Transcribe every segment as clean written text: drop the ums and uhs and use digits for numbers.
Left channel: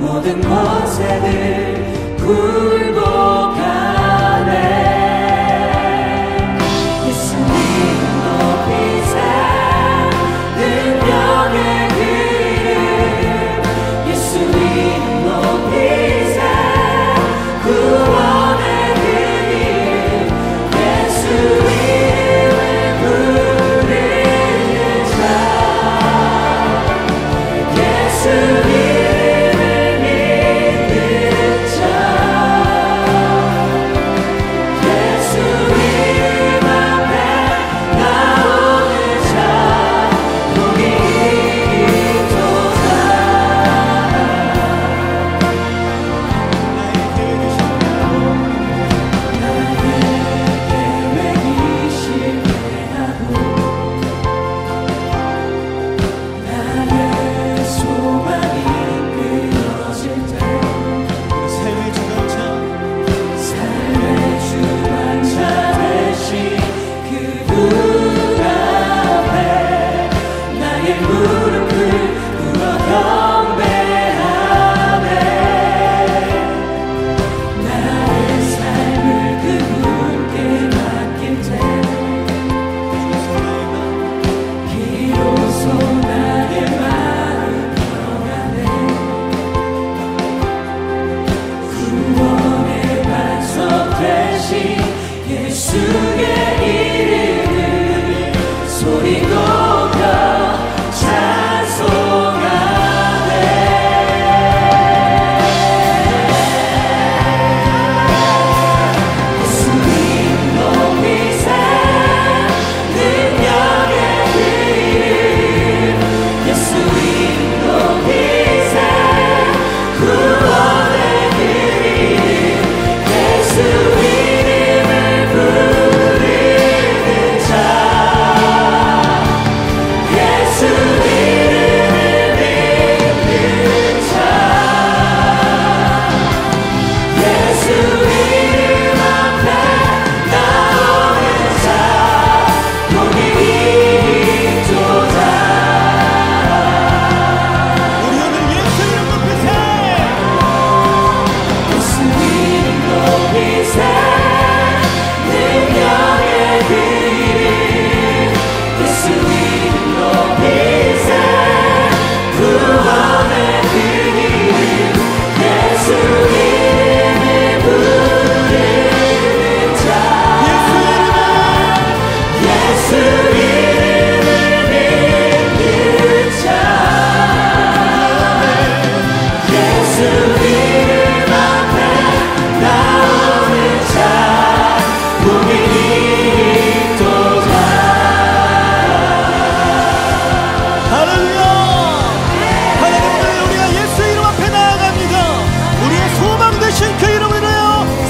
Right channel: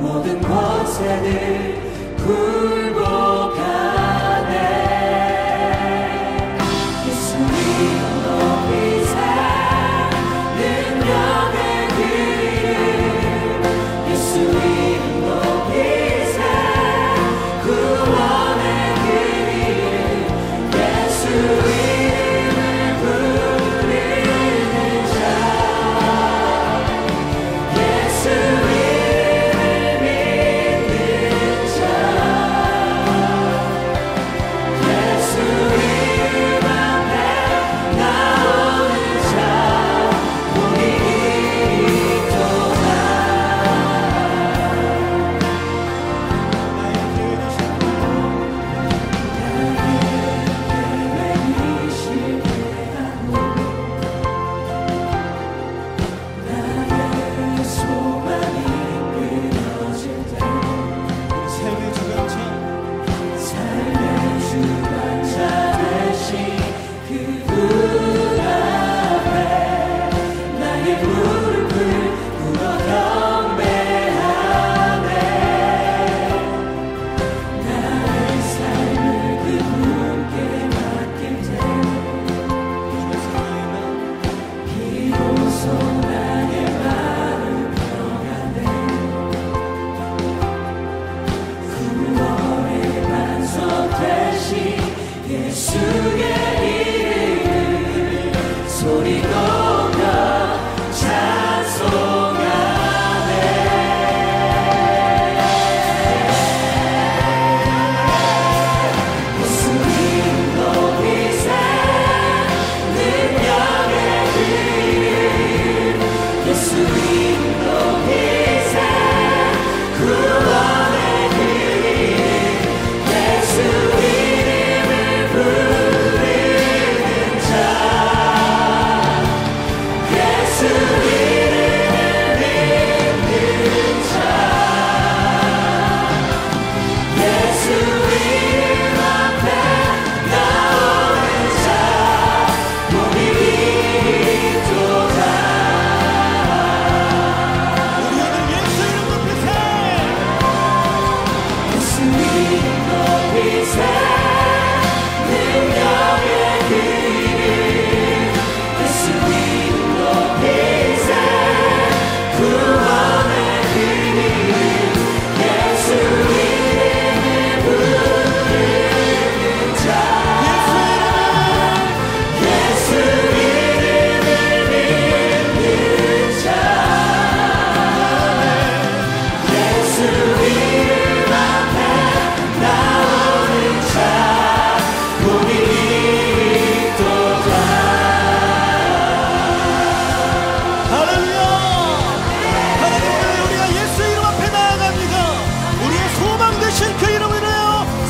모든 곳에 늘 굴복하네. 예수님 높이세 능력의 이름, 예수님 높이세 구원의 이름, 예수 이름을 부르는 자, 예수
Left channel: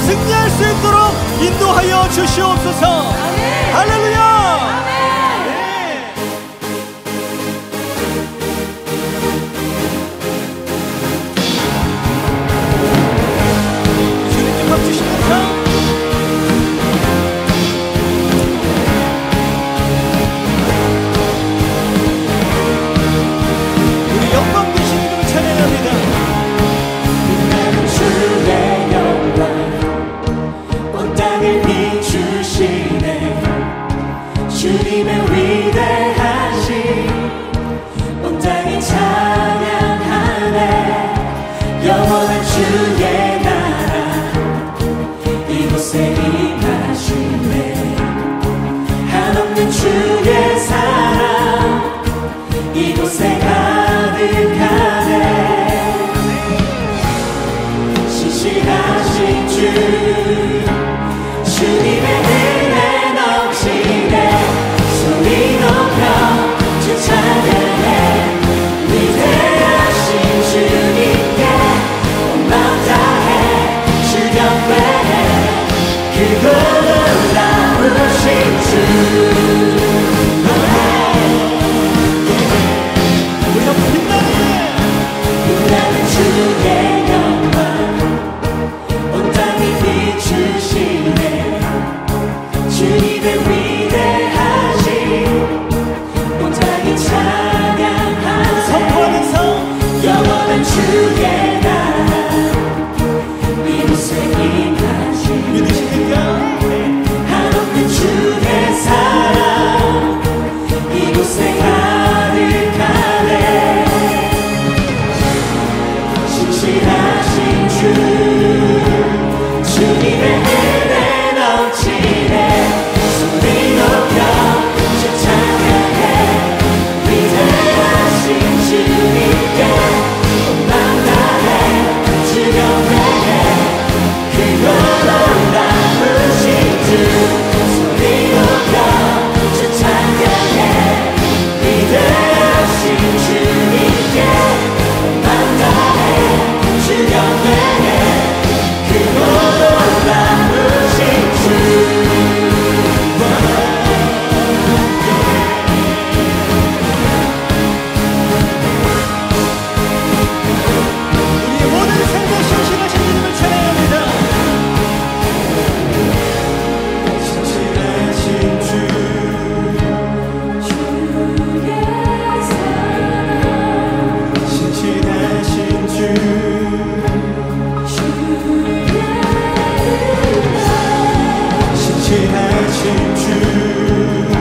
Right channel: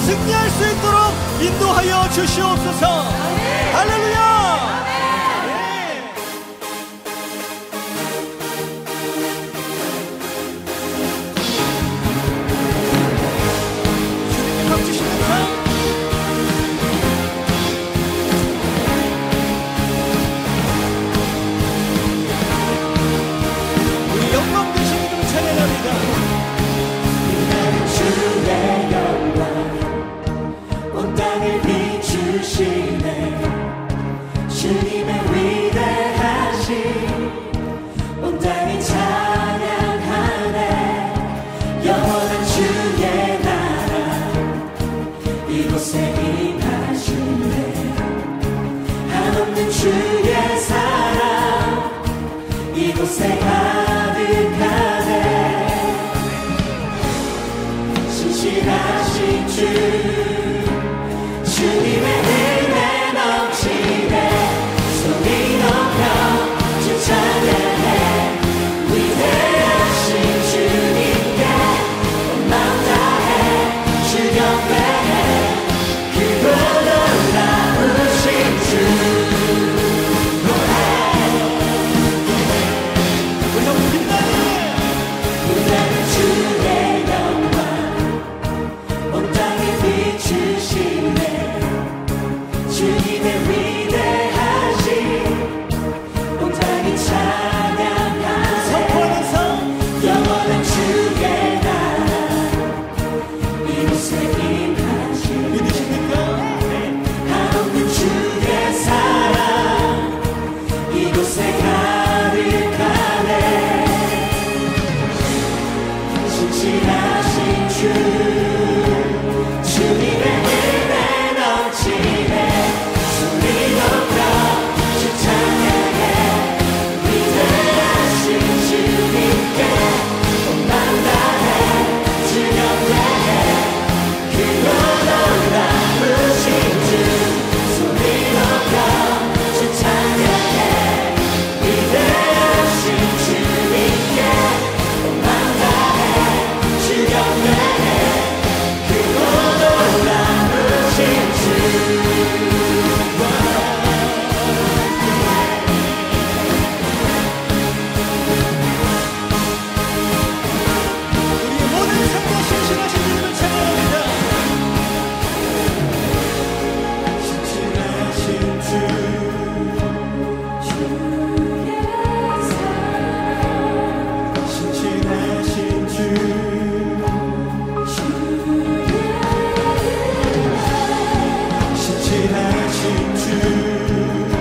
승리할 수 있도록 인도하여 주시옵소서. 할렐루야. 주님 밥 주시면서 우리 영광 되신 이름 찬양합니다. 주의 영광 땅을 비추시네. 가득하네. 신실하신 주 주님의 은혜 넘치네. 소리 높여 찬양해. 위대하신 주님께 온 맘 다해 주경배해. 크고 놀라우신 주 소리 높여 찬양해. 위대하신 주님께 온 맘 다해 주경배해. 크고 놀라우신 주. 우리의 모든 삶에 신실하신 주님을 찬양합니다. 신실하신 주 신실하신 주 신실하신 주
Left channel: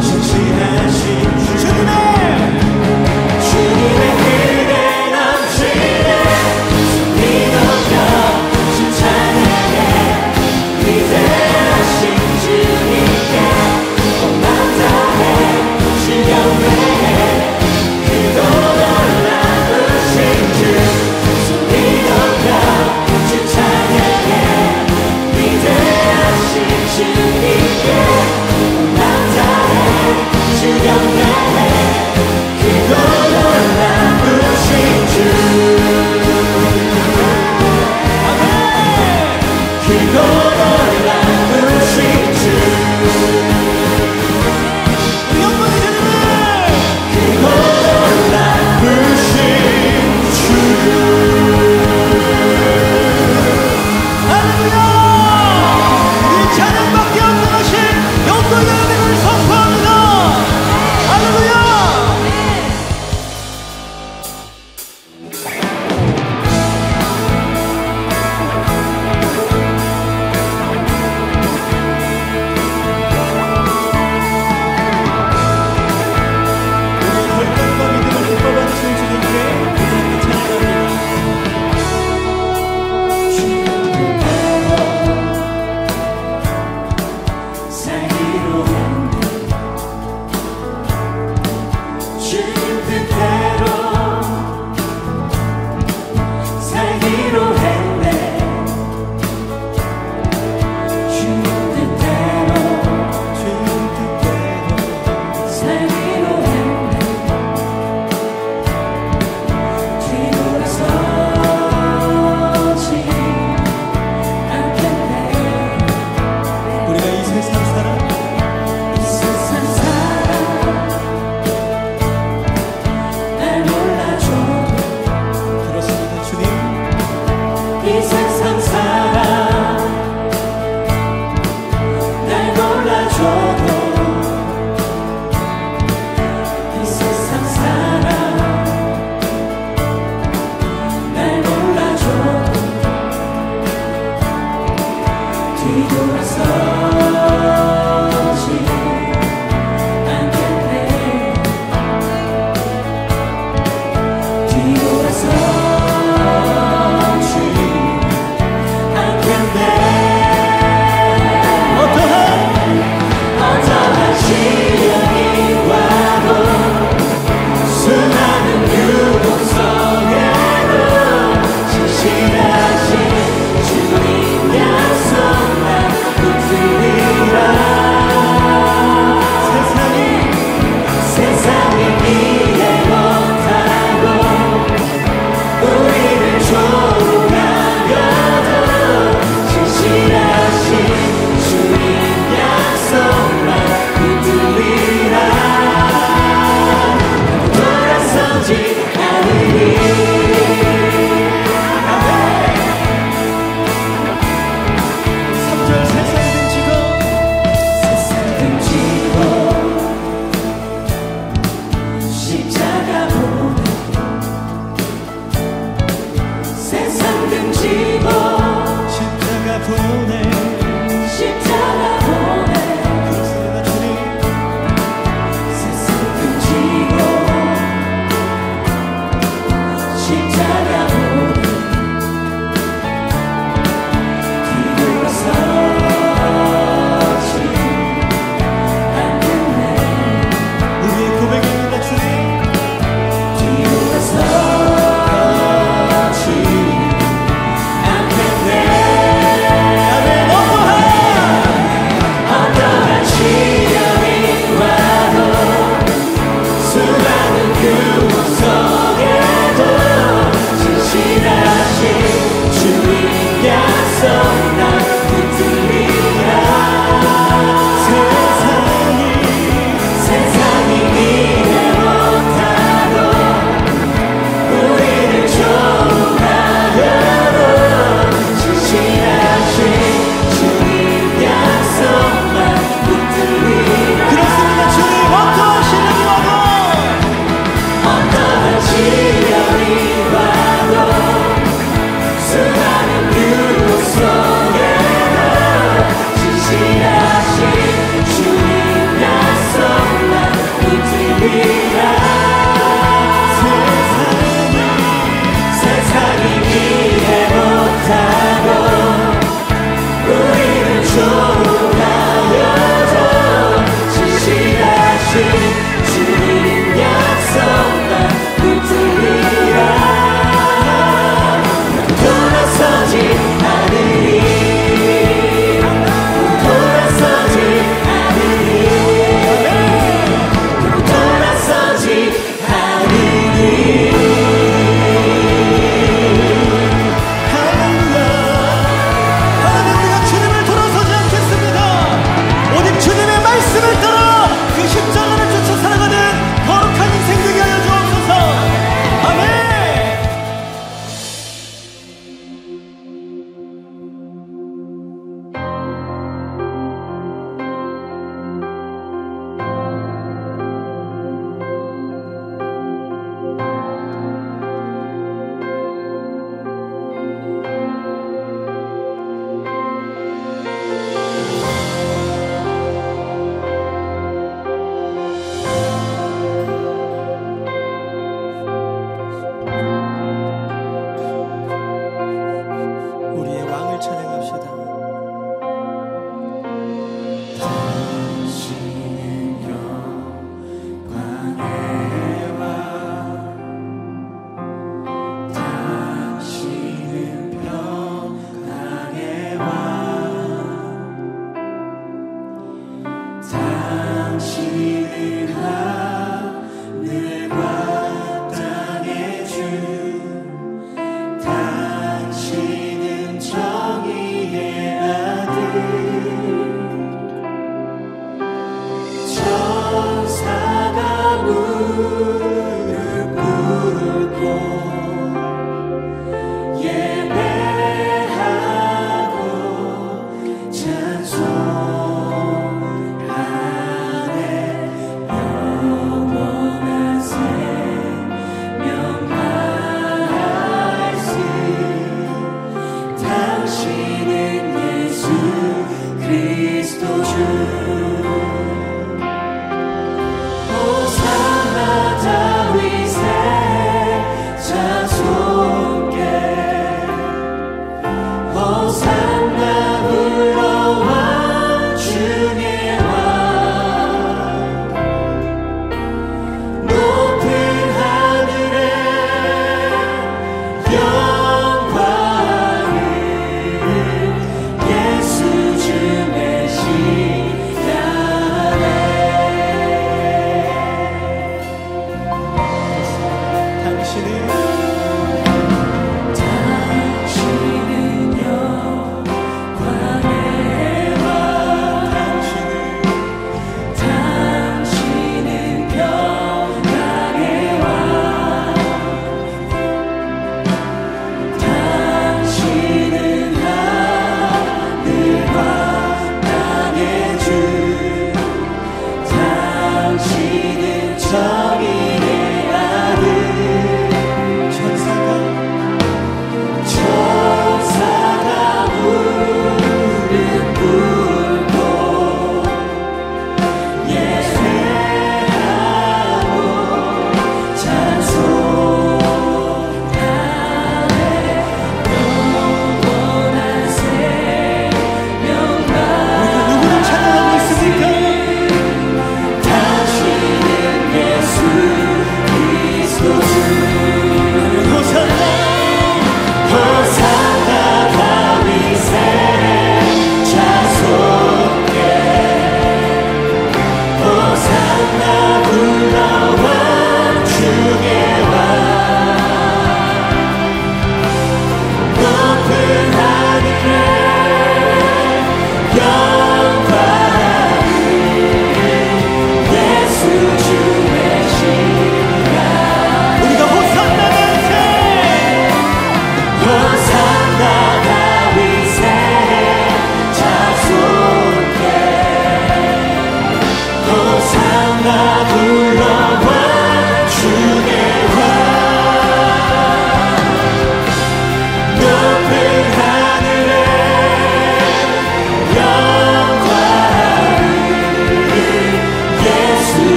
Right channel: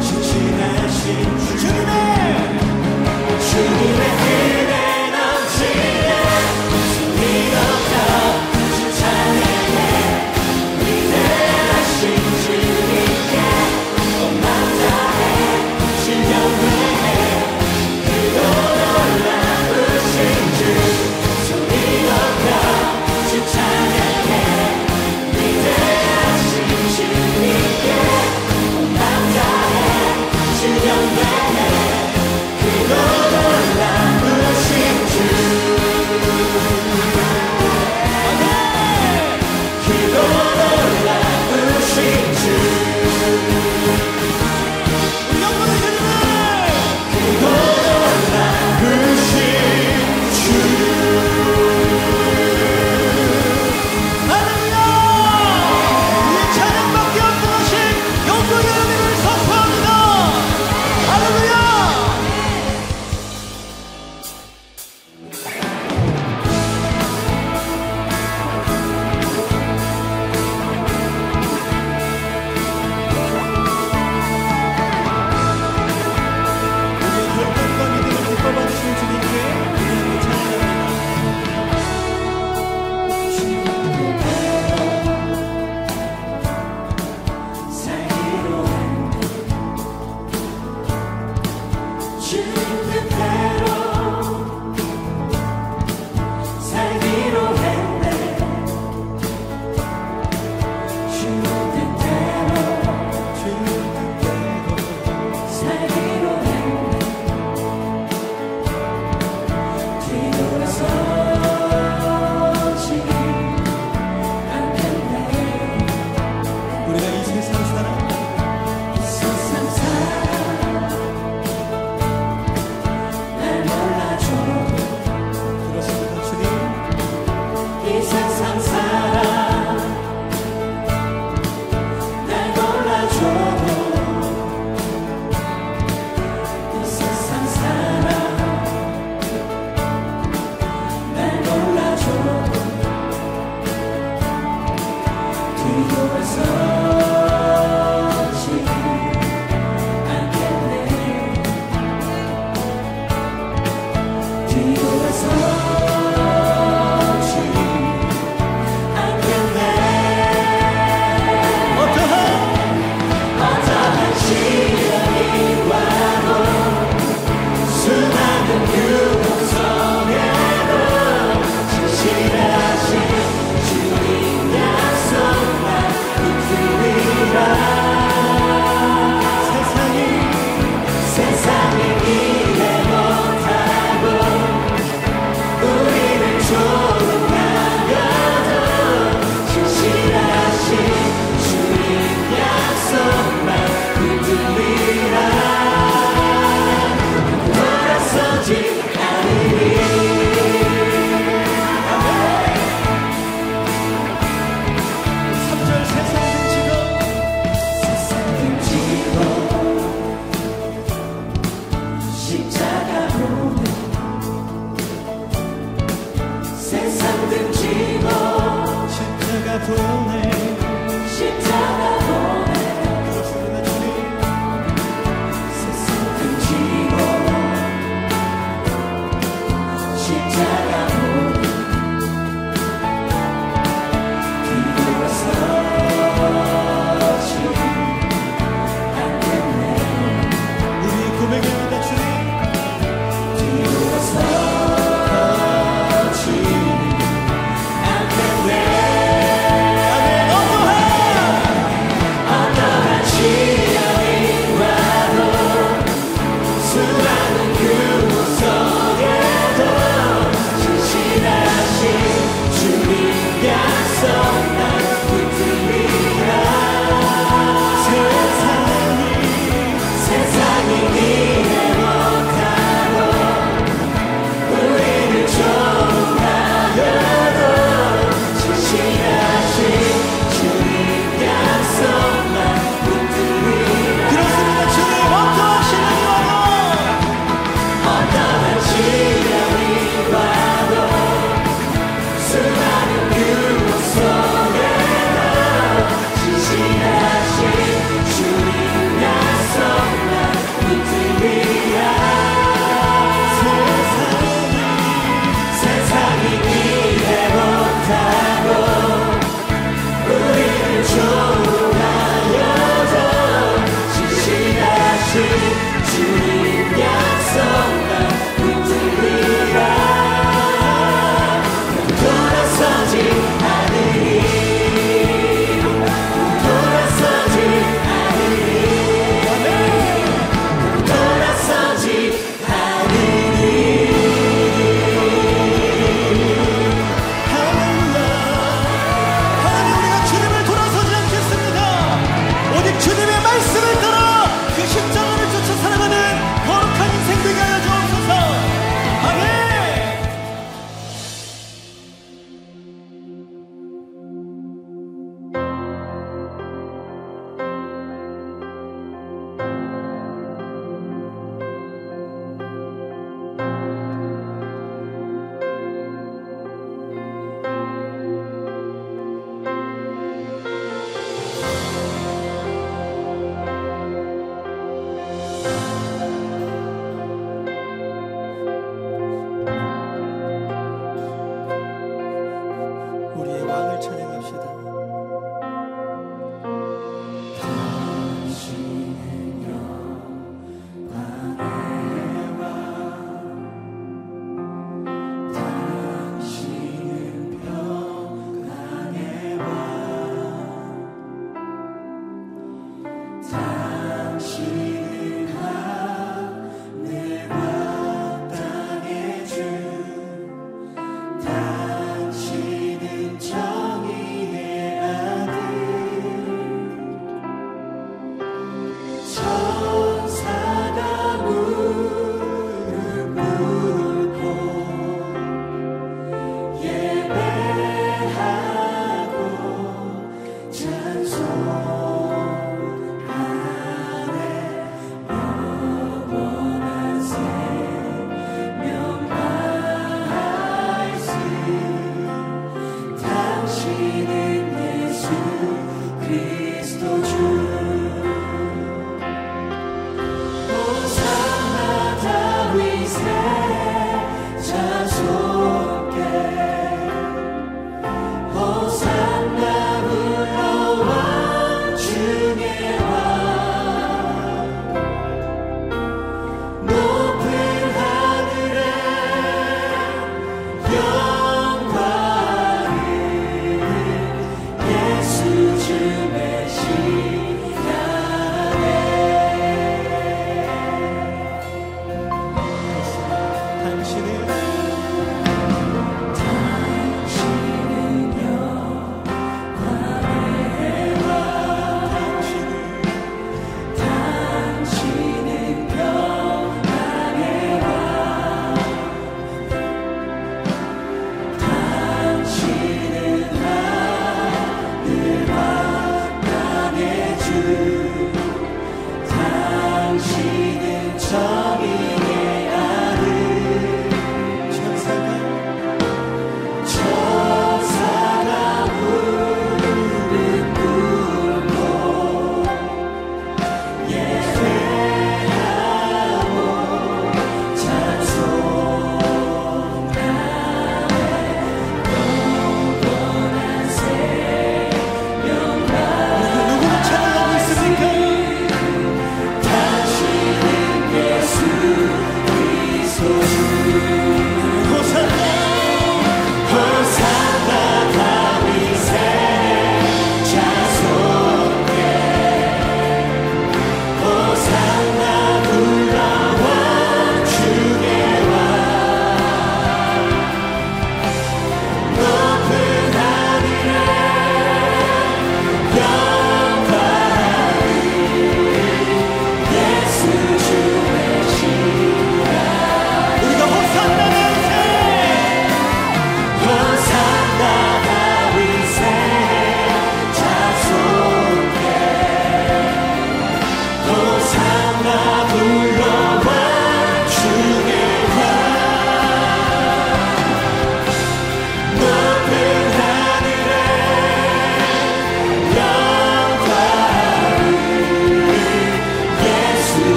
신실하신 주 주님의 은혜 넘치네. 소리 높여 찬양해. 위대하신 주님께 온 맘 다해 주경배해. 크고 놀라우신 주 소리 높여 찬양해. 위대하신 주님께 온 맘 다해 주경배해. 크고 놀라우신 주. 크고 놀라우신 주. 우리 영광의 주님을 크고 놀라우신 주. 할렐루야. 우리의 찬양밖에 없는 하신 영광의 은혜를 선포합니다. 할렐루야. 우리의 결단과 믿음을 기뻐받으신 주님께 우리에게 찬양합니다. 살기로 주님 뜻대로 살기로 했네. 주님 뜻대로 살기로 했네. 뒤돌아서지 않겠네. 우리가 이 세상 살아 날 몰라줘. 그렇습니다 주님. 이 세상 살아 날 몰라줘도 이 세상 살아 날 몰라줘도 뒤돌아서지 않겠네. 뒤돌아서지 않겠네. 어떠한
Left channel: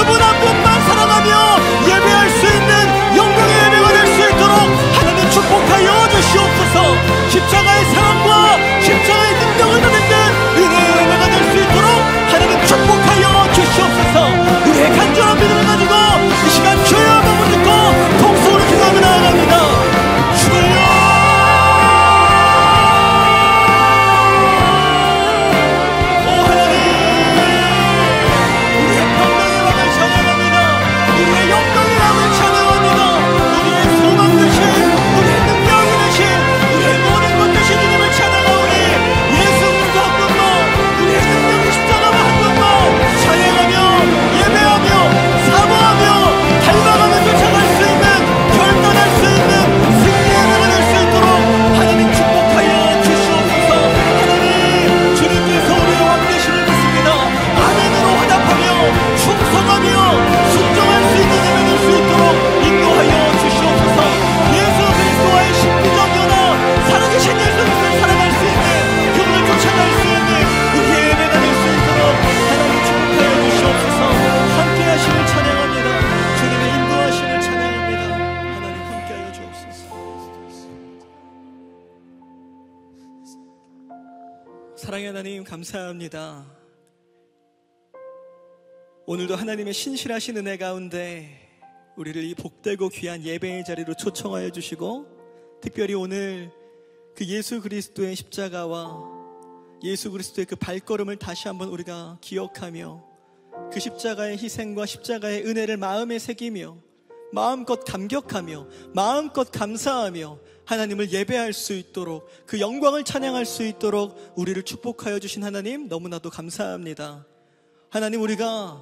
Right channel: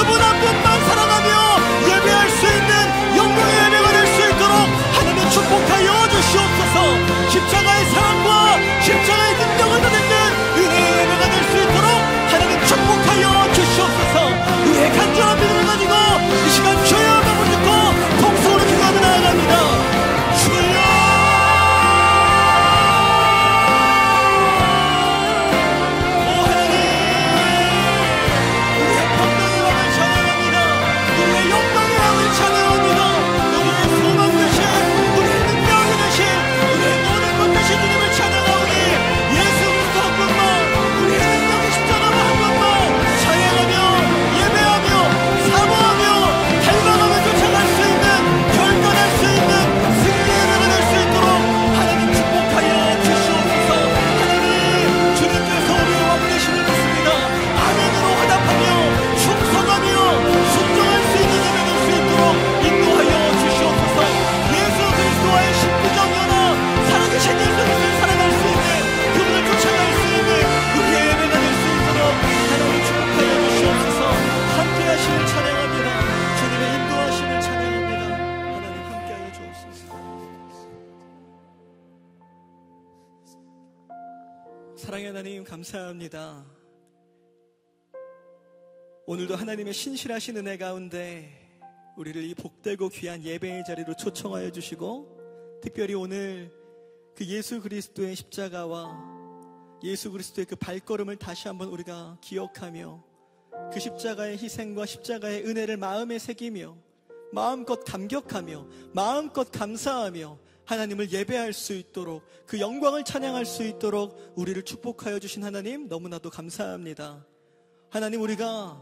그분 한 분만 사랑하며 예배할 수 있는 하나님 감사합니다. 오늘도 하나님의 신실하신 은혜 가운데 우리를 이 복되고 귀한 예배의 자리로 초청하여 주시고, 특별히 오늘 그 예수 그리스도의 십자가와 예수 그리스도의 그 발걸음을 다시 한번 우리가 기억하며 그 십자가의 희생과 십자가의 은혜를 마음에 새기며 마음껏 감격하며 마음껏 감사하며 하나님을 예배할 수 있도록, 그 영광을 찬양할 수 있도록 우리를 축복하여 주신 하나님 너무나도 감사합니다. 하나님, 우리가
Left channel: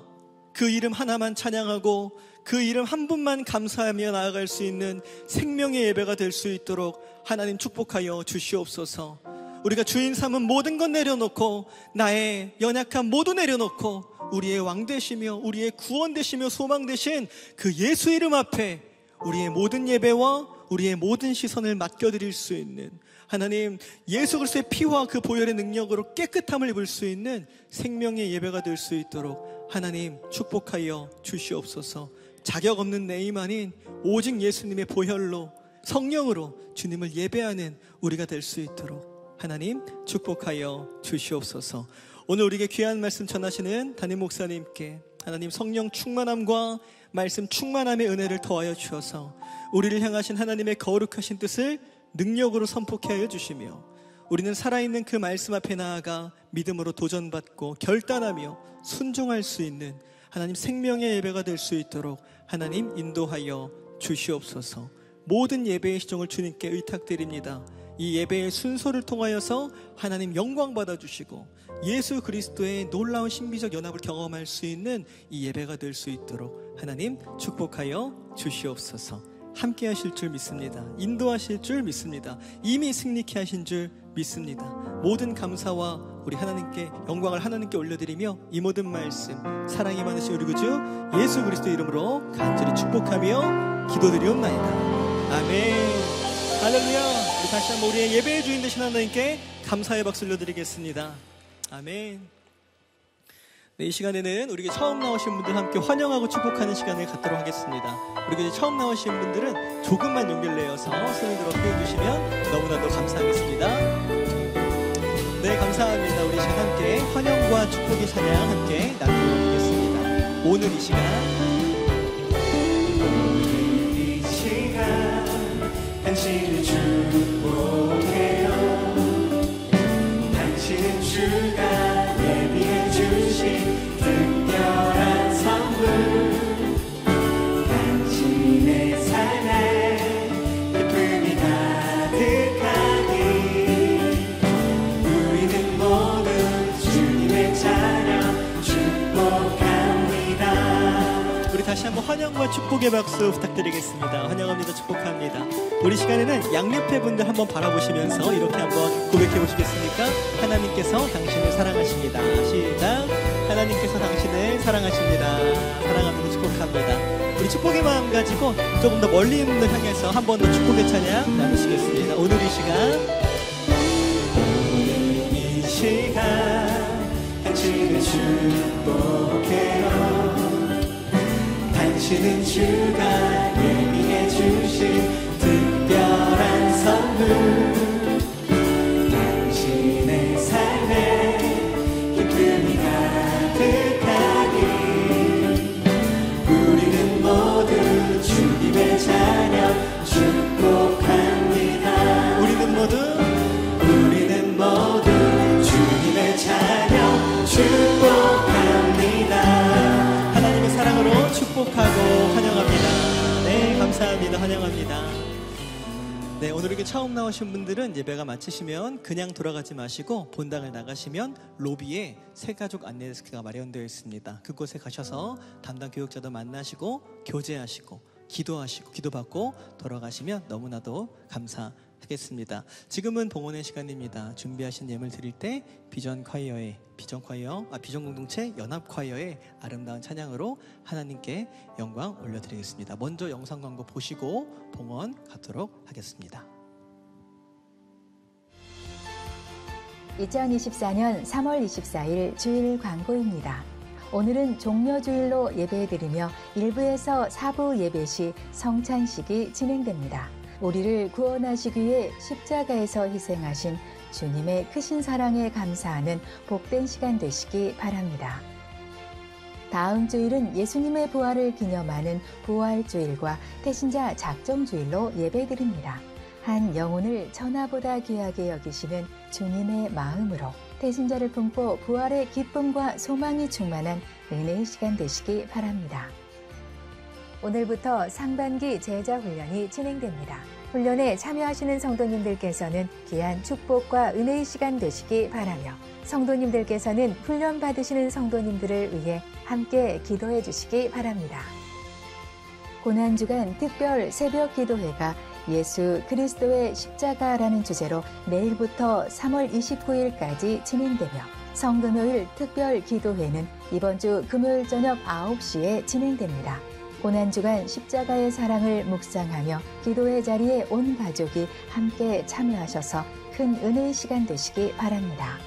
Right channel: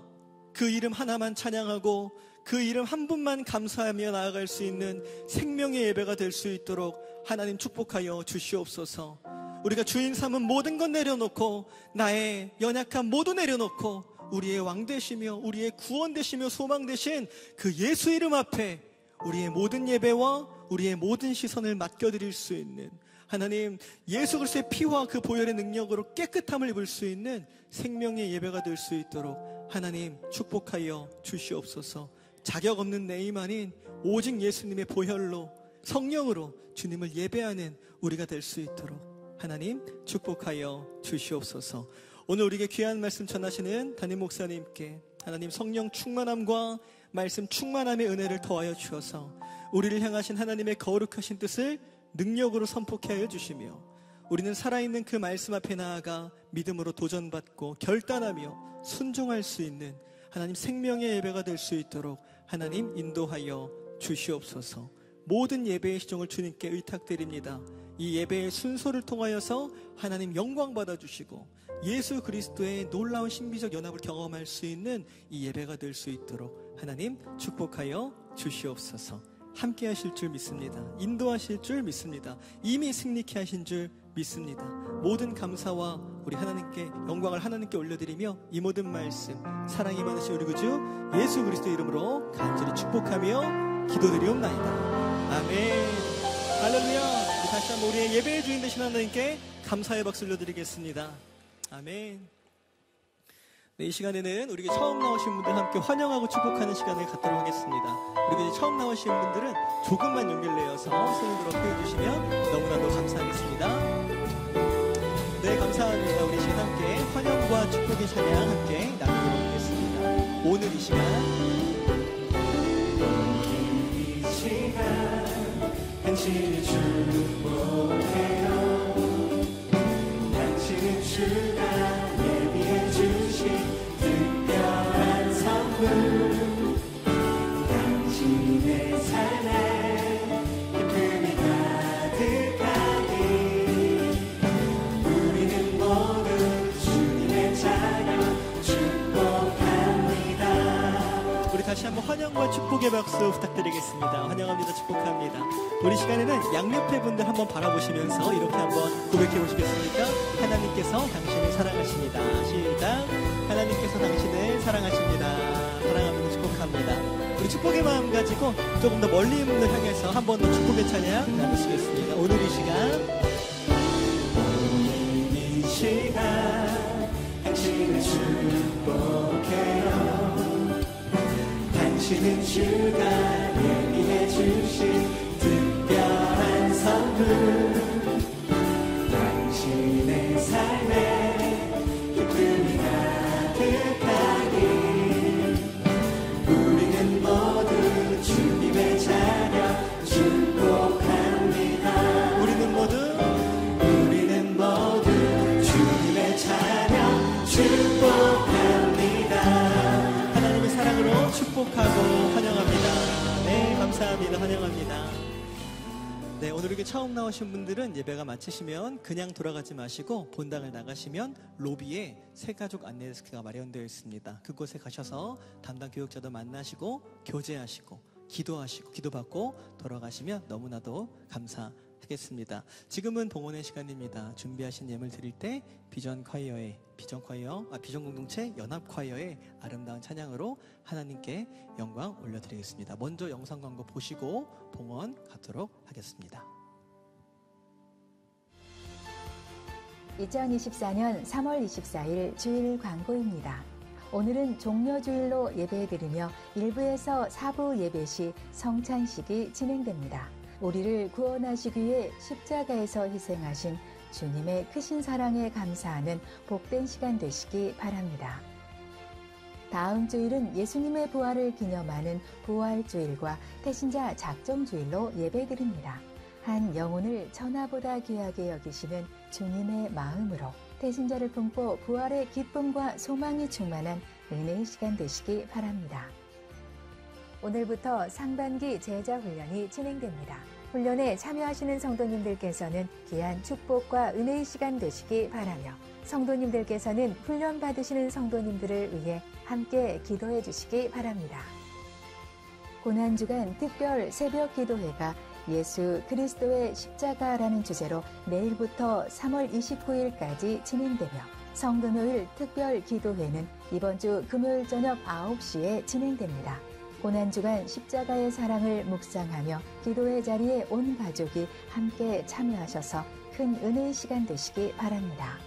그 이름 하나만 찬양하고 그 이름 한 분만 감사하며 나아갈 수 있는 생명의 예배가 될 수 있도록 하나님 축복하여 주시옵소서. 우리가 주인 삼은 모든 것 내려놓고 나의 연약함 모두 내려놓고 우리의 왕 되시며 우리의 구원 되시며 소망 되신 그 예수 이름 앞에 우리의 모든 예배와 우리의 모든 시선을 맡겨드릴 수 있는, 하나님 예수 그리스도의 피와 그 보혈의 능력으로 깨끗함을 입을 수 있는 생명의 예배가 될 수 있도록 하나님 축복하여 주시옵소서. 자격 없는 내 힘 아닌 오직 예수님의 보혈로 성령으로 주님을 예배하는 우리가 될 수 있도록 하나님 축복하여 주시옵소서. 오늘 우리에게 귀한 말씀 전하시는 담임 목사님께 하나님 성령 충만함과 말씀 충만함의 은혜를 더하여 주셔서 우리를 향하신 하나님의 거룩하신 뜻을 능력으로 선포케 하여 주시며, 우리는 살아있는 그 말씀 앞에 나아가 믿음으로 도전받고 결단하며 순종할 수 있는 하나님 생명의 예배가 될 수 있도록 하나님 인도하여 주시옵소서. 모든 예배의 시종을 주님께 의탁드립니다. 이 예배의 순서를 통하여서 하나님 영광 받아주시고 예수 그리스도의 놀라운 신비적 연합을 경험할 수 있는 이 예배가 될 수 있도록 하나님 축복하여 주시옵소서. 함께 하실 줄 믿습니다. 인도하실 줄 믿습니다. 이미 승리케 하신 줄 믿습니다. 모든 감사와 우리 하나님께 영광을 하나님께 올려드리며 이 모든 말씀 사랑이 많으신 우리 구주 예수 그리스도 이름으로 간절히 축복하며 기도드리옵나이다. 아멘. 할렐루야. 우리 다시 한번 우리의 예배의 주인 되신 하나님께 감사의 박수 올려드리겠습니다. 아멘. 네, 이 시간에는 우리에게 처음 나오신 분들 함께 환영하고 축복하는 시간을 갖도록 하겠습니다. 우리에게 처음 나오신 분들은 조금만 용기를 내어서 손을 들어 보여주시면 너무나도 감사하겠습니다. 네, 감사합니다. 우리 지금 함께 환영과 축복의 찬양 함께 나누겠습니다. 오늘 이 시간 당신을 축복해요. 당신은 주가 예비해 주신 특별한 선물, 당신의 삶에 기쁨이 가득하니 우리는 모두 주님의 찬양 축복합니다. 우리 다시 한번 환영과 축복의 박수 부탁드리겠습니다. 환영합니다. 축복합니다. 우리 시간에는 양옆에 분들 한번 바라보시면서 이렇게 한번 고백해 보시겠습니까? 하나님께서 당신을 사랑하십니다. 시작. 하나님께서 당신을 사랑하십니다. 사랑합니다. 축복합니다. 우리 축복의 마음 가지고 조금 더 멀리 있는 분들 향해서 한 번 더 축복의 찬양 나누시겠습니다. 오늘 이 시간 당신을 축복해요. 당신은 주가 예비해 주신 특별한 선물, 당신의 삶에 기쁨이 가득하니 우리는 모두 주님의 찬양 축복합니다. 우리는 모두 주님의 찬양 축복합니다. 하나님의 사랑으로 축복하고 환영합니다. 네, 감사합니다. 환영합니다. 네, 오늘 이렇게 처음 나오신 분들은 예배가 마치시면 그냥 돌아가지 마시고 본당을 나가시면 로비에 새가족 안내 데스크가 마련되어 있습니다. 그곳에 가셔서 담당 교육자도 만나시고 교제하시고 기도하시고 기도받고 돌아가시면 너무나도 감사하겠습니다. 지금은 봉헌의 시간입니다. 준비하신 예물 드릴 때 비전 공동체 연합 콰이어의 아름다운 찬양으로 하나님께 영광 올려드리겠습니다. 먼저 영상 광고 보시고 봉헌 갖도록 하겠습니다. 2024년 3월 24일 주일 광고입니다. 오늘은 종려주일로 예배드리며 1부에서 4부 예배 시 성찬식이 진행됩니다. 우리를 구원하시기 위해 십자가에서 희생하신 주님의 크신 사랑에 감사하는 복된 시간 되시기 바랍니다. 다음 주일은 예수님의 부활을 기념하는 부활주일과 태신자 작정주일로 예배드립니다. 한 영혼을 천하보다 귀하게 여기시는 주님의 마음으로 태신자를 품고 부활의 기쁨과 소망이 충만한 은혜의 시간 되시기 바랍니다. 오늘부터 상반기 제자훈련이 진행됩니다. 훈련에 참여하시는 성도님들께서는 귀한 축복과 은혜의 시간 되시기 바라며 성도님들께서는 훈련 받으시는 성도님들을 위해 함께 기도해 주시기 바랍니다. 고난주간 특별 새벽 기도회가 예수 그리스도의 십자가라는 주제로 내일부터 3월 29일까지 진행되며 성금요일 특별 기도회는 이번 주 금요일 저녁 9시에 진행됩니다. 고난주간 십자가의 사랑을 묵상하며 기도의 자리에 온 가족이 함께 참여하셔서 큰 은혜의 시간 되시기 바랍니다.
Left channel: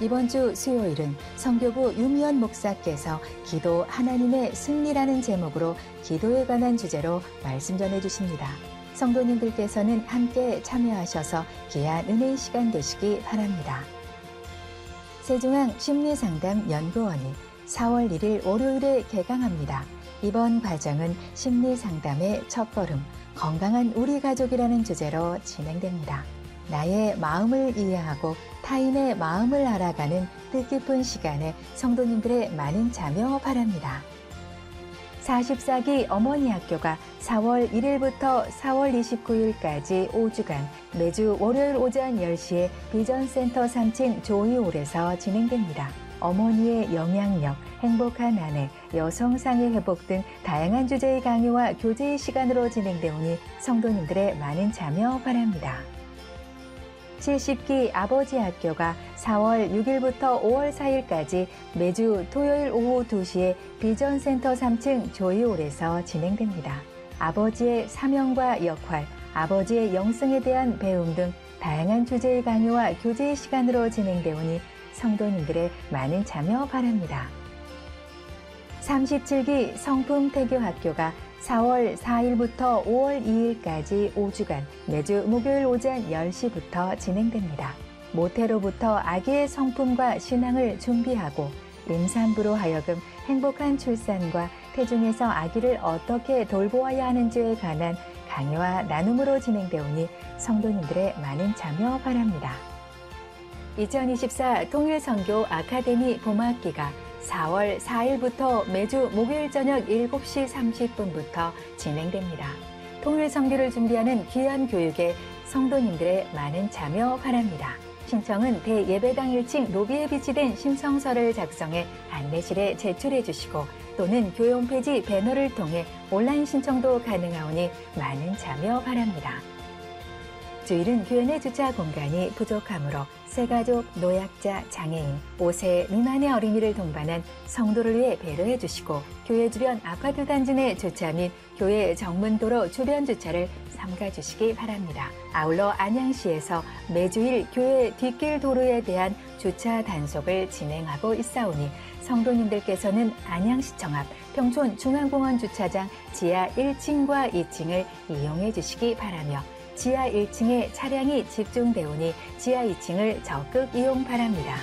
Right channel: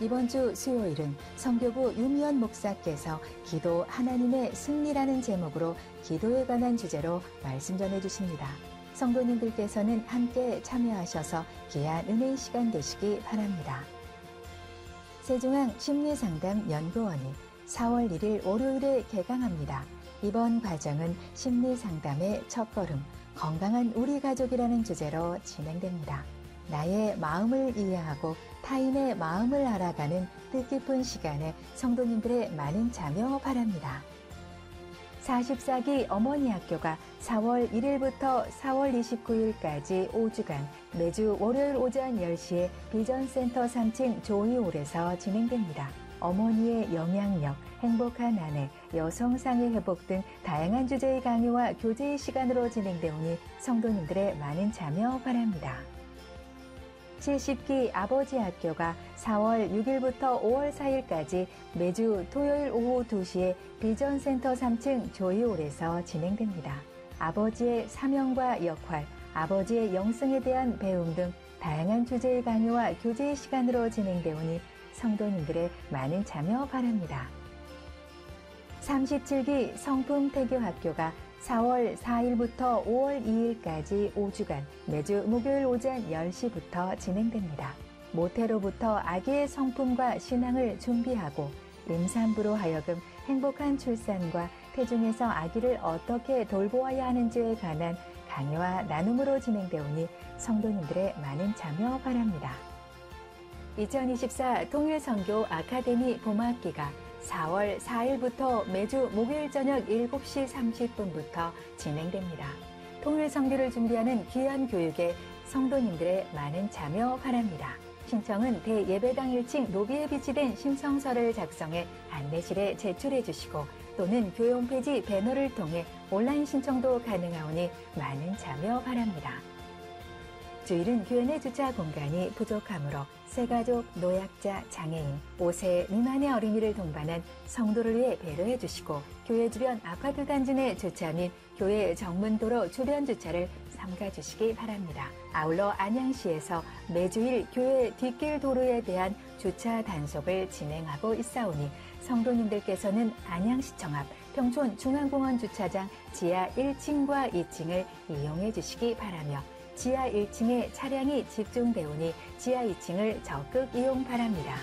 이번 주 수요일은 성교부 유미연 목사께서 기도 하나님의 승리라는 제목으로 기도에 관한 주제로 말씀 전해주십니다. 성도님들께서는 함께 참여하셔서 귀한 은혜의 시간 되시기 바랍니다. 세중앙 심리상담연구원이 4월 1일 월요일에 개강합니다. 이번 과정은 심리상담의 첫걸음, 건강한 우리 가족이라는 주제로 진행됩니다. 나의 마음을 이해하고 타인의 마음을 알아가는 뜻깊은 시간에 성도님들의 많은 참여 바랍니다. 44기 어머니 학교가 4월 1일부터 4월 29일까지 5주간 매주 월요일 오전 10시에 비전센터 3층 조이홀에서 진행됩니다. 어머니의 영향력, 행복한 아내, 여성상의 회복 등 다양한 주제의 강의와 교제의 시간으로 진행되오니 성도님들의 많은 참여 바랍니다. 70기 아버지 학교가 4월 6일부터 5월 4일까지 매주 토요일 오후 2시에 비전센터 3층 조이홀에서 진행됩니다. 아버지의 사명과 역할, 아버지의 영성에 대한 배움 등 다양한 주제의 강의와 교제의 시간으로 진행되오니 성도님들의 많은 참여 바랍니다. 37기 성품태교학교가 4월 4일부터 5월 2일까지 5주간 매주 목요일 오전 10시부터 진행됩니다. 모태로부터 아기의 성품과 신앙을 준비하고 임산부로 하여금 행복한 출산과 태중에서 아기를 어떻게 돌보아야 하는지에 관한 강의와 나눔으로 진행되오니 성도님들의 많은 참여 바랍니다. 2024 통일선교 아카데미 봄학기가 4월 4일부터 매주 목요일 저녁 7시 30분부터 진행됩니다. 통일선교를 준비하는 귀한 교육에 성도님들의 많은 참여 바랍니다. 신청은 대예배당 1층 로비에 비치된 신청서를 작성해 안내실에 제출해 주시고 또는 교회 홈페이지 배너를 통해 온라인 신청도 가능하오니 많은 참여 바랍니다. 주일은 교회 내 주차 공간이 부족하므로 새가족, 노약자, 장애인, 5세 미만의 어린이를 동반한 성도를 위해 배려해 주시고 교회 주변 아파트 단지 내 주차 및 교회 정문도로 주변 주차를 삼가 주시기 바랍니다. 아울러 안양시에서 매주일 교회 뒷길 도로에 대한 주차 단속을 진행하고 있사오니 성도님들께서는 안양시청 앞 평촌 중앙공원 주차장 지하 1층과 2층을 이용해 주시기 바라며 지하 1층에 차량이 집중되오니 지하 2층을 적극 이용 바랍니다.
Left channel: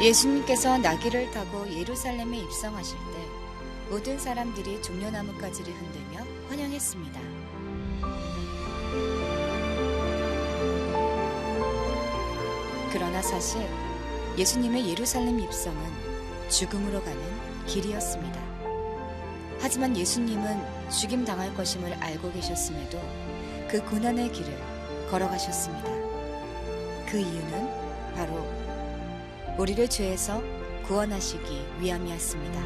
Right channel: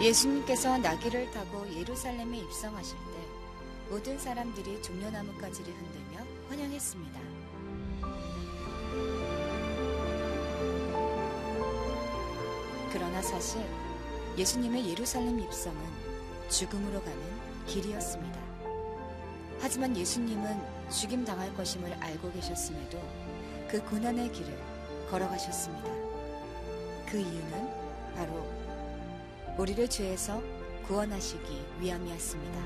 예수님께서 나귀를 타고 예루살렘에 입성하실 때 모든 사람들이 종려나뭇가지를 흔들며 환영했습니다. 그러나 사실 예수님의 예루살렘 입성은 죽음으로 가는 길이었습니다. 하지만 예수님은 죽임당할 것임을 알고 계셨음에도 그 고난의 길을 걸어가셨습니다. 그 이유는 바로 우리를 죄에서 구원하시기 위함이었습니다.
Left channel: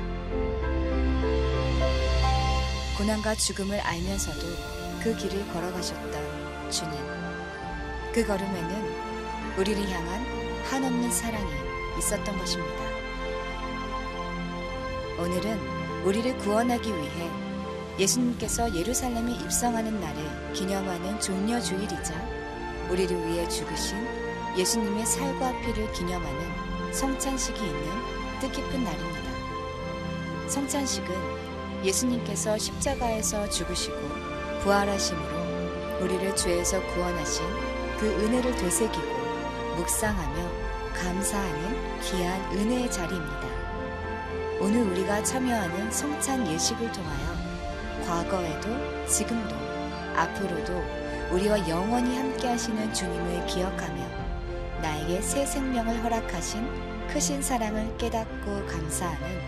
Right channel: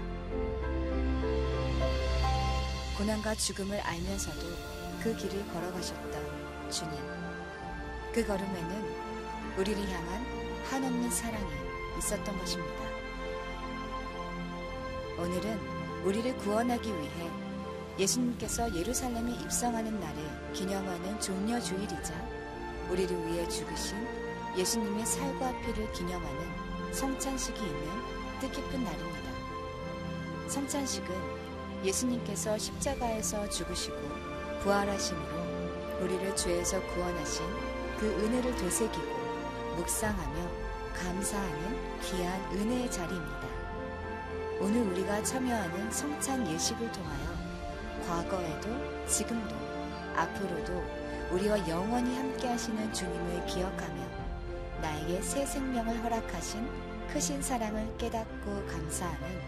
고난과 죽음을 알면서도 그 길을 걸어가셨던 주님. 그 걸음에는 우리를 향한 한없는 사랑이 있었던 것입니다. 오늘은 우리를 구원하기 위해 예수님께서 예루살렘에 입성하는 날을 기념하는 종려주일이자 우리를 위해 죽으신 예수님의 살과 피를 기념하는 성찬식이 있는 뜻깊은 날입니다. 성찬식은 예수님께서 십자가에서 죽으시고 부활하심으로 우리를 죄에서 구원하신 그 은혜를 되새기고 묵상하며 감사하는 귀한 은혜의 자리입니다. 오늘 우리가 참여하는 성찬 예식을 통하여 과거에도 지금도 앞으로도 우리와 영원히 함께 하시는 주님을 기억하며 나에게 새 생명을 허락하신 크신 사랑을 깨닫고 감사하는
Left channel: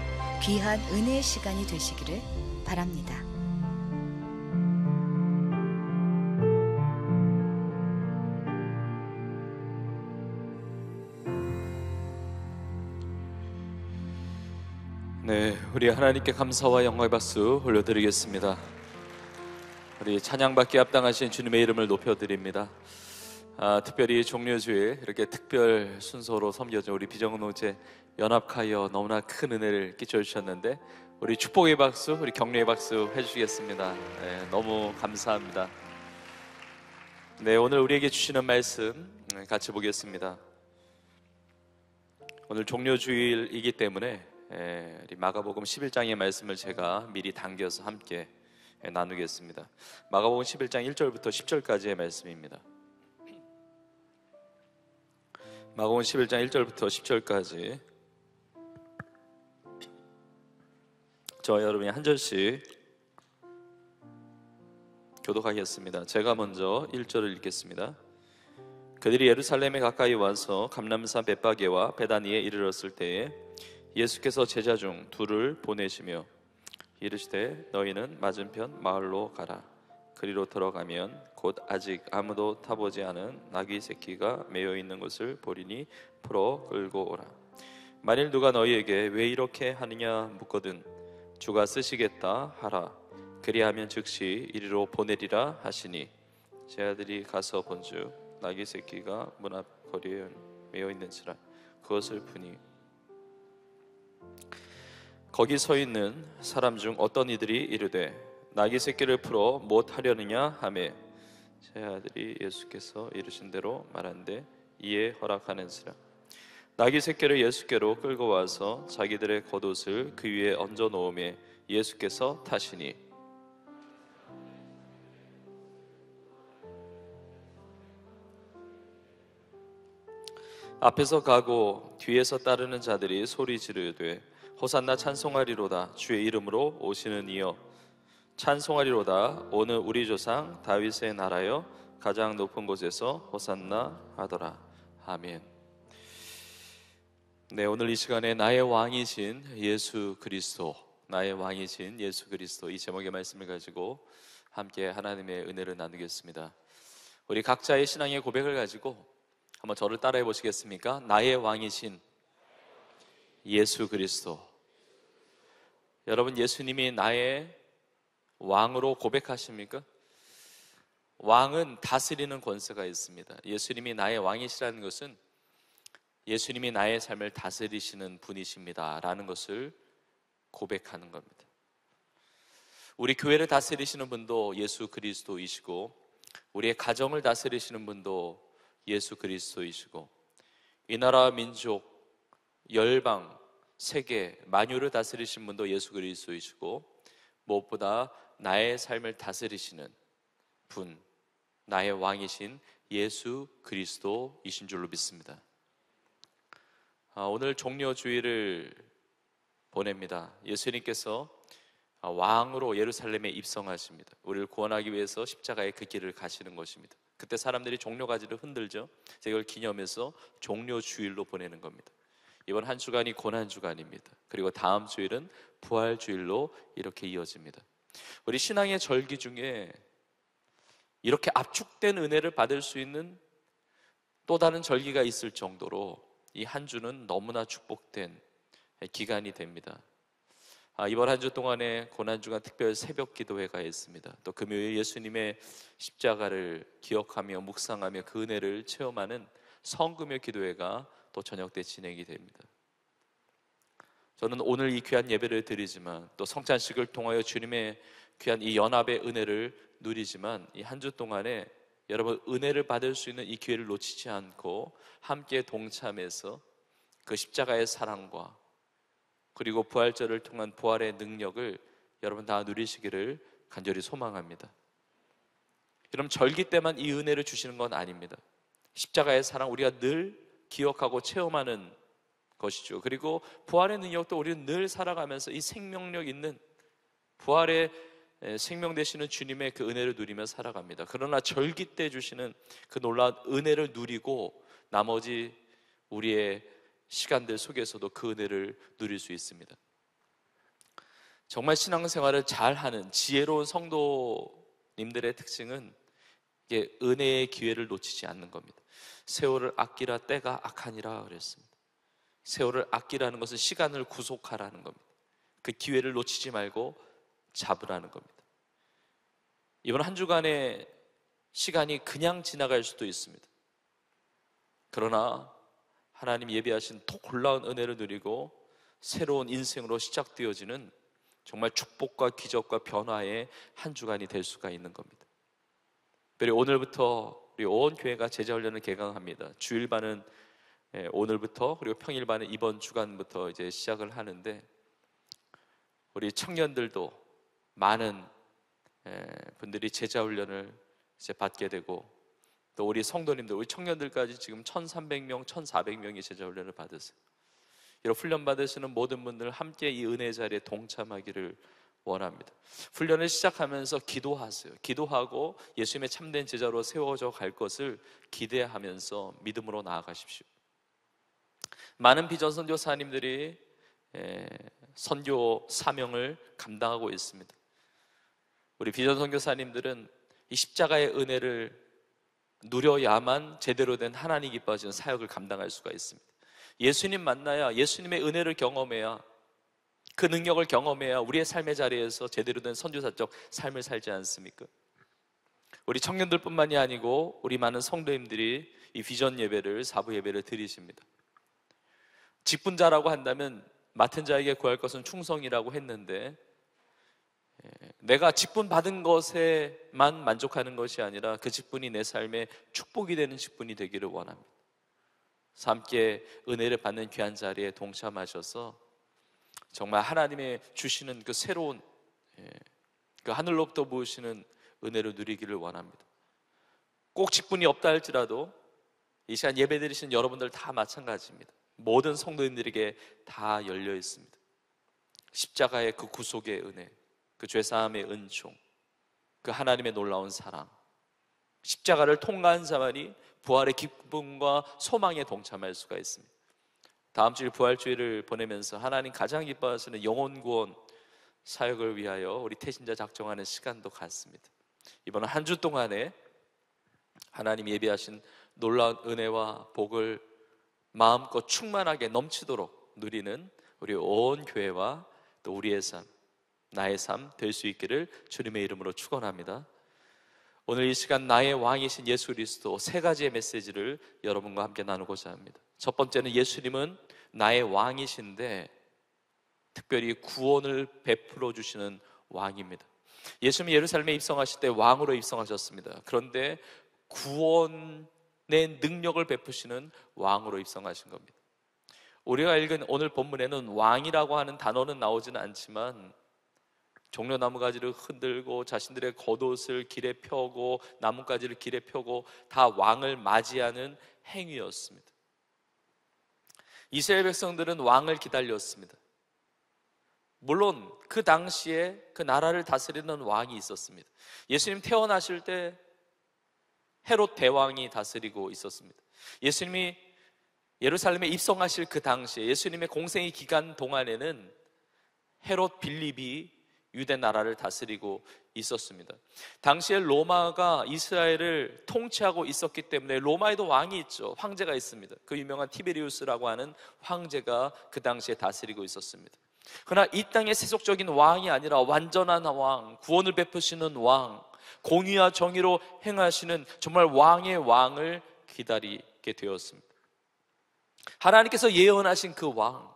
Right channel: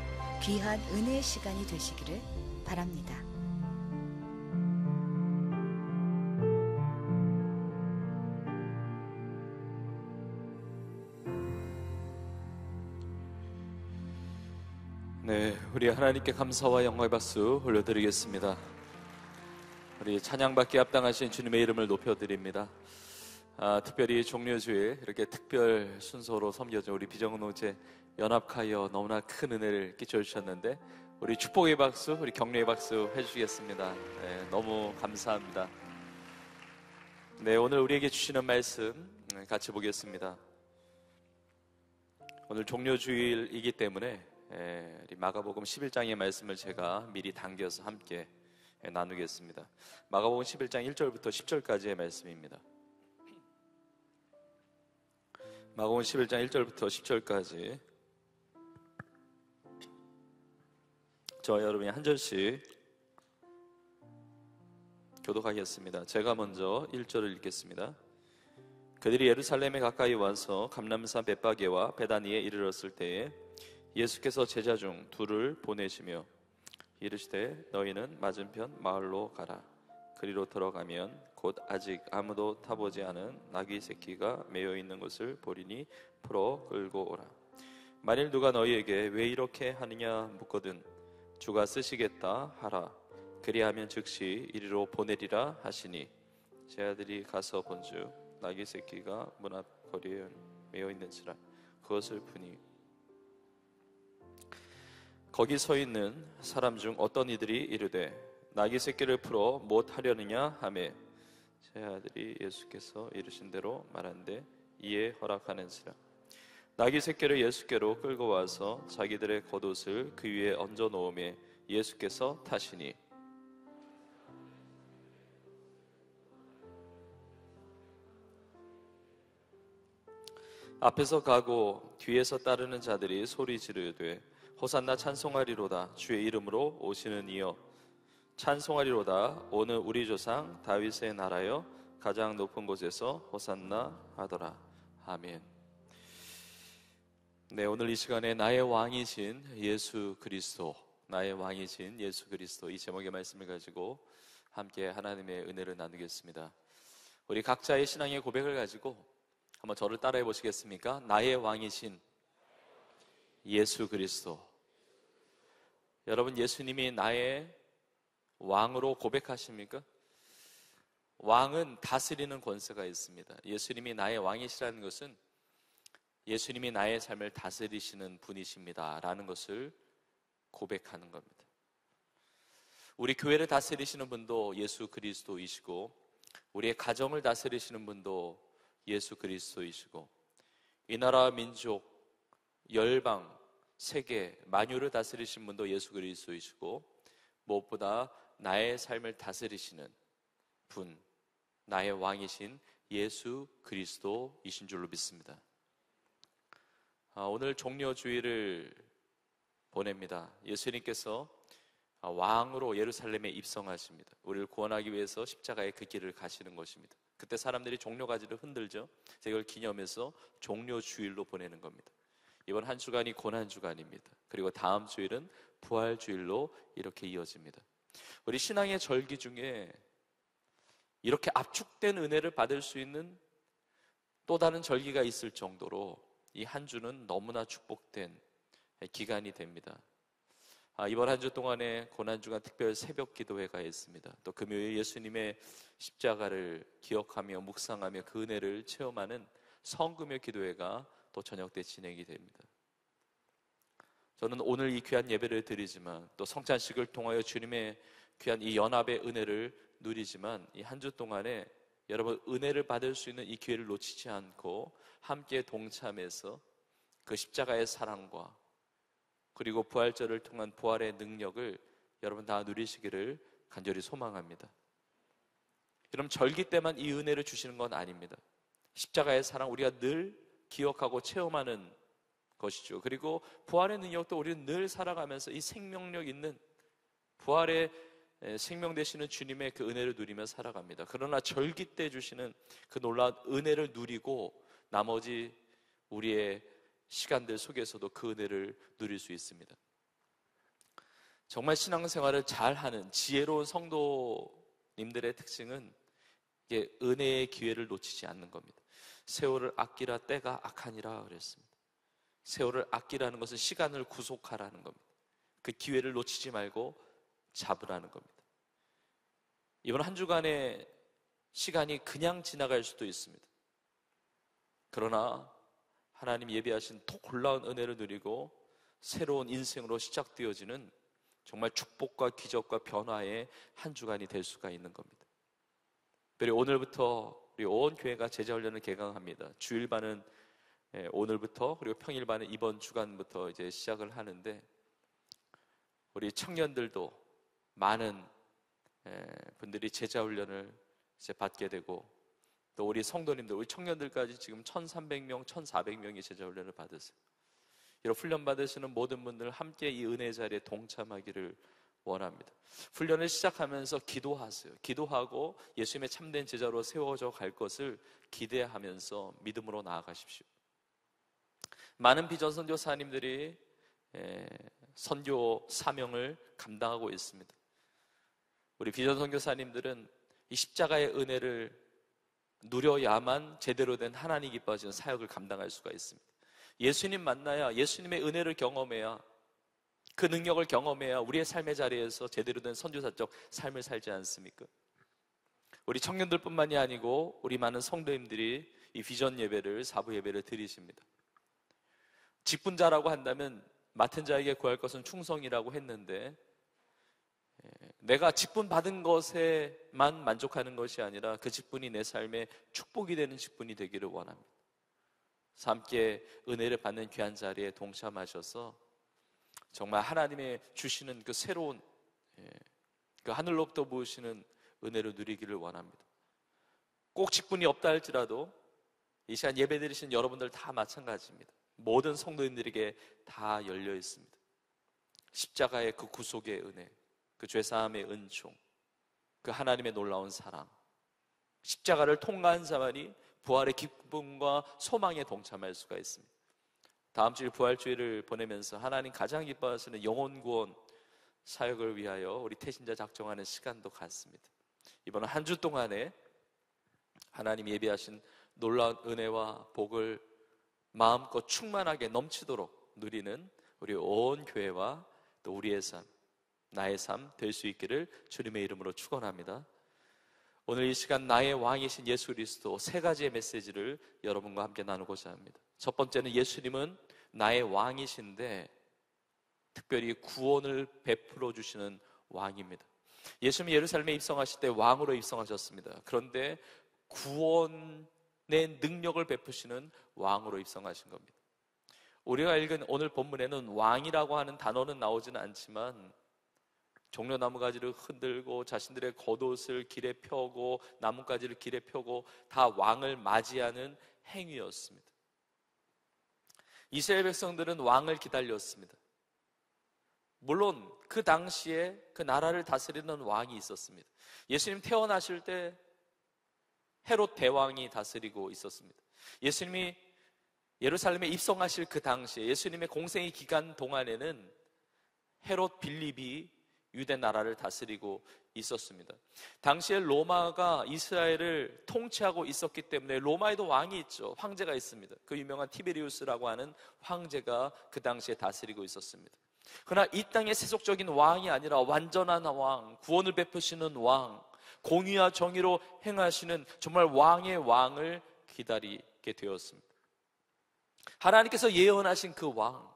귀한 은혜의 시간이 되시기를 바랍니다. 네, 우리 하나님께 감사와 영광의 박수 올려드리겠습니다. 우리 찬양받기 합당하신 주님의 이름을 높여드립니다. 특별히 종려주일 이렇게 특별 순서로 섬겨준 우리 비정노제 연합하여 너무나 큰 은혜를 끼쳐주셨는데 우리 축복의 박수, 우리 격려의 박수 해주시겠습니다. 네, 너무 감사합니다. 네, 오늘 우리에게 주시는 말씀 같이 보겠습니다. 오늘 종려주일이기 때문에 우리 마가복음 11장의 말씀을 제가 미리 당겨서 함께 나누겠습니다. 마가복음 11장 1절부터 10절까지의 말씀입니다. 마가복음 11장 1절부터 10절까지 저와 여러분이 한 절씩 교독하겠습니다. 제가 먼저 1절을 읽겠습니다. 그들이 예루살렘에 가까이 와서 감람산 벳바게와 베다니에 이르렀을 때에 예수께서 제자 중 둘을 보내시며 이르시되 너희는 맞은편 마을로 가라. 그리로 들어가면 곧 아직 아무도 타보지 않은 나귀 새끼가 매여 있는 것을 보리니 풀어 끌고 오라. 만일 누가 너희에게 왜 이렇게 하느냐 묻거든 주가 쓰시겠다 하라. 그리하면 즉시 이리로 보내리라 하시니 제자들이 가서 본즉 나귀 새끼가 문 앞 거리에 매여 있는지라 그것을 보니 거기 서 있는 사람 중 어떤 이들이 이르되 나귀 새끼를 풀어 못 하려느냐 하매 제자들이 예수께서 이르신 대로 말한데 이에 허락하는지라. 나귀 새끼를 예수께로 끌고 와서 자기들의 겉옷을 그 위에 얹어 놓음에 예수께서 타시니 앞에서 가고 뒤에서 따르는 자들이 소리 지르되 호산나 찬송하리로다. 주의 이름으로 오시는 이여 찬송하리로다. 오늘 우리 조상 다윗의 나라여 가장 높은 곳에서 호산나 하더라. 아멘. 네, 오늘 이 시간에 나의 왕이신 예수 그리스도, 나의 왕이신 예수 그리스도 이 제목의 말씀을 가지고 함께 하나님의 은혜를 나누겠습니다. 우리 각자의 신앙의 고백을 가지고 한번 저를 따라해 보시겠습니까? 나의 왕이신 예수 그리스도. 여러분, 예수님이 나의 왕으로 고백하십니까? 왕은 다스리는 권세가 있습니다. 예수님이 나의 왕이시라는 것은 예수님이 나의 삶을 다스리시는 분이십니다 라는 것을 고백하는 겁니다. 우리 교회를 다스리시는 분도 예수 그리스도이시고 우리의 가정을 다스리시는 분도 예수 그리스도이시고 이 나라 민족, 열방, 세계, 만유를 다스리신 분도 예수 그리스도이시고 무엇보다 나의 삶을 다스리시는 분, 나의 왕이신 예수 그리스도이신 줄로 믿습니다. 오늘 종려주일을 보냅니다. 예수님께서 왕으로 예루살렘에 입성하십니다. 우리를 구원하기 위해서 십자가의 그 길을 가시는 것입니다. 그때 사람들이 종려가지를 흔들죠. 이걸 기념해서 종려주일로 보내는 겁니다. 이번 한 주간이 고난주간입니다. 그리고 다음 주일은 부활주일로 이렇게 이어집니다. 우리 신앙의 절기 중에 이렇게 압축된 은혜를 받을 수 있는 또 다른 절기가 있을 정도로 이 한 주는 너무나 축복된 기간이 됩니다. 이번 한 주 동안에 고난주간 특별 새벽 기도회가 있습니다. 또 금요일 예수님의 십자가를 기억하며 묵상하며 그 은혜를 체험하는 성금요 기도회가 또 저녁 때 진행이 됩니다. 저는 오늘 이 귀한 예배를 드리지만 또 성찬식을 통하여 주님의 귀한 이 연합의 은혜를 누리지만 이 한 주 동안에 여러분 은혜를 받을 수 있는 이 기회를 놓치지 않고 함께 동참해서 그 십자가의 사랑과 그리고 부활절을 통한 부활의 능력을 여러분 다 누리시기를 간절히 소망합니다. 여러분 절기 때만 이 은혜를 주시는 건 아닙니다. 십자가의 사랑 우리가 늘 기억하고 체험하는 것이죠. 그리고 부활의 능력도 우리는 늘 살아가면서 이 생명력 있는 부활의 생명 되시는 주님의 그 은혜를 누리며 살아갑니다. 그러나 절기 때 주시는 그 놀라운 은혜를 누리고 나머지 우리의 시간들 속에서도 그 은혜를 누릴 수 있습니다. 정말 신앙생활을 잘하는 지혜로운 성도님들의 특징은 이게 은혜의 기회를 놓치지 않는 겁니다. 세월을 아끼라 때가 악하니라 그랬습니다. 세월을 아끼라는 것은 시간을 구속하라는 겁니다. 그 기회를 놓치지 말고 잡으라는 겁니다. 이번 한 주간의 시간이 그냥 지나갈 수도 있습니다. 그러나 하나님 예비하신 더 놀라운 은혜를 누리고 새로운 인생으로 시작되어지는 정말 축복과 기적과 변화의 한 주간이 될 수가 있는 겁니다. 그리고 오늘부터 우리 온 교회가 제자훈련을 개강합니다. 주일반은 오늘부터 그리고 평일반은 이번 주간부터 이제 시작을 하는데 우리 청년들도 많은 분들이 제자훈련을 이제 받게 되고 또 우리 성도님들, 우리 청년들까지 지금 1,300명, 1,400명이 제자훈련을 받으세요. 이런 훈련 받으시는 모든 분들 함께 이 은혜 자리에 동참하기를 원합니다. 훈련을 시작하면서 기도하세요. 기도하고 예수님의 참된 제자로 세워져 갈 것을 기대하면서 믿음으로 나아가십시오. 많은 비전선교사님들이 선교 사명을 감당하고 있습니다. 우리 비전선교사님들은 이 십자가의 은혜를 누려야만 제대로 된 하나님 기뻐하시는 사역을 감당할 수가 있습니다. 예수님 만나야 예수님의 은혜를 경험해야 그 능력을 경험해야 우리의 삶의 자리에서 제대로 된 선교사적 삶을 살지 않습니까? 우리 청년들뿐만이 아니고 우리 많은 성도님들이 이 비전 예배를 사부 예배를 드리십니다. 직분자라고 한다면 맡은 자에게 구할 것은 충성이라고 했는데 내가 직분 받은 것에만 만족하는 것이 아니라 그 직분이 내 삶에 축복이 되는 직분이 되기를 원합니다. 함께 은혜를 받는 귀한 자리에 동참하셔서 정말 하나님의 주시는 그 새로운 그 하늘로부터 부으시는 은혜를 누리기를 원합니다. 꼭 직분이 없다 할지라도 이 시간 예배드리신 여러분들 다 마찬가지입니다. 모든 성도님들에게 다 열려 있습니다. 십자가의 그 구속의 은혜, 그 죄사함의 은총, 그 하나님의 놀라운 사랑, 십자가를 통과한 자만이 부활의 기쁨과 소망에 동참할 수가 있습니다. 다음 주일 부활주일을 보내면서 하나님 가장 기뻐하시는 영혼 구원 사역을 위하여 우리 태신자 작정하는 시간도 갖습니다. 이번 한 주 동안에 하나님 예비하신 놀라운 은혜와 복을 마음껏 충만하게 넘치도록 누리는 우리 온 교회와 또 우리의 삶, 나의 삶 될 수 있기를 주님의 이름으로 축원합니다. 오늘 이 시간 나의 왕이신 예수 그리스도 세 가지의 메시지를 여러분과 함께 나누고자 합니다. 첫 번째는 예수님은 나의 왕이신데 특별히 구원을 베풀어 주시는 왕입니다. 예수님이 예루살렘에 입성하실 때 왕으로 입성하셨습니다. 그런데 구원의 능력을 베푸시는 왕으로 입성하신 겁니다. 우리가 읽은 오늘 본문에는 왕이라고 하는 단어는 나오지는 않지만 종려나무 가지를 흔들고 자신들의 겉옷을 길에 펴고 나뭇가지를 길에 펴고 다 왕을 맞이하는 행위였습니다. 이스라엘 백성들은 왕을 기다렸습니다. 물론 그 당시에 그 나라를 다스리는 왕이 있었습니다. 예수님 태어나실 때 헤롯 대왕이 다스리고 있었습니다. 예수님이 예루살렘에 입성하실 그 당시에 예수님의 공생의 기간 동안에는 헤롯 빌립이 유대 나라를 다스리고 있었습니다. 당시에 로마가 이스라엘을 통치하고 있었기 때문에 로마에도 왕이 있죠. 황제가 있습니다. 그 유명한 티베리우스라고 하는 황제가 그 당시에 다스리고 있었습니다. 그러나 이 땅의 세속적인 왕이 아니라 완전한 왕, 구원을 베푸시는 왕, 공의와 정의로 행하시는 정말 왕의 왕을 기다리게 되었습니다. 하나님께서 예언하신 그 왕,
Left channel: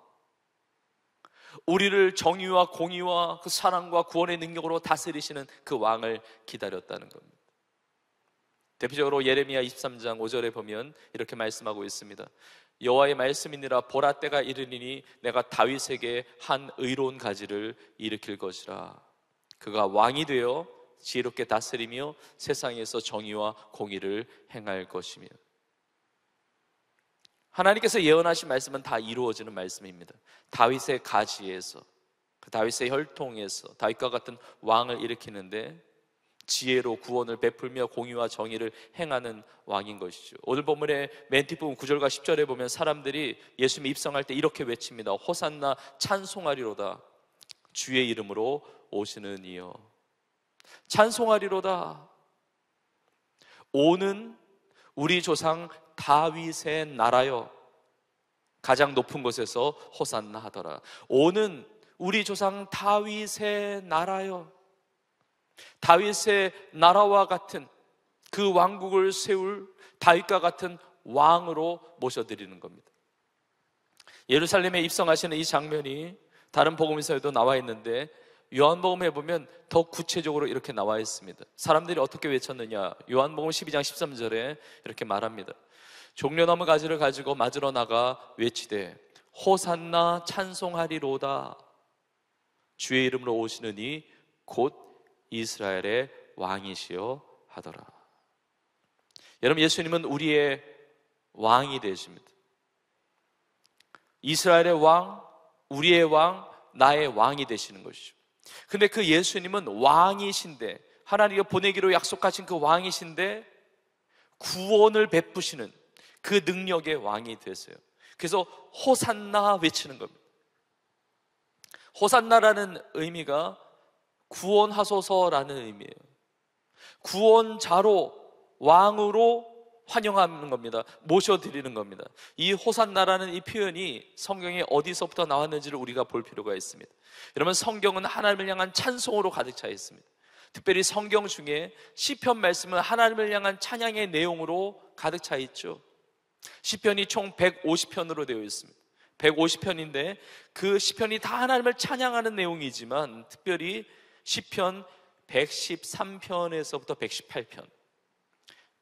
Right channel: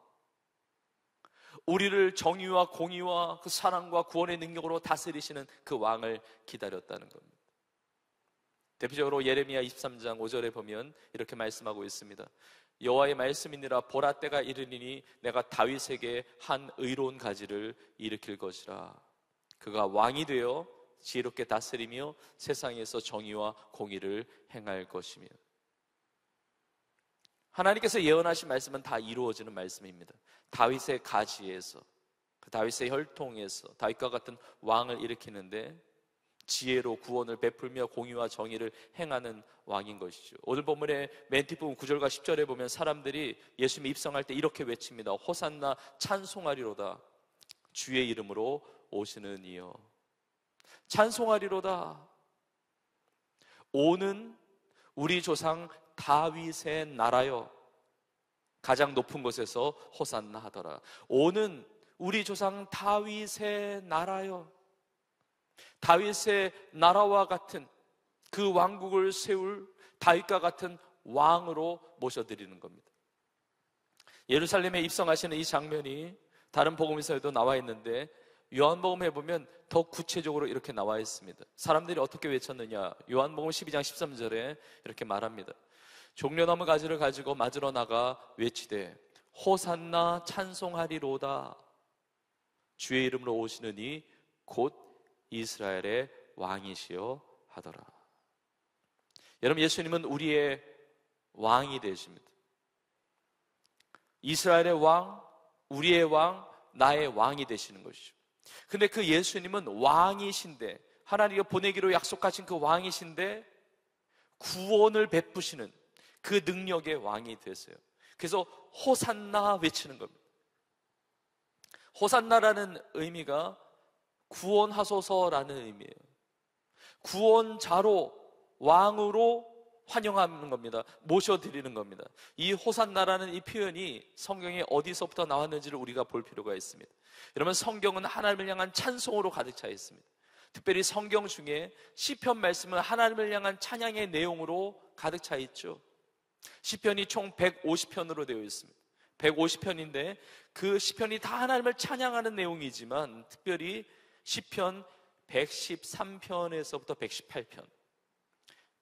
우리를 정의와 공의와 그 사랑과 구원의 능력으로 다스리시는 그 왕을 기다렸다는 겁니다. 대표적으로 예레미야 23장 5절에 보면 이렇게 말씀하고 있습니다. 여호와의 말씀이니라 보라 때가 이르리니 내가 다윗에게 한 의로운 가지를 일으킬 것이라. 그가 왕이 되어 지혜롭게 다스리며 세상에서 정의와 공의를 행할 것이며. 하나님께서 예언하신 말씀은 다 이루어지는 말씀입니다. 다윗의 가지에서, 그 다윗의 혈통에서 다윗과 같은 왕을 일으키는데 지혜로 구원을 베풀며 공의와 정의를 행하는 왕인 것이죠. 오늘 본문의 맨 뒷부분 9절과 10절에 보면 사람들이 예수님 입성할 때 이렇게 외칩니다. 호산나 찬송하리로다. 주의 이름으로 오시는 이여. 찬송하리로다. 오는 우리 조상 다윗의 나라여. 가장 높은 곳에서 호산나 하더라. 오는 우리 조상 다윗의 나라여. 다윗의 나라와 같은 그 왕국을 세울 다윗과 같은 왕으로 모셔드리는 겁니다. 예루살렘에 입성하시는 이 장면이 다른 복음서에도 나와 있는데 요한복음에 보면 더 구체적으로 이렇게 나와 있습니다. 사람들이 어떻게 외쳤느냐? 요한복음 12장 13절에 이렇게 말합니다. 종려나무 가지를 가지고 맞으러 나가 외치되 호산나 찬송하리로다. 주의 이름으로 오시는 이 곧 이스라엘의 왕이시여 하더라. 여러분, 예수님은 우리의 왕이 되십니다. 이스라엘의 왕, 우리의 왕, 나의 왕이 되시는 것이죠. 근데 그 예수님은 왕이신데, 하나님이 보내기로 약속하신 그 왕이신데 구원을 베푸시는 그 능력의 왕이 되세요. 그래서 호산나 외치는 겁니다. 호산나라는 의미가 구원하소서라는 의미예요. 구원자로, 왕으로 환영하는 겁니다. 모셔드리는 겁니다. 이 호산나라는 이 표현이 성경에 어디서부터 나왔는지를 우리가 볼 필요가 있습니다. 여러분, 성경은 하나님을 향한 찬송으로 가득 차 있습니다. 특별히 성경 중에 시편 말씀은 하나님을 향한 찬양의 내용으로 가득 차 있죠. 시편이 총 150편으로 되어 있습니다. 150편인데 그 시편이 다 하나님을 찬양하는 내용이지만 특별히 시편 113편에서부터 118편,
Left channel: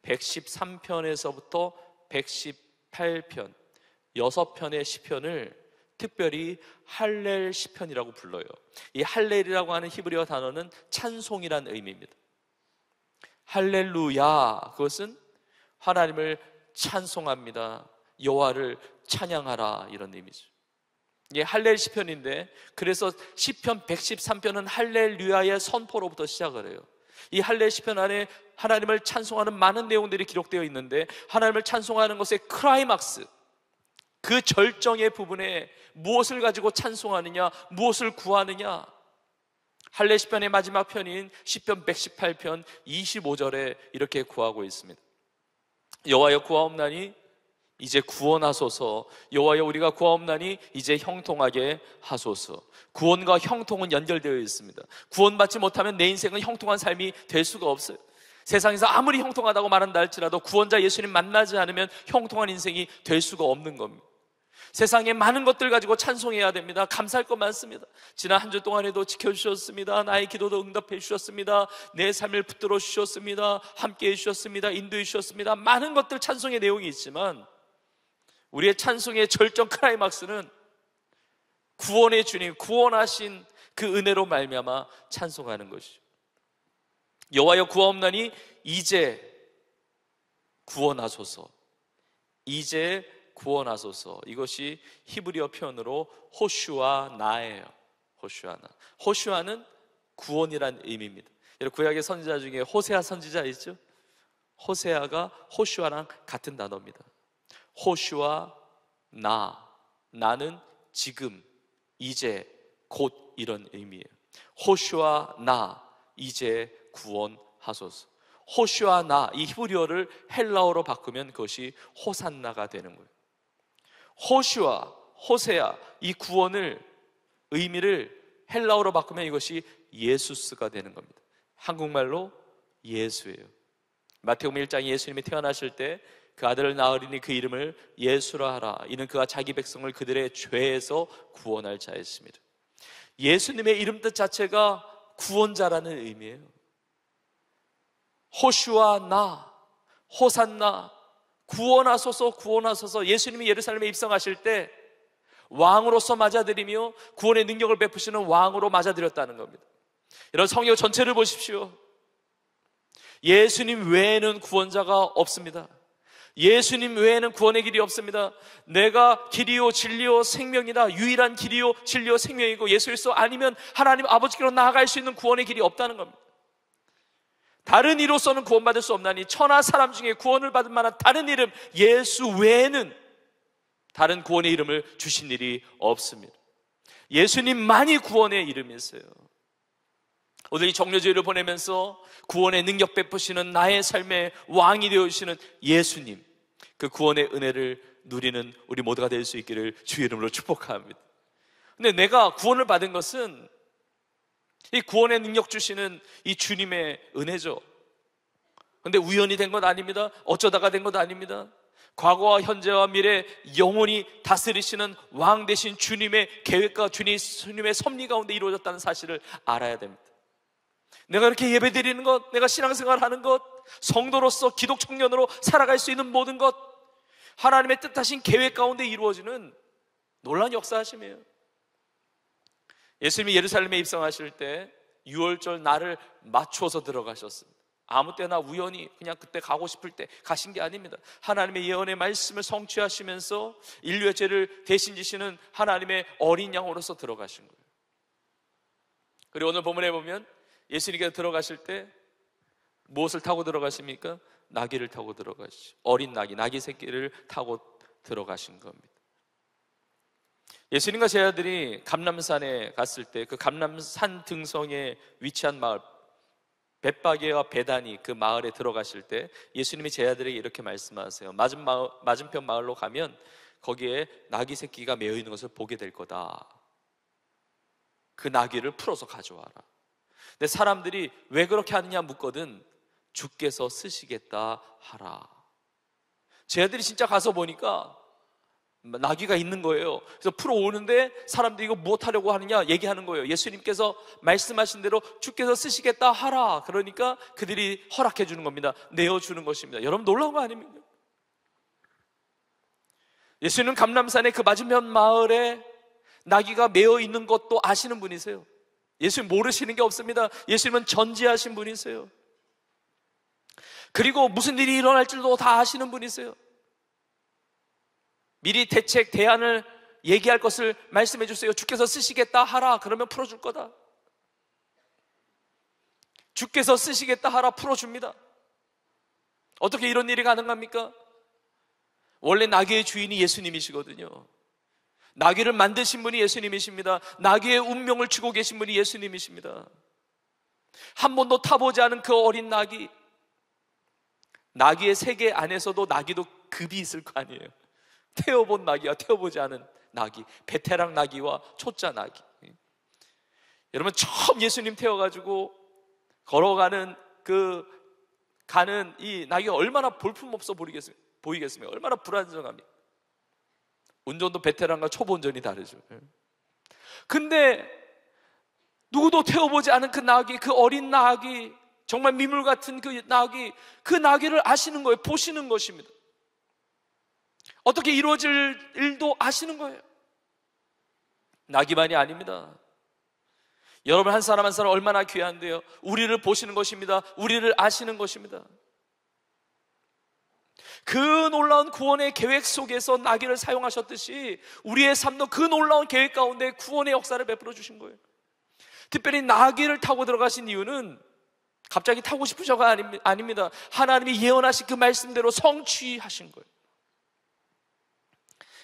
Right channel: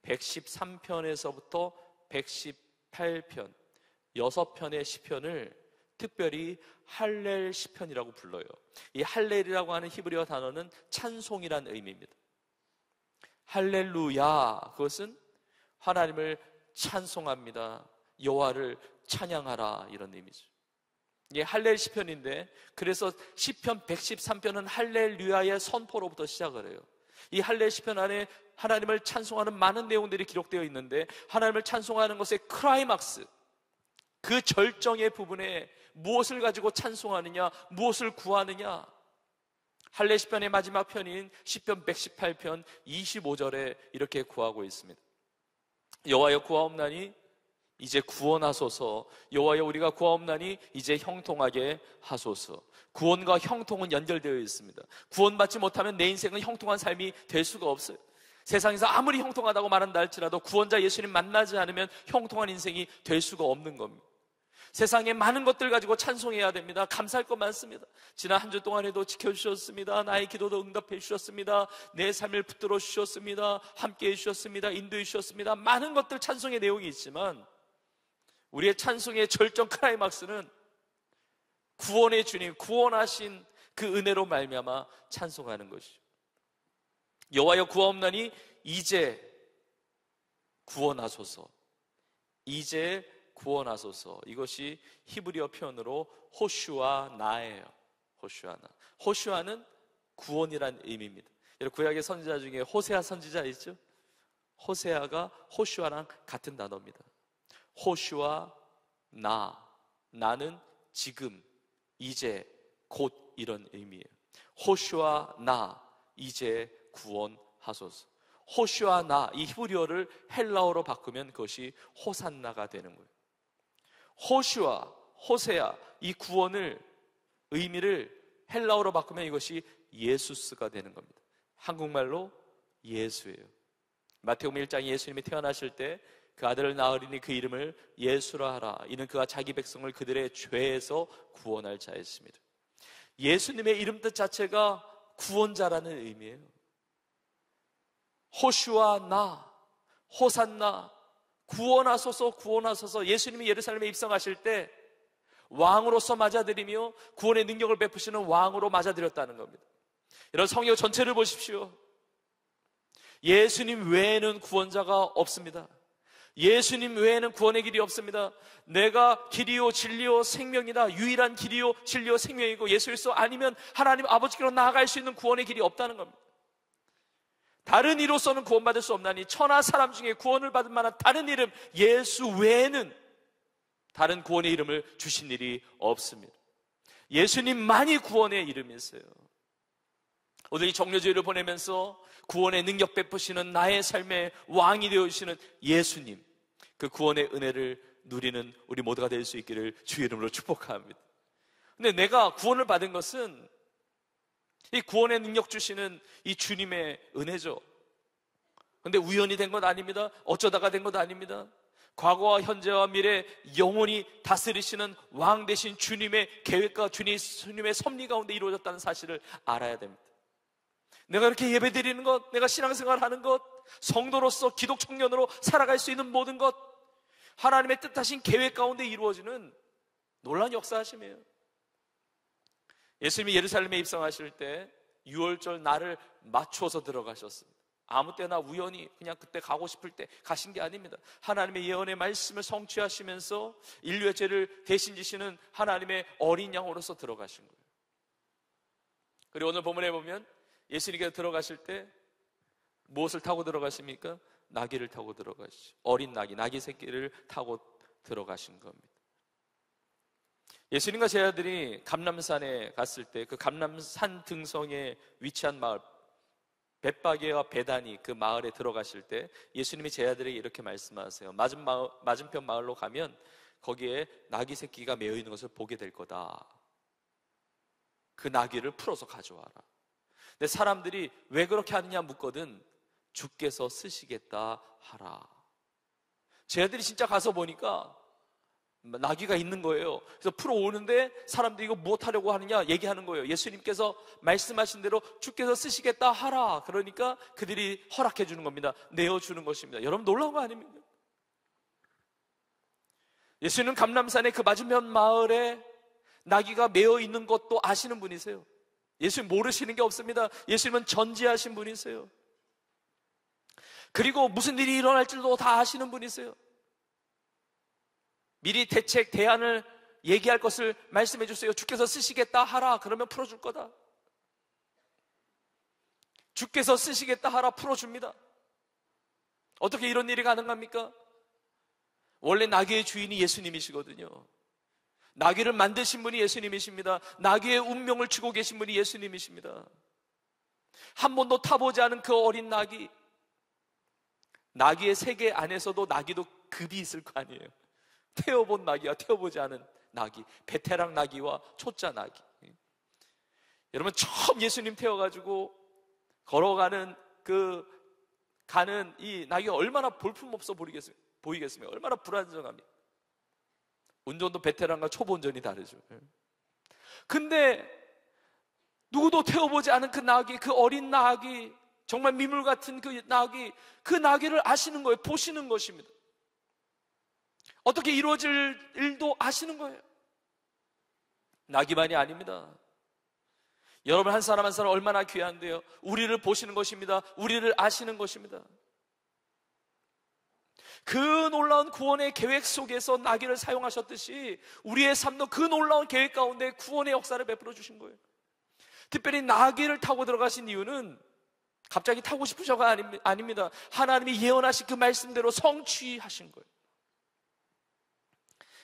113편에서부터 118편 6편의 시편을 특별히 할렐 시편이라고 불러요. 이 할렐이라고 하는 히브리어 단어는 찬송이라는 의미입니다. 할렐루야, 그것은 하나님을 찬송합니다. 여호와를 찬양하라, 이런 의미죠. 이게 할렐 시편인데, 그래서 시편 113편은 할렐루야의 선포로부터 시작을 해요. 이 할렐 시편 안에 하나님을 찬송하는 많은 내용들이 기록되어 있는데, 하나님을 찬송하는 것의 클라이막스, 그 절정의 부분에 무엇을 가지고 찬송하느냐, 무엇을 구하느냐, 할렐 시편의 마지막 편인 시편 118편 25절에 이렇게 구하고 있습니다. 여호와여 구하옵나니 이제 구원하소서. 여호와여 우리가 구하옵나니 이제 형통하게 하소서. 구원과 형통은 연결되어 있습니다. 구원받지 못하면 내 인생은 형통한 삶이 될 수가 없어요. 세상에서 아무리 형통하다고 말한다 할지라도 구원자 예수님 만나지 않으면 형통한 인생이 될 수가 없는 겁니다. 세상에 많은 것들 가지고 찬송해야 됩니다. 감사할 것 많습니다. 지난 한 주 동안에도 지켜주셨습니다. 나의 기도도 응답해 주셨습니다. 내 삶을 붙들어 주셨습니다. 함께해 주셨습니다. 인도해 주셨습니다. 많은 것들 찬송의 내용이 있지만 우리의 찬송의 절정 클라이막스는 구원의 주님, 구원하신 그 은혜로 말미암아 찬송하는 것이죠. 여호와여 구하옵나니 이제 구원하소서. 이제 구원하소서. 이것이 히브리어 표현으로 호슈아 나예요. 호슈아 나. 호슈아는 구원이란 의미입니다. 여러분, 구약의 선지자 중에 호세아 선지자 있죠? 호세아가 호슈아랑 같은 단어입니다. 호슈아 나. 나는 지금, 이제, 곧 이런 의미예요. 호슈아 나. 이제 구원하소서. 호슈아 나. 이 히브리어를 헬라어로 바꾸면 그것이 호산나가 되는 거예요. 호슈아, 호세아, 이 구원을, 의미를 헬라어로 바꾸면 이것이 예수스가 되는 겁니다. 한국말로 예수예요. 마태복음 1장 예수님이 태어나실 때 그 아들을 낳으리니 그 이름을 예수라 하라. 이는 그가 자기 백성을 그들의 죄에서 구원할 자였습니다. 예수님의 이름 뜻 자체가 구원자라는 의미예요. 호슈아 나, 호산나, 구원하소서, 구원하소서. 예수님이 예루살렘에 입성하실 때 왕으로서 맞아들이며 구원의 능력을 베푸시는 왕으로 맞아들였다는 겁니다. 여러분, 성경 전체를 보십시오. 예수님 외에는 구원자가 없습니다. 예수님 외에는 구원의 길이 없습니다. 내가 길이요 진리요 생명이다. 유일한 길이요 진리요 생명이고 예수 그리스도 아니면 하나님 아버지께로 나아갈 수 있는 구원의 길이 없다는 겁니다. 다른 이로서는 구원받을 수 없나니 천하 사람 중에 구원을 받을 만한 다른 이름 예수 외에는 다른 구원의 이름을 주신 일이 없습니다. 예수님만이 구원의 이름이세요. 오늘 이 정료주일을 보내면서 구원의 능력 베푸시는 나의 삶의 왕이 되어주시는 예수님, 그 구원의 은혜를 누리는 우리 모두가 될 수 있기를 주의 이름으로 축복합니다. 근데 내가 구원을 받은 것은 이 구원의 능력 주시는 이 주님의 은혜죠. 근데 우연히 된 것 아닙니다. 어쩌다가 된 것 아닙니다. 과거와 현재와 미래 영원히 다스리시는 왕 되신 주님의 계획과 주님의 섭리 가운데 이루어졌다는 사실을 알아야 됩니다. 내가 이렇게 예배드리는 것, 내가 신앙생활하는 것, 성도로서 기독 청년으로 살아갈 수 있는 모든 것, 하나님의 뜻하신 계획 가운데 이루어지는 놀라운 역사하심이에요. 예수님이 예루살렘에 입성하실 때 6월절 날을 맞춰서 들어가셨습니다. 아무 때나 우연히 그냥 그때 가고 싶을 때 가신 게 아닙니다. 하나님의 예언의 말씀을 성취하시면서 인류의 죄를 대신 지시는 하나님의 어린 양으로서 들어가신 거예요. 그리고 오늘 본문에 보면 예수님께서 들어가실 때 무엇을 타고 들어가십니까? 나귀를 타고 들어가시죠. 어린 나귀 새끼를 타고 들어가신 겁니다. 예수님과 제 아들이 감람산에 갔을 때 그 감람산 등성에 위치한 마을 벳바게와 베다니 그 마을에 들어가실 때 예수님이 제 아들에게 이렇게 말씀하세요. 맞은편 마을로 가면 거기에 나귀 새끼가 매어 있는 것을 보게 될 거다. 그 나귀를 풀어서 가져와라. 근데 사람들이 왜 그렇게 하느냐 묻거든 주께서 쓰시겠다 하라. 제 아들이 진짜 가서 보니까 나귀가 있는 거예요. 그래서 풀어오는데 사람들이 이거 무엇 하려고 하느냐 얘기하는 거예요. 예수님께서 말씀하신 대로 주께서 쓰시겠다 하라. 그러니까 그들이 허락해 주는 겁니다. 내어주는 것입니다. 여러분 놀라운 거 아닙니까? 예수님은 감람산의 그 맞은편 마을에 나귀가 매어 있는 것도 아시는 분이세요. 예수님 모르시는 게 없습니다. 예수님은 전지하신 분이세요. 그리고 무슨 일이 일어날 줄도 다 아시는 분이세요. 미리 대책, 대안을 얘기할 것을 말씀해 주세요. 주께서 쓰시겠다 하라. 그러면 풀어줄 거다. 주께서 쓰시겠다 하라. 풀어줍니다. 어떻게 이런 일이 가능합니까? 원래 나귀의 주인이 예수님이시거든요. 나귀를 만드신 분이 예수님이십니다. 나귀의 운명을 주고 계신 분이 예수님이십니다. 한 번도 타보지 않은 그 어린 나귀, 나귀의 세계 안에서도 나귀도 급이 있을 거 아니에요. 태워본 나귀와 태워보지 않은 나귀, 베테랑 나귀와 초짜 나귀. 여러분 처음 예수님 태워가지고 걸어가는 가는 이 나귀가 얼마나 볼품없어 보이겠습니까? 얼마나 불안정합니까? 운전도 베테랑과 초보 운전이 다르죠. 근데 누구도 태워보지 않은 그 나귀, 그 어린 나귀, 정말 미물 같은 그 나귀를 아시는 거예요. 보시는 것입니다. 어떻게 이루어질 일도 아시는 거예요. 나귀만이 아닙니다. 여러분 한 사람 한 사람 얼마나 귀한데요. 우리를 보시는 것입니다. 우리를 아시는 것입니다. 그 놀라운 구원의 계획 속에서 나귀를 사용하셨듯이 우리의 삶도 그 놀라운 계획 가운데 구원의 역사를 베풀어 주신 거예요. 특별히 나귀를 타고 들어가신 이유는 갑자기 타고 싶으셔가 아닙니다. 하나님이 예언하신 그 말씀대로 성취하신 거예요.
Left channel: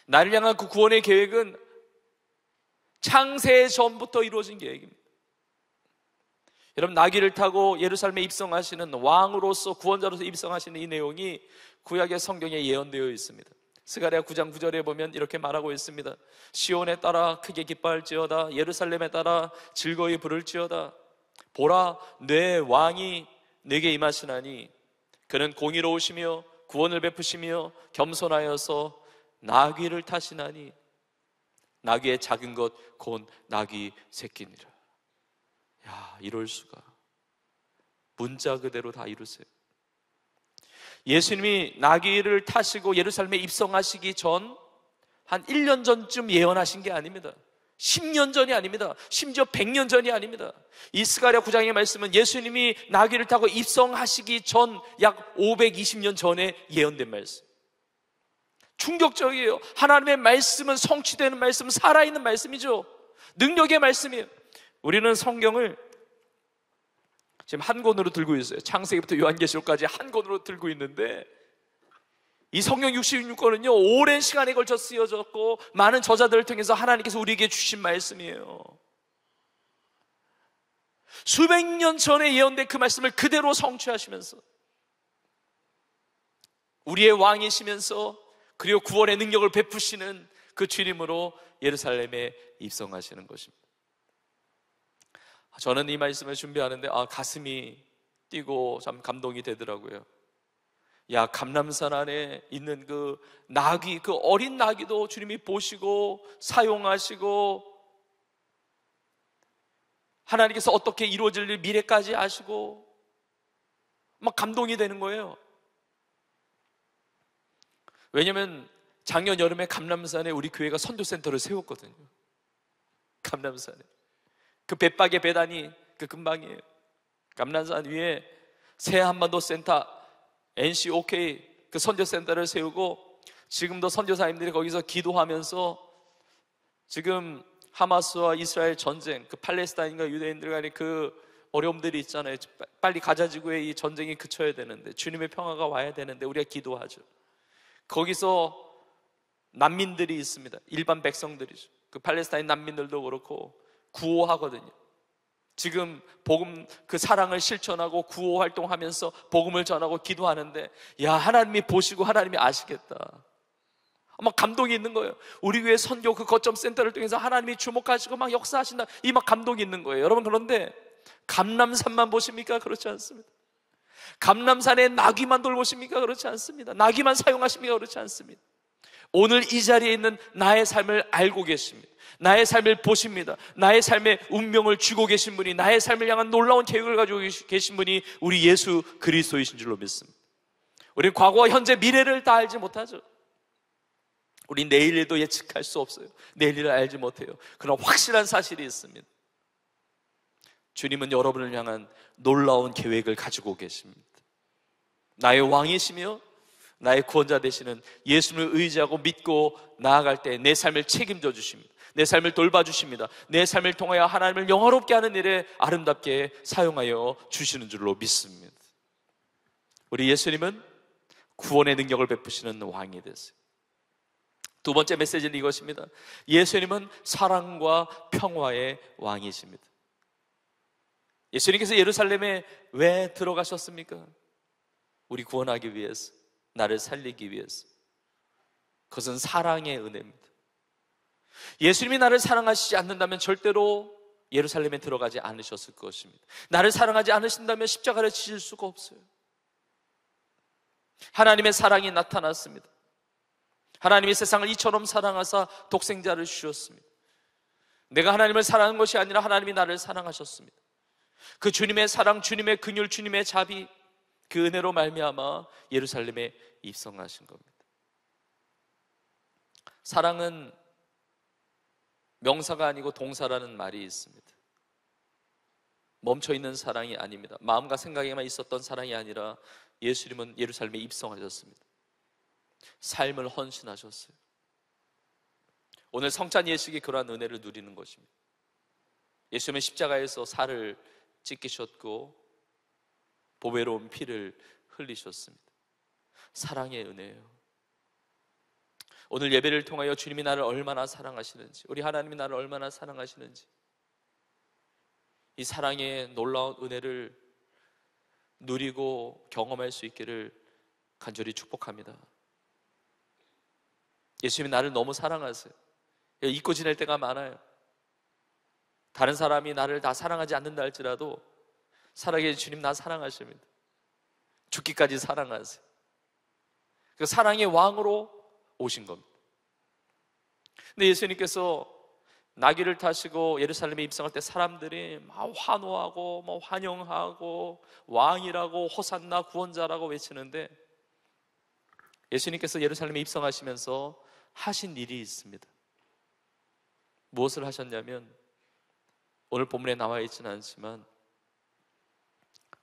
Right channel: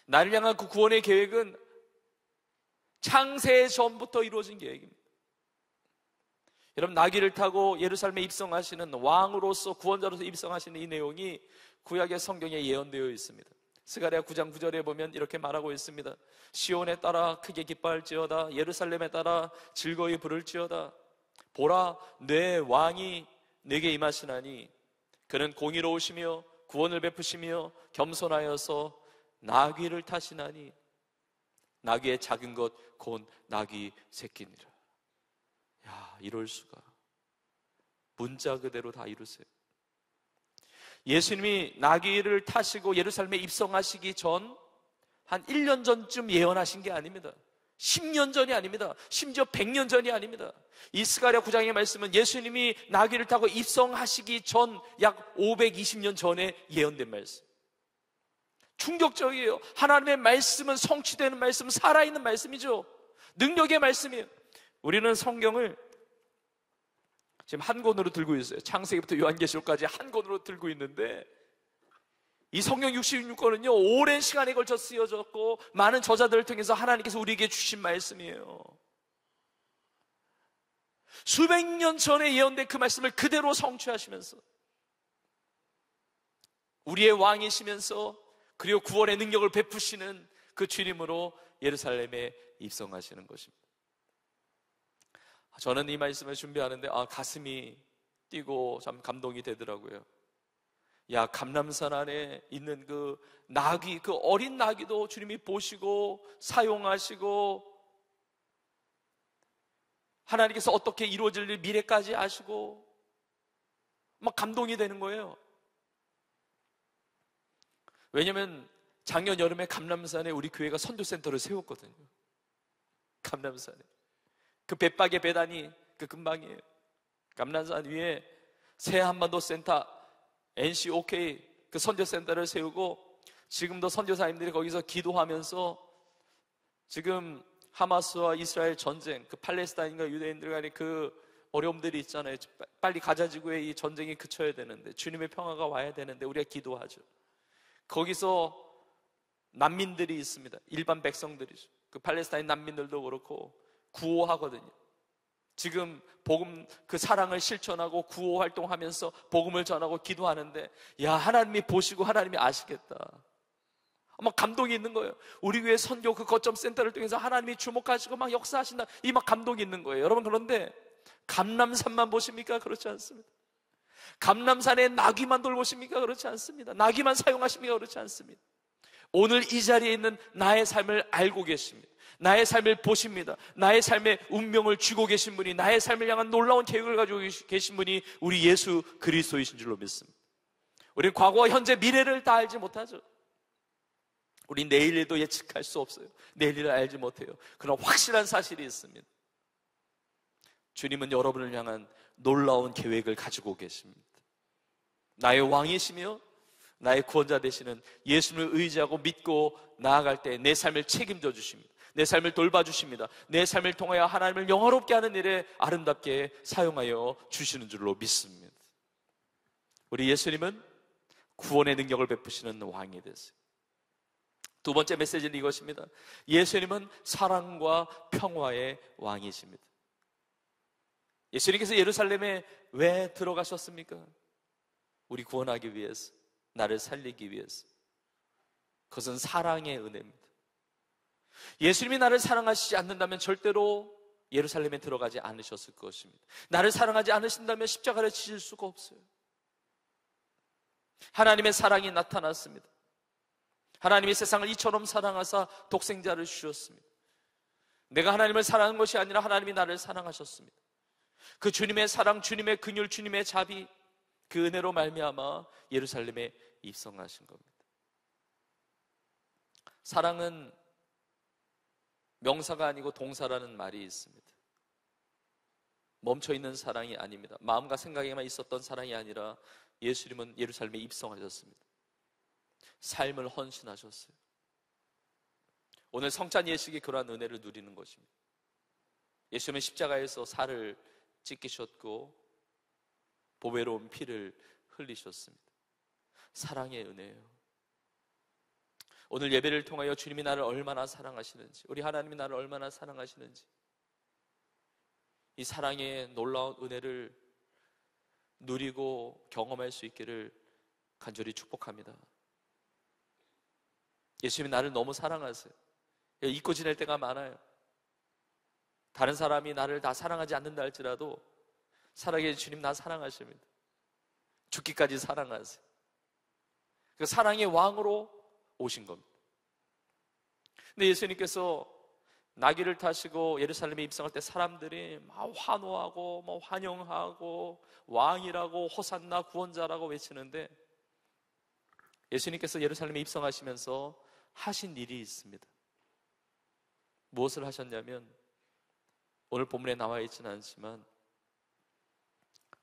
나를 향한 그 구원의 계획은 창세 전부터 이루어진 계획입니다. 여러분, 나귀를 타고 예루살렘에 입성하시는 왕으로서, 구원자로서 입성하시는 이 내용이 구약의 성경에 예언되어 있습니다. 스가랴 9장 9절에 보면 이렇게 말하고 있습니다. 시온에 따라 크게 기뻐할지어다. 예루살렘에 따라 즐거이 부를지어다. 보라, 내 왕이 내게 임하시나니 그는 공의로우시며 구원을 베푸시며 겸손하여서 나귀를 타시나니 나귀의 작은 것 곧 나귀 새끼니라. 야, 이럴 수가. 문자 그대로 다 이루세요. 예수님이 나귀를 타시고 예루살렘에 입성하시기 전 한 1년 전쯤 예언하신 게 아닙니다. 10년 전이 아닙니다. 심지어 100년 전이 아닙니다. 이 스가랴 9장의 말씀은 예수님이 나귀를 타고 입성하시기 전 약 520년 전에 예언된 말씀. 충격적이에요. 하나님의 말씀은 성취되는 말씀, 살아있는 말씀이죠. 능력의 말씀이에요. 우리는 성경을 지금 한 권으로 들고 있어요. 창세기부터 요한계시록까지 한 권으로 들고 있는데 이 성경 66권은요 오랜 시간에 걸쳐 쓰여졌고 많은 저자들을 통해서 하나님께서 우리에게 주신 말씀이에요. 수백 년 전에 예언된 그 말씀을 그대로 성취하시면서 우리의 왕이시면서 그리고 구원의 능력을 베푸시는 그 주님으로 예루살렘에 입성하시는 것입니다. 저는 이 말씀을 준비하는데 가슴이 뛰고 참 감동이 되더라고요. 야, 감람산 안에 있는 그 나귀, 그 어린 나귀도 주님이 보시고 사용하시고 하나님께서 어떻게 이루어질 일 미래까지 아시고 막 감동이 되는 거예요. 왜냐하면 작년 여름에 감람산에 우리 교회가 선교센터를 세웠거든요. 감람산에 그 벳박의 배단이 그 근방이에요. 감람산 위에 새 한반도 센터 NCOK 그 선교센터를 세우고 지금도 선교사님들이 거기서 기도하면서 지금 하마스와 이스라엘 전쟁, 그 팔레스타인과 유대인들 간의 그 어려움들이 있잖아요. 빨리 가자지구의 이 전쟁이 그쳐야 되는데 주님의 평화가 와야 되는데 우리가 기도하죠. 거기서 난민들이 있습니다. 일반 백성들이죠. 그 팔레스타인 난민들도 그렇고 구호하거든요. 지금 복음 그 사랑을 실천하고 구호 활동하면서 복음을 전하고 기도하는데 야, 하나님이 보시고 하나님이 아시겠다. 막 감동이 있는 거예요. 우리 교회 선교 그 거점 센터를 통해서 하나님이 주목하시고 막 역사하신다. 이 막 감동이 있는 거예요. 여러분, 그런데 감람산만 보십니까? 그렇지 않습니다. 감람산에 나귀만 돌보십니까? 그렇지 않습니다. 나귀만 사용하십니까? 그렇지 않습니다. 오늘 이 자리에 있는 나의 삶을 알고 계십니다. 나의 삶을 보십니다. 나의 삶의 운명을 쥐고 계신 분이, 나의 삶을 향한 놀라운 계획을 가지고 계신 분이 우리 예수 그리스도이신 줄로 믿습니다. 우리는 과거와 현재, 미래를 다 알지 못하죠. 우리 내일에도 예측할 수 없어요. 내일을 알지 못해요. 그러나 확실한 사실이 있습니다. 주님은 여러분을 향한 놀라운 계획을 가지고 계십니다. 나의 왕이시며 나의 구원자 되시는 예수님을 의지하고 믿고 나아갈 때 내 삶을 책임져 주십니다. 내 삶을 돌봐주십니다. 내 삶을 통하여 하나님을 영화롭게 하는 일에 아름답게 사용하여 주시는 줄로 믿습니다. 우리 예수님은 구원의 능력을 베푸시는 왕이 되세요. 두 번째 메시지는 이것입니다. 예수님은 사랑과 평화의 왕이십니다. 예수님께서 예루살렘에 왜 들어가셨습니까? 우리 구원하기 위해서, 나를 살리기 위해서. 그것은 사랑의 은혜입니다. 예수님이 나를 사랑하시지 않는다면 절대로 예루살렘에 들어가지 않으셨을 것입니다. 나를 사랑하지 않으신다면 십자가를 지실 수가 없어요. 하나님의 사랑이 나타났습니다. 하나님이 세상을 이처럼 사랑하사 독생자를 주셨습니다. 내가 하나님을 사랑한 것이 아니라 하나님이 나를 사랑하셨습니다. 그 주님의 사랑, 주님의 긍휼, 주님의 자비, 그 은혜로 말미암아 예루살렘에 입성하신 겁니다. 사랑은 명사가 아니고 동사라는 말이 있습니다. 멈춰있는 사랑이 아닙니다. 마음과 생각에만 있었던 사랑이 아니라 예수님은 예루살렘에 입성하셨습니다. 삶을 헌신하셨어요. 오늘 성찬 예식이 그러한 은혜를 누리는 것입니다. 예수님은 십자가에서 살을 찢기셨고 보배로운 피를 흘리셨습니다. 사랑의 은혜예요. 오늘 예배를 통하여 주님이 나를 얼마나 사랑하시는지, 우리 하나님이 나를 얼마나 사랑하시는지, 이 사랑의 놀라운 은혜를 누리고 경험할 수 있기를 간절히 축복합니다. 예수님이 나를 너무 사랑하세요. 잊고 지낼 때가 많아요. 다른 사람이 나를 다 사랑하지 않는다 할지라도 살아계신 주님 나 사랑하십니다. 죽기까지 사랑하세요. 그 사랑의 왕으로 오신 겁니다. 근데 예수님께서 나귀를 타시고 예루살렘에 입성할 때 사람들이 막 환호하고 환영하고 왕이라고 호산나 구원자라고 외치는데, 예수님께서 예루살렘에 입성하시면서 하신 일이 있습니다. 무엇을 하셨냐면, 오늘 본문에 나와 있지는 않지만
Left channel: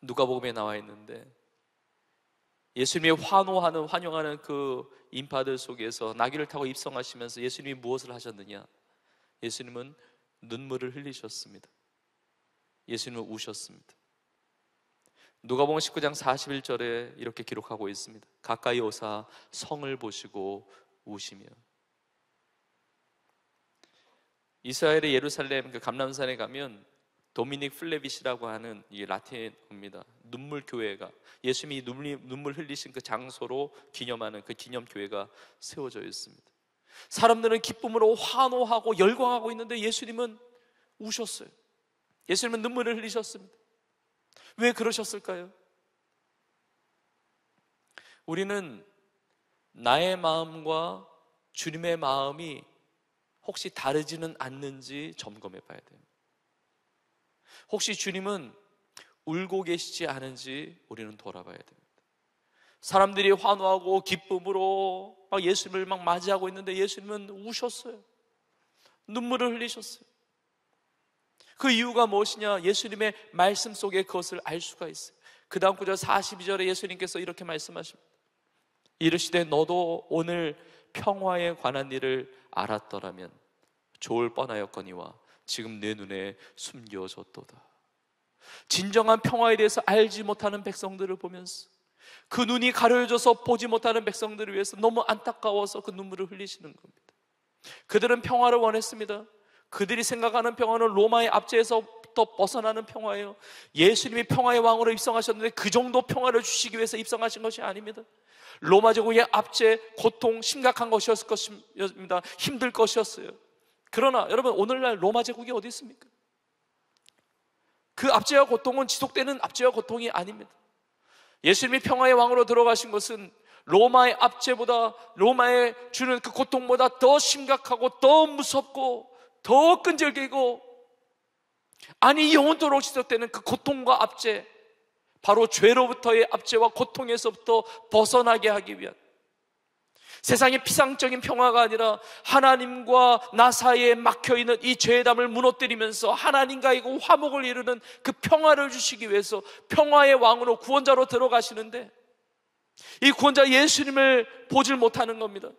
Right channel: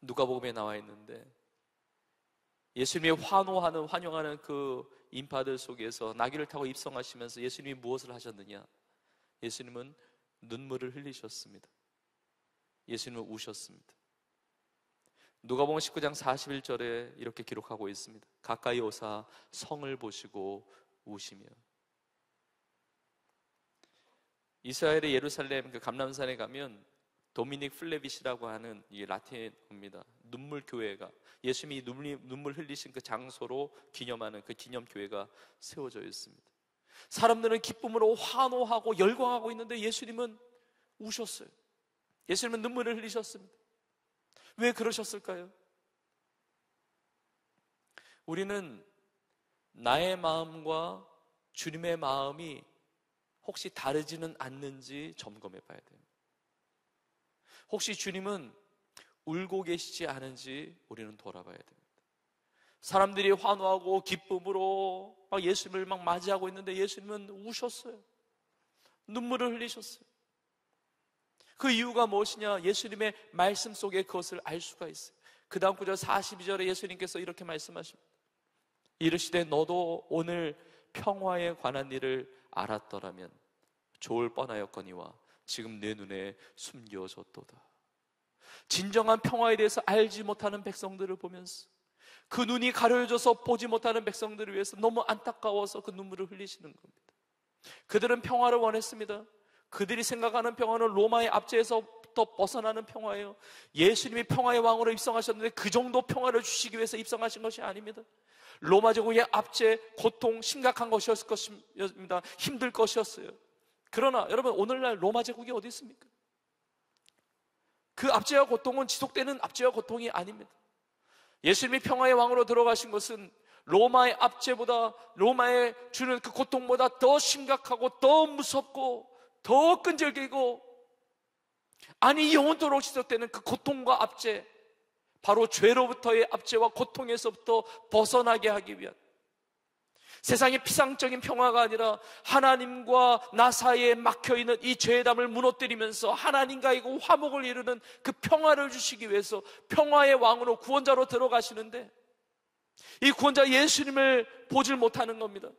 누가복음에 나와 있는데, 예수님이 환영하는 그 인파들 속에서 나귀를 타고 입성하시면서 예수님이 무엇을 하셨느냐? 예수님은 눈물을 흘리셨습니다. 예수님은 우셨습니다. 누가복음 19장 41절에 이렇게 기록하고 있습니다. 가까이 오사 성을 보시고 우시며. 이스라엘의 예루살렘 그 감람산에 가면 도미닉 플레빗이라고 하는 이 라틴어입니다. 눈물 교회가, 예수님이 눈물 흘리신 그 장소로 기념하는 그 기념 교회가 세워져 있습니다. 사람들은 기쁨으로 환호하고 열광하고 있는데 예수님은 우셨어요. 예수님은 눈물을 흘리셨습니다. 왜 그러셨을까요? 우리는 나의 마음과 주님의 마음이 혹시 다르지는 않는지 점검해 봐야 돼요. 혹시 주님은 울고 계시지 않은지 우리는 돌아봐야 됩니다. 사람들이 환호하고 기쁨으로 막 예수님을 막 맞이하고 있는데 예수님은 우셨어요. 눈물을 흘리셨어요. 그 이유가 무엇이냐? 예수님의 말씀 속에 그것을 알 수가 있어요. 그 다음 구절 42절에 예수님께서 이렇게 말씀하십니다. 이르시되 너도 오늘 평화에 관한 일을 알았더라면 좋을 뻔하였거니와 지금 내 눈에 숨겨졌도다. 진정한 평화에 대해서 알지 못하는 백성들을 보면서, 그 눈이 가려져서 보지 못하는 백성들을 위해서 너무 안타까워서 그 눈물을 흘리시는 겁니다. 그들은 평화를 원했습니다. 그들이 생각하는 평화는 로마의 압제에서부터 벗어나는 평화예요. 예수님이 평화의 왕으로 입성하셨는데 그 정도 평화를 주시기 위해서 입성하신 것이 아닙니다. 로마 제국의 압제, 고통, 심각한 것이었을 것입니다. 힘들 것이었어요. 그러나 여러분, 오늘날 로마 제국이 어디 있습니까? 그 압제와 고통은 지속되는 압제와 고통이 아닙니다. 예수님이 평화의 왕으로 들어가신 것은 로마의 압제보다, 로마의 주는 그 고통보다 더 심각하고 더 무섭고 더 끈질기고, 아니 영원토록 지속되는 그 고통과 압제, 바로 죄로부터의 압제와 고통에서부터 벗어나게 하기 위한, 세상의 피상적인 평화가 아니라 하나님과 나 사이에 막혀있는 이 죄의 담을 무너뜨리면서 하나님과의 그 화목을 이루는 그 평화를 주시기 위해서 평화의 왕으로, 구원자로 들어가시는데, 이 구원자 예수님을 보질 못하는 겁니다.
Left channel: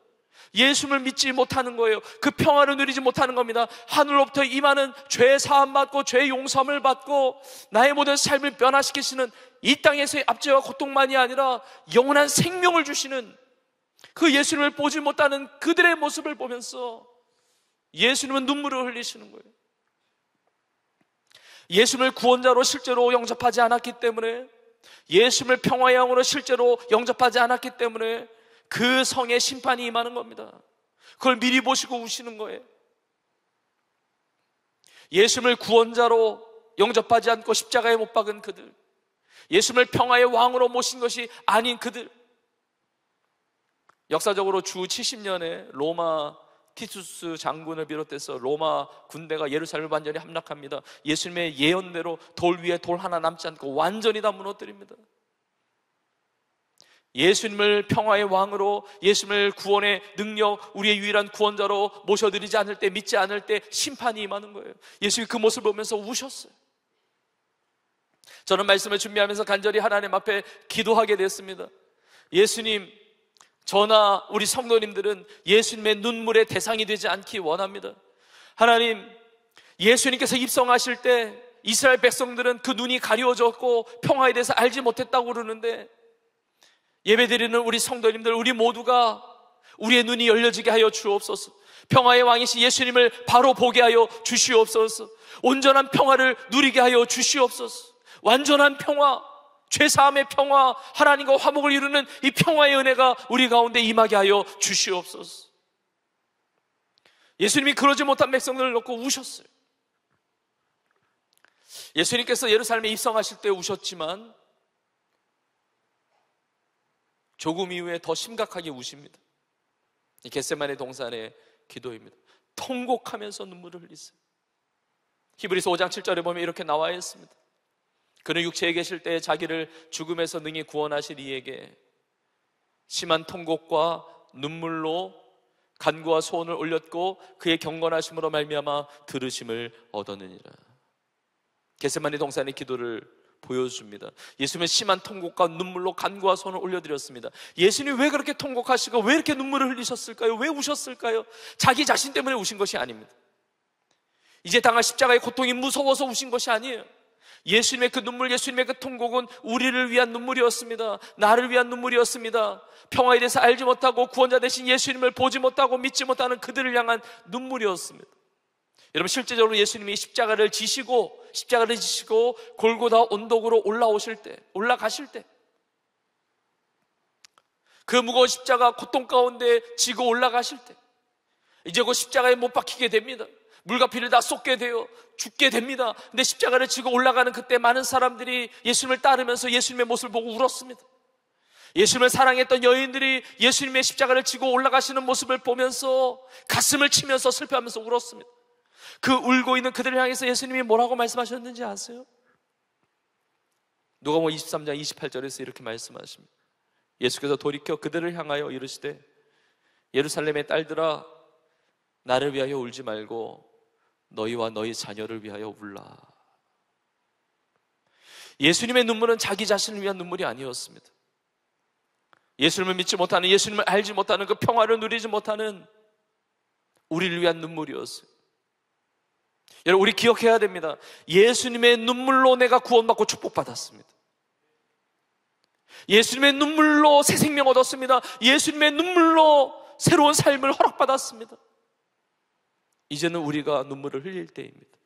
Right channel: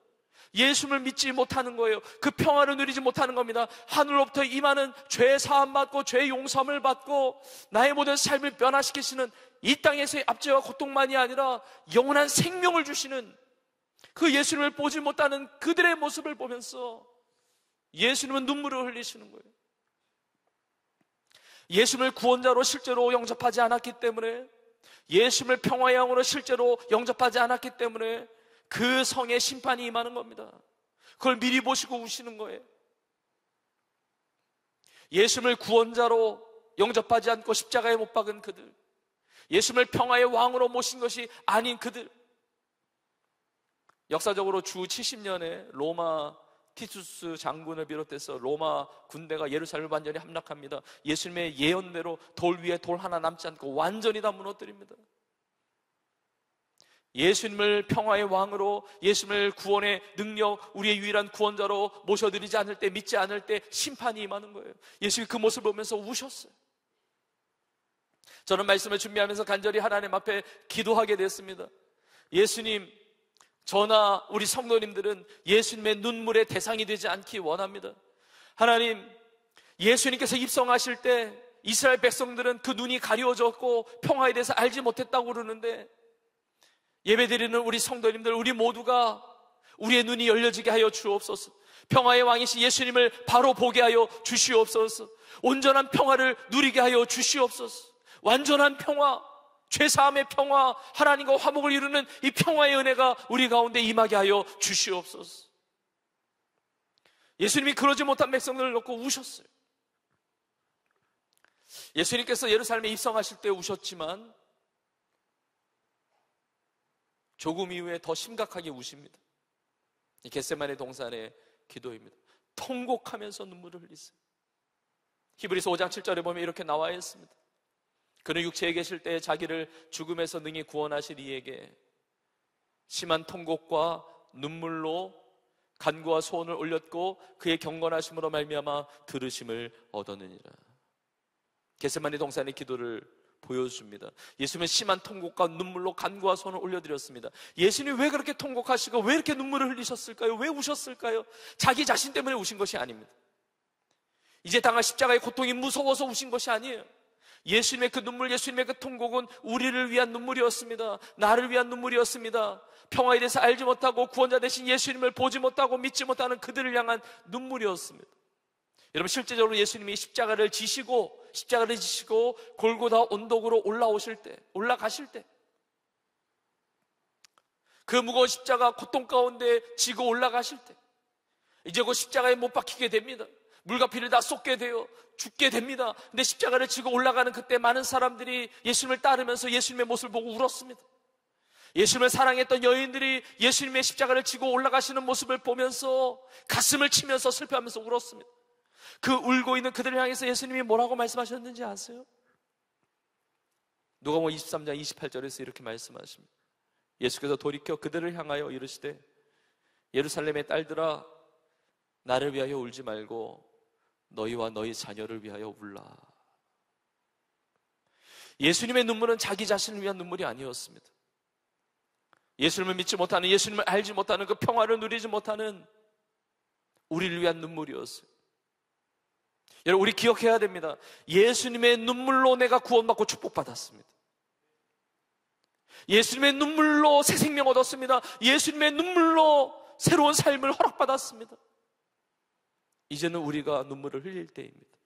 예수님을 믿지 못하는 거예요. 그 평화를 누리지 못하는 겁니다. 하늘로부터 임하는 죄 사함 받고 죄 용서함을 받고 나의 모든 삶을 변화시키시는 이 땅에서의 압제와 고통만이 아니라 영원한 생명을 주시는 그 예수님을 보지 못하는 그들의 모습을 보면서 예수님은 눈물을 흘리시는 거예요. 예수님을 구원자로 실제로 영접하지 않았기 때문에, 예수님을 평화의 왕으로 실제로 영접하지 않았기 때문에 그 성에 심판이 임하는 겁니다. 그걸 미리 보시고 우시는 거예요. 예수님을 구원자로 영접하지 않고 십자가에 못 박은 그들, 예수님을 평화의 왕으로 모신 것이 아닌 그들, 역사적으로 주 70년에 로마 티투스 장군을 비롯해서 로마 군대가 예루살렘을 완전히 함락합니다. 예수님의 예언대로 돌 위에 돌 하나 남지 않고 완전히 다 무너뜨립니다. 예수님을 평화의 왕으로, 예수님을 구원의 능력, 우리의 유일한 구원자로 모셔드리지 않을 때, 믿지 않을 때 심판이 임하는 거예요. 예수님이 그 모습을 보면서 우셨어요. 저는 말씀을 준비하면서 간절히 하나님 앞에 기도하게 됐습니다. 예수님, 저나 우리 성도님들은 예수님의 눈물의 대상이 되지 않기 원합니다. 하나님, 예수님께서 입성하실 때 이스라엘 백성들은 그 눈이 가려워졌고 평화에 대해서 알지 못했다고 그러는데, 예배드리는 우리 성도님들, 우리 모두가 우리의 눈이 열려지게 하여 주옵소서. 평화의 왕이신 예수님을 바로 보게 하여 주시옵소서. 온전한 평화를 누리게 하여 주시옵소서. 완전한 평화, 죄사함의 평화, 하나님과 화목을 이루는 이 평화의 은혜가 우리 가운데 임하게 하여 주시옵소서. 예수님이 그러지 못한 백성들을 놓고 우셨어요. 예수님께서 예루살렘에 입성하실 때 우셨지만 조금 이후에 더 심각하게 우십니다. 이 겟세마네 동산의 기도입니다. 통곡하면서 눈물을 흘리세요. 히브리서 5장 7절에 보면 이렇게 나와 있습니다. 그는 육체에 계실 때 자기를 죽음에서 능히 구원하실 이에게 심한 통곡과 눈물로 간구와 소원을 올렸고 그의 경건하심으로 말미암아 들으심을 얻었느니라. 겟세마네 동산의 기도를 보여줍니다. 예수님은 심한 통곡과 눈물로 간구와 소원을 올려드렸습니다. 예수님이 왜 그렇게 통곡하시고 왜 이렇게 눈물을 흘리셨을까요? 왜 우셨을까요? 자기 자신 때문에 우신 것이 아닙니다. 이제 당할 십자가의 고통이 무서워서 우신 것이 아니에요. 예수님의 그 눈물, 예수님의 그 통곡은 우리를 위한 눈물이었습니다. 나를 위한 눈물이었습니다. 평화에 대해서 알지 못하고 구원자 되신 예수님을 보지 못하고 믿지 못하는 그들을 향한 눈물이었습니다. 여러분, 실제적으로 예수님이 십자가를 지시고 골고다 언덕으로 올라가실 때 그 무거운 십자가 고통 가운데 지고 올라가실 때 이제 그 십자가에 못 박히게 됩니다. 물과 피를 다 쏟게 되어 죽게 됩니다. 근데 십자가를 지고 올라가는 그때 많은 사람들이 예수님을 따르면서 예수님의 모습을 보고 울었습니다. 예수님을 사랑했던 여인들이 예수님의 십자가를 지고 올라가시는 모습을 보면서 가슴을 치면서 슬퍼하면서 울었습니다. 그 울고 있는 그들을 향해서 예수님이 뭐라고 말씀하셨는지 아세요? 누가복음 23장 28절에서 이렇게 말씀하십니다. 예수께서 돌이켜 그들을 향하여 이르시되 예루살렘의 딸들아, 나를 위하여 울지 말고 너희와 너희 자녀를 위하여 울라. 예수님의 눈물은 자기 자신을 위한 눈물이 아니었습니다. 예수님을 믿지 못하는, 예수님을 알지 못하는, 그 평화를 누리지 못하는 우리를 위한 눈물이었어요. 여러분, 우리 기억해야 됩니다. 예수님의 눈물로 내가 구원받고 축복받았습니다. 예수님의 눈물로 새 생명 얻었습니다. 예수님의 눈물로 새로운 삶을 허락받았습니다. 이제는 우리가 눈물을 흘릴 때입니다.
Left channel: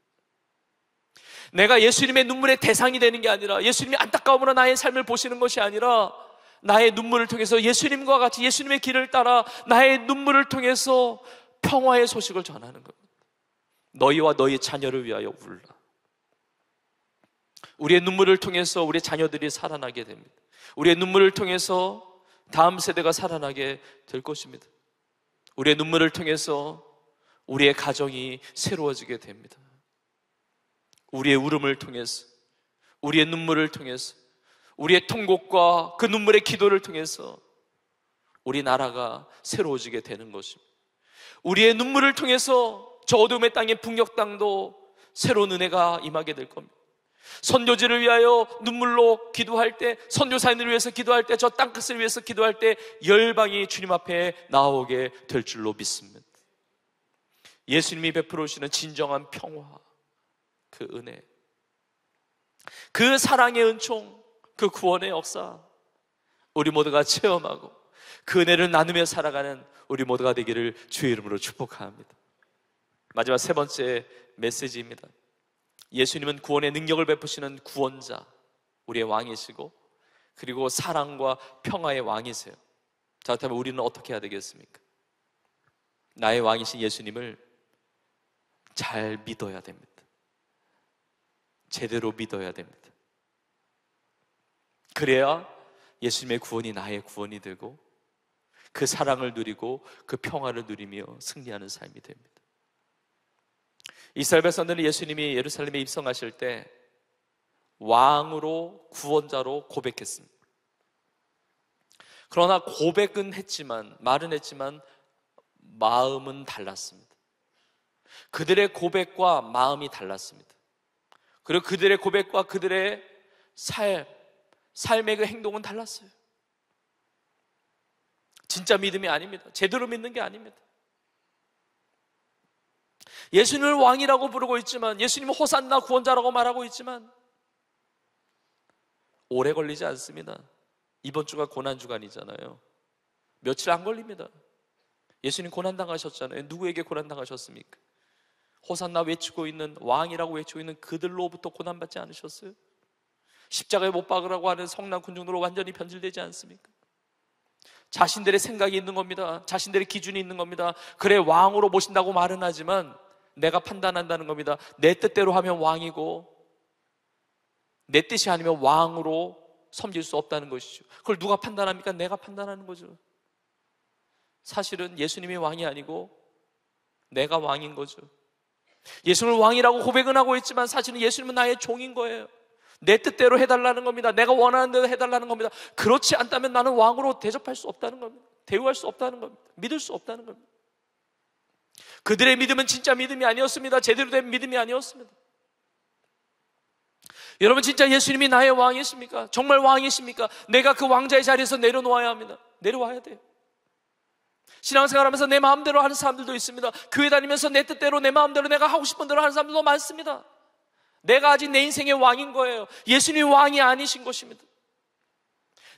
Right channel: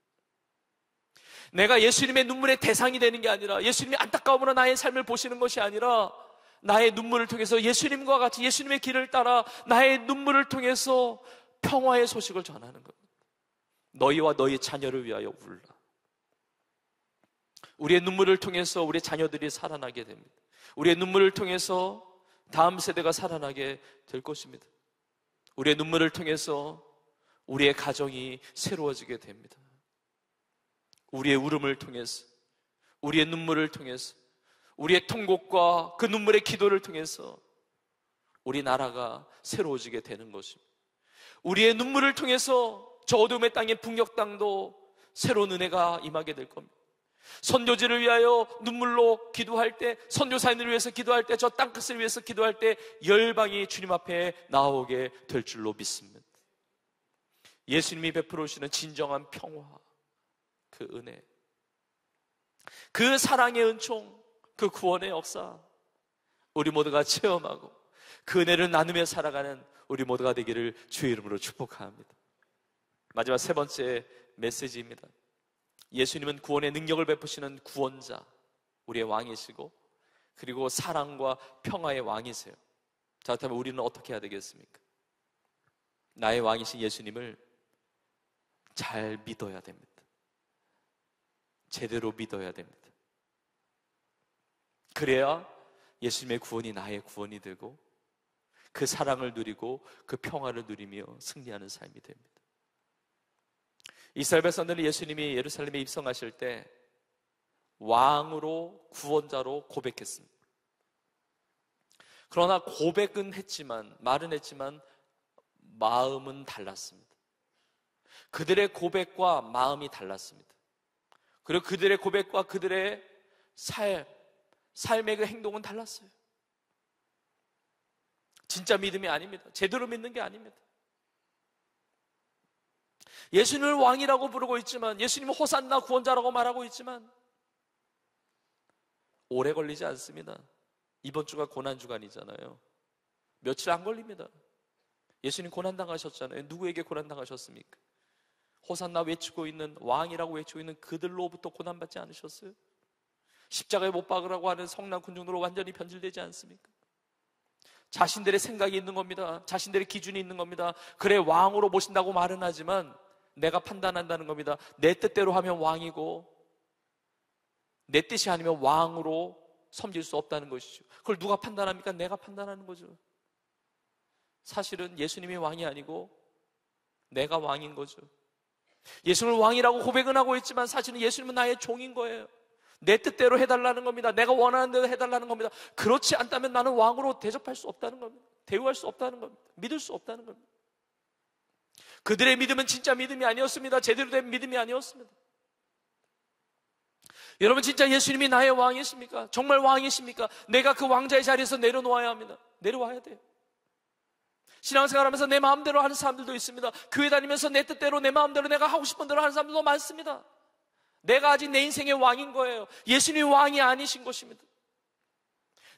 내가 예수님의 눈물의 대상이 되는 게 아니라, 예수님이 안타까움으로 나의 삶을 보시는 것이 아니라, 나의 눈물을 통해서 예수님과 같이 예수님의 길을 따라 나의 눈물을 통해서 평화의 소식을 전하는 겁니다. 너희와 너희 자녀를 위하여 울라. 우리의 눈물을 통해서 우리의 자녀들이 살아나게 됩니다. 우리의 눈물을 통해서 다음 세대가 살아나게 될 것입니다. 우리의 눈물을 통해서 우리의 가정이 새로워지게 됩니다. 우리의 울음을 통해서, 우리의 눈물을 통해서, 우리의 통곡과 그 눈물의 기도를 통해서 우리 나라가 새로워지게 되는 것입니다. 우리의 눈물을 통해서 저 어둠의 땅인 북녘 땅도 새로운 은혜가 임하게 될 겁니다. 선교지를 위하여 눈물로 기도할 때, 선교사님을 위해서 기도할 때, 저 땅끝을 위해서 기도할 때 열방이 주님 앞에 나오게 될 줄로 믿습니다. 예수님이 베풀어 주시는 진정한 평화, 그 은혜, 그 사랑의 은총, 그 구원의 역사, 우리 모두가 체험하고 그 은혜를 나누며 살아가는 우리 모두가 되기를 주의 이름으로 축복합니다. 마지막 세 번째 메시지입니다. 예수님은 구원의 능력을 베푸시는 구원자, 우리의 왕이시고, 그리고 사랑과 평화의 왕이세요. 자, 그렇다면 우리는 어떻게 해야 되겠습니까? 나의 왕이신 예수님을 잘 믿어야 됩니다. 제대로 믿어야 됩니다. 그래야 예수님의 구원이 나의 구원이 되고 그 사랑을 누리고 그 평화를 누리며 승리하는 삶이 됩니다. 이스라엘 백성들은 예수님이 예루살렘에 입성하실 때 왕으로, 구원자로 고백했습니다. 그러나 고백은 했지만, 말은 했지만 마음은 달랐습니다. 그들의 고백과 마음이 달랐습니다. 그리고 그들의 고백과 그들의 삶의 그 행동은 달랐어요. 진짜 믿음이 아닙니다. 제대로 믿는 게 아닙니다. 예수님을 왕이라고 부르고 있지만, 예수님은 호산나 구원자라고 말하고 있지만 오래 걸리지 않습니다. 이번 주가 고난주간이잖아요. 며칠 안 걸립니다. 예수님 고난당하셨잖아요. 누구에게 고난당하셨습니까? 호산나 외치고 있는, 왕이라고 외치고 있는 그들로부터 고난받지 않으셨어요? 십자가에 못 박으라고 하는 성난 군중으로 완전히 변질되지 않습니까? 자신들의 생각이 있는 겁니다. 자신들의 기준이 있는 겁니다. 그래, 왕으로 모신다고 말은 하지만 내가 판단한다는 겁니다. 내 뜻대로 하면 왕이고 내 뜻이 아니면 왕으로 섬길 수 없다는 것이죠. 그걸 누가 판단합니까? 내가 판단하는 거죠. 사실은 예수님이 왕이 아니고 내가 왕인 거죠. 예수님을 왕이라고 고백은 하고 있지만 사실은 예수님은 나의 종인 거예요. 내 뜻대로 해달라는 겁니다. 내가 원하는 대로 해달라는 겁니다. 그렇지 않다면 나는 왕으로 대접할 수 없다는 겁니다. 대우할 수 없다는 겁니다. 믿을 수 없다는 겁니다. 그들의 믿음은 진짜 믿음이 아니었습니다. 제대로 된 믿음이 아니었습니다. 여러분, 진짜 예수님이 나의 왕이십니까? 정말 왕이십니까? 내가 그 왕자의 자리에서 내려놓아야 합니다. 내려와야 돼요. 신앙생활하면서 내 마음대로 하는 사람들도 있습니다. 교회 다니면서 내 뜻대로, 내 마음대로, 내가 하고 싶은 대로 하는 사람들도 많습니다. 내가 아직 내 인생의 왕인 거예요. 예수님이 왕이 아니신 것입니다.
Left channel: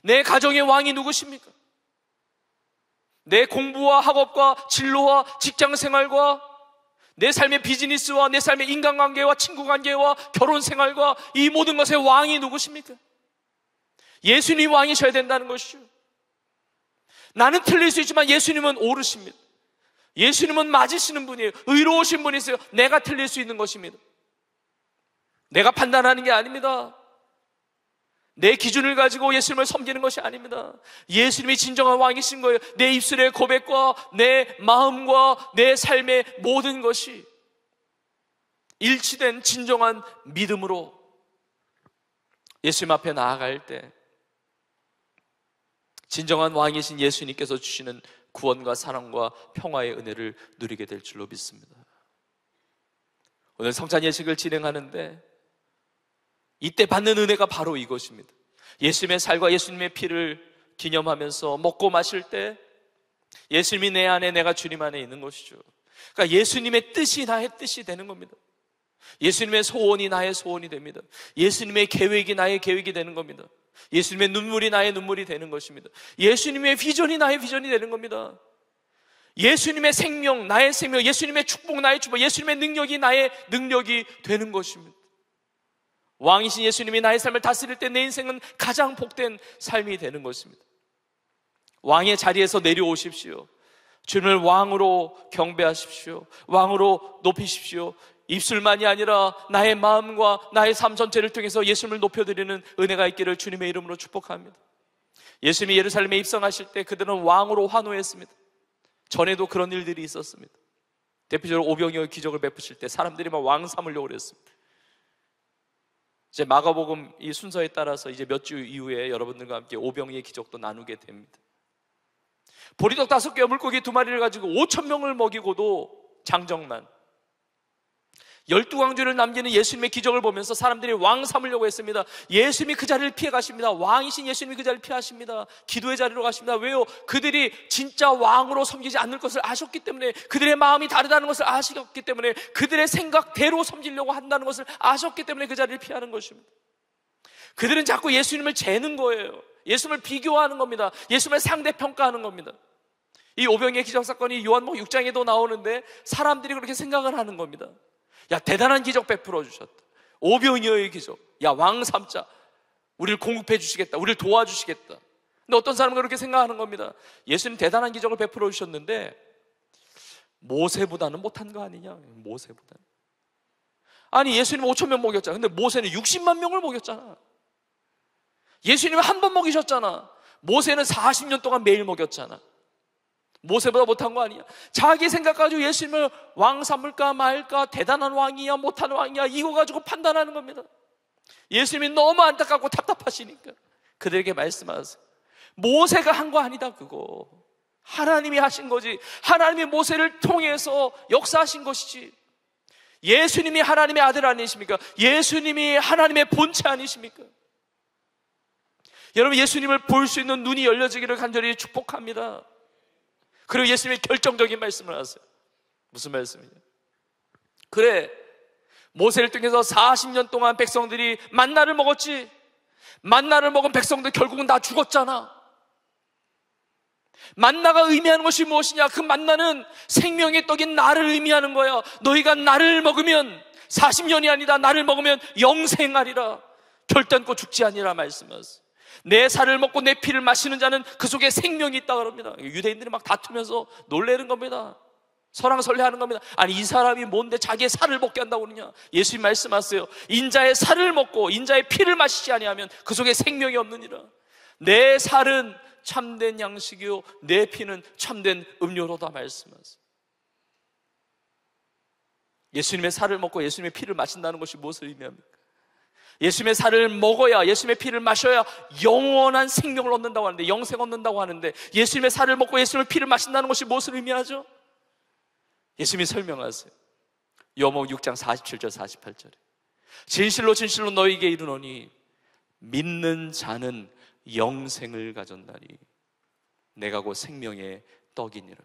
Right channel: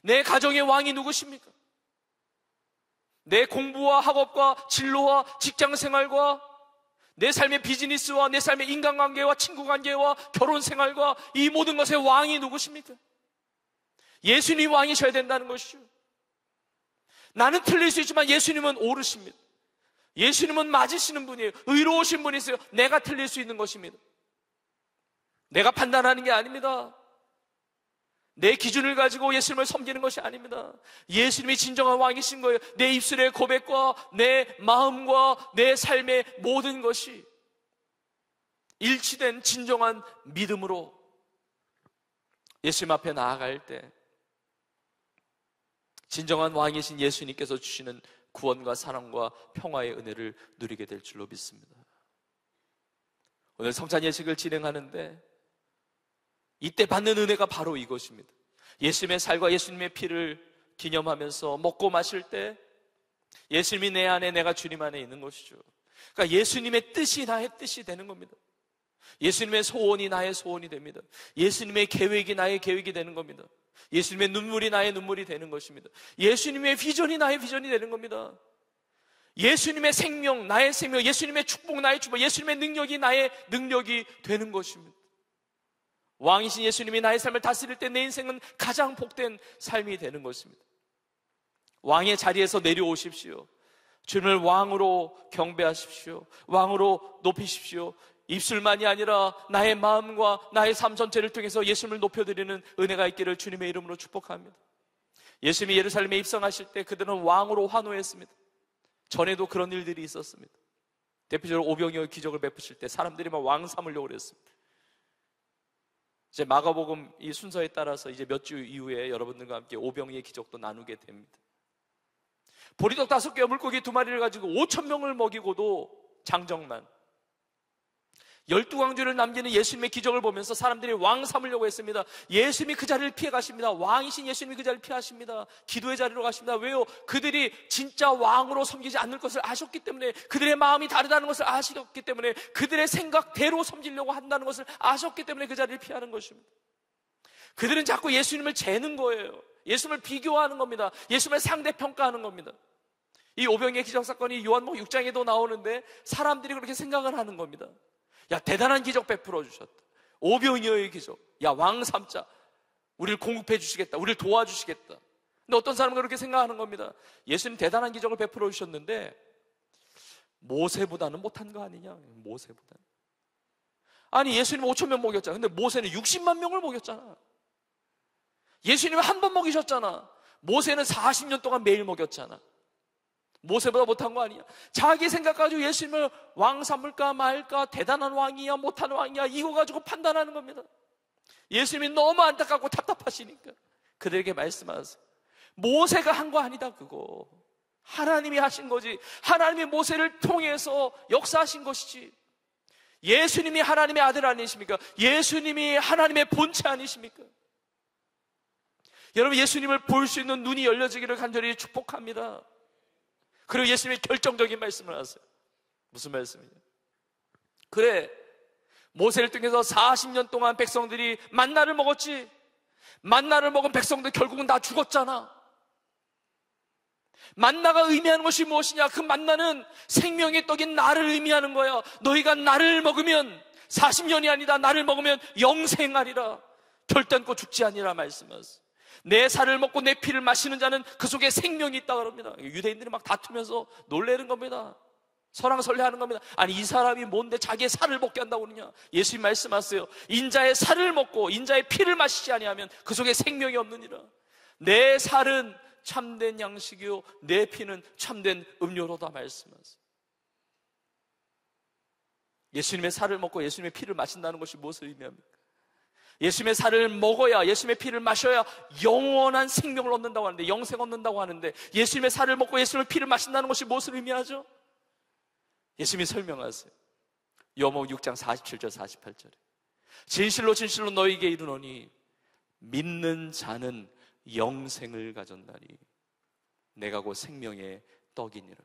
내 가정의 왕이 누구십니까? 내 공부와 학업과 진로와 직장생활과 내 삶의 비즈니스와 내 삶의 인간관계와 친구관계와 결혼생활과 이 모든 것의 왕이 누구십니까? 예수님이 왕이셔야 된다는 것이죠. 나는 틀릴 수 있지만 예수님은 옳으십니다. 예수님은 맞으시는 분이에요. 의로우신 분이세요. 내가 틀릴 수 있는 것입니다. 내가 판단하는 게 아닙니다. 내 기준을 가지고 예수님을 섬기는 것이 아닙니다. 예수님이 진정한 왕이신 거예요. 내 입술의 고백과 내 마음과 내 삶의 모든 것이 일치된 진정한 믿음으로 예수님 앞에 나아갈 때 진정한 왕이신 예수님께서 주시는 구원과 사랑과 평화의 은혜를 누리게 될 줄로 믿습니다. 오늘 성찬 예식을 진행하는데 이때 받는 은혜가 바로 이것입니다. 예수님의 살과 예수님의 피를 기념하면서 먹고 마실 때 예수님이 내 안에, 내가 주님 안에 있는 것이죠. 그러니까 예수님의 뜻이 나의 뜻이 되는 겁니다. 예수님의 소원이 나의 소원이 됩니다. 예수님의 계획이 나의 계획이 되는 겁니다. 예수님의 눈물이 나의 눈물이 되는 것입니다. 예수님의 비전이 나의 비전이 되는 겁니다. 예수님의 생명, 나의 생명, 예수님의 축복, 나의 축복, 예수님의 능력이 나의 능력이 되는 것입니다. 왕이신 예수님이 나의 삶을 다스릴 때 내 인생은 가장 복된 삶이 되는 것입니다. 왕의 자리에서 내려오십시오. 주님을 왕으로 경배하십시오. 왕으로 높이십시오. 입술만이 아니라 나의 마음과 나의 삶 전체를 통해서 예수님을 높여드리는 은혜가 있기를 주님의 이름으로 축복합니다. 예수님이 예루살렘에 입성하실 때 그들은 왕으로 환호했습니다. 전에도 그런 일들이 있었습니다. 대표적으로 오병이어의 기적을 베푸실 때 사람들이 막 왕 삼으려고 그랬습니다. 이제 마가복음 이 순서에 따라서 이제 몇 주 이후에 여러분들과 함께 오병이의 기적도 나누게 됩니다. 보리떡 5개와 물고기 2마리를 가지고 5,000명을 먹이고도 장정만 12광주를 남기는 예수님의 기적을 보면서 사람들이 왕 삼으려고 했습니다. 예수님이 그 자리를 피해 가십니다. 왕이신 예수님이 그 자리를 피하십니다. 기도의 자리로 가십니다. 왜요? 그들이 진짜 왕으로 섬기지 않을 것을 아셨기 때문에, 그들의 마음이 다르다는 것을 아셨기 때문에, 그들의 생각대로 섬기려고 한다는 것을 아셨기 때문에 그 자리를 피하는 것입니다. 그들은 자꾸 예수님을 재는 거예요. 예수님을 비교하는 겁니다. 예수님을 상대평가하는 겁니다. 이 오병이의 기적 사건이 요한복음 6장에도 나오는데 사람들이 그렇게 생각을 하는 겁니다. 야, 대단한 기적 베풀어 주셨다. 오병이어의 기적. 야, 왕 삼자. 우리를 공급해 주시겠다. 우리를 도와주시겠다. 근데 어떤 사람은 그렇게 생각하는 겁니다. 예수님 대단한 기적을 베풀어 주셨는데 모세보다는 못한 거 아니냐? 모세보다는. 아니, 예수님 5,000명 먹였잖아. 근데 모세는 60만 명을 먹였잖아. 예수님 한 번 먹이셨잖아. 모세는 40년 동안 매일 먹였잖아. 모세보다 못한 거 아니야? 자기 생각 가지고 예수님을 왕 삼을까 말까, 대단한 왕이야 못한 왕이야, 이거 가지고 판단하는 겁니다. 예수님이 너무 안타깝고 답답하시니까 그들에게 말씀하세요. 모세가 한 거 아니다. 그거 하나님이 하신 거지. 하나님이 모세를 통해서 역사하신 것이지. 예수님이 하나님의 아들 아니십니까? 예수님이 하나님의 본체 아니십니까? 여러분, 예수님을 볼 수 있는 눈이 열려지기를 간절히 축복합니다. 그리고 예수님이 결정적인 말씀을 하세요. 무슨 말씀이냐? 그래, 모세를 통해서 40년 동안 백성들이 만나를 먹었지. 만나를 먹은 백성들 결국은 다 죽었잖아. 만나가 의미하는 것이 무엇이냐? 그 만나는 생명의 떡인 나를 의미하는 거야. 너희가 나를 먹으면 40년이 아니다. 나를 먹으면 영생하리라. 결단코 죽지 아니라 말씀하세요. 내 살을 먹고 내 피를 마시는 자는 그 속에 생명이 있다 그럽니다. 유대인들이 막 다투면서 놀래는 겁니다. 설왕설래하는 겁니다. 아니, 이 사람이 뭔데 자기의 살을 먹게 한다고 그러냐? 예수님 말씀하세요. 인자의 살을 먹고 인자의 피를 마시지 아니하면 그 속에 생명이 없느니라. 내 살은 참된 양식이요 내 피는 참된 음료로다 말씀하세요. 예수님의 살을 먹고 예수님의 피를 마신다는 것이 무엇을 의미합니까? 예수님의 살을 먹어야, 예수님의 피를 마셔야 영원한 생명을 얻는다고 하는데, 영생 얻는다고 하는데, 예수님의 살을 먹고 예수님의 피를 마신다는 것이 무엇을 의미하죠? 예수님이 설명하세요. 요한복음 6장 47절 48절에 진실로 진실로 너희에게 이르노니 믿는 자는 영생을 가졌나니 내가 곧 생명의 떡이니라.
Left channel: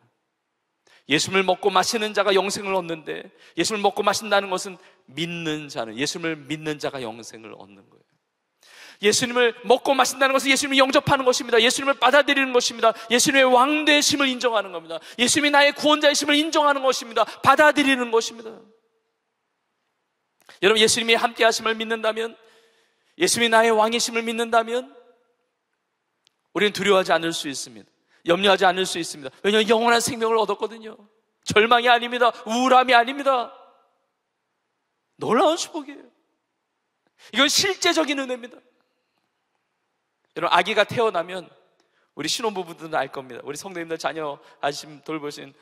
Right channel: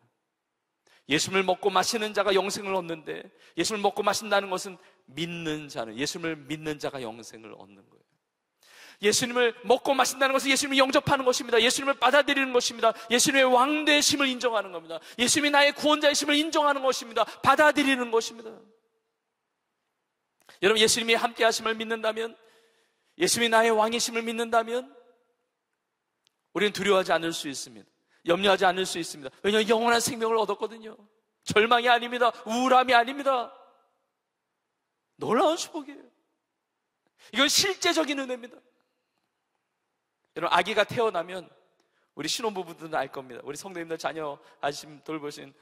예수님을 먹고 마시는 자가 영생을 얻는데, 예수님을 먹고 마신다는 것은 믿는 자는, 예수님을 믿는 자가 영생을 얻는 거예요. 예수님을 먹고 마신다는 것은 예수님을 영접하는 것입니다. 예수님을 받아들이는 것입니다. 예수님의 왕되심을 인정하는 겁니다. 예수님이 나의 구원자이심을 인정하는 것입니다. 받아들이는 것입니다. 여러분, 예수님이 함께 하심을 믿는다면, 예수님이 나의 왕이심을 믿는다면 우리는 두려워하지 않을 수 있습니다. 염려하지 않을 수 있습니다. 왜냐하면 영원한 생명을 얻었거든요. 절망이 아닙니다. 우울함이 아닙니다. 놀라운 축복이에요. 이건 실제적인 은혜입니다. 여러분, 아기가 태어나면 우리 신혼부부들은 알 겁니다. 우리 성도님들 자녀 아시면 돌보신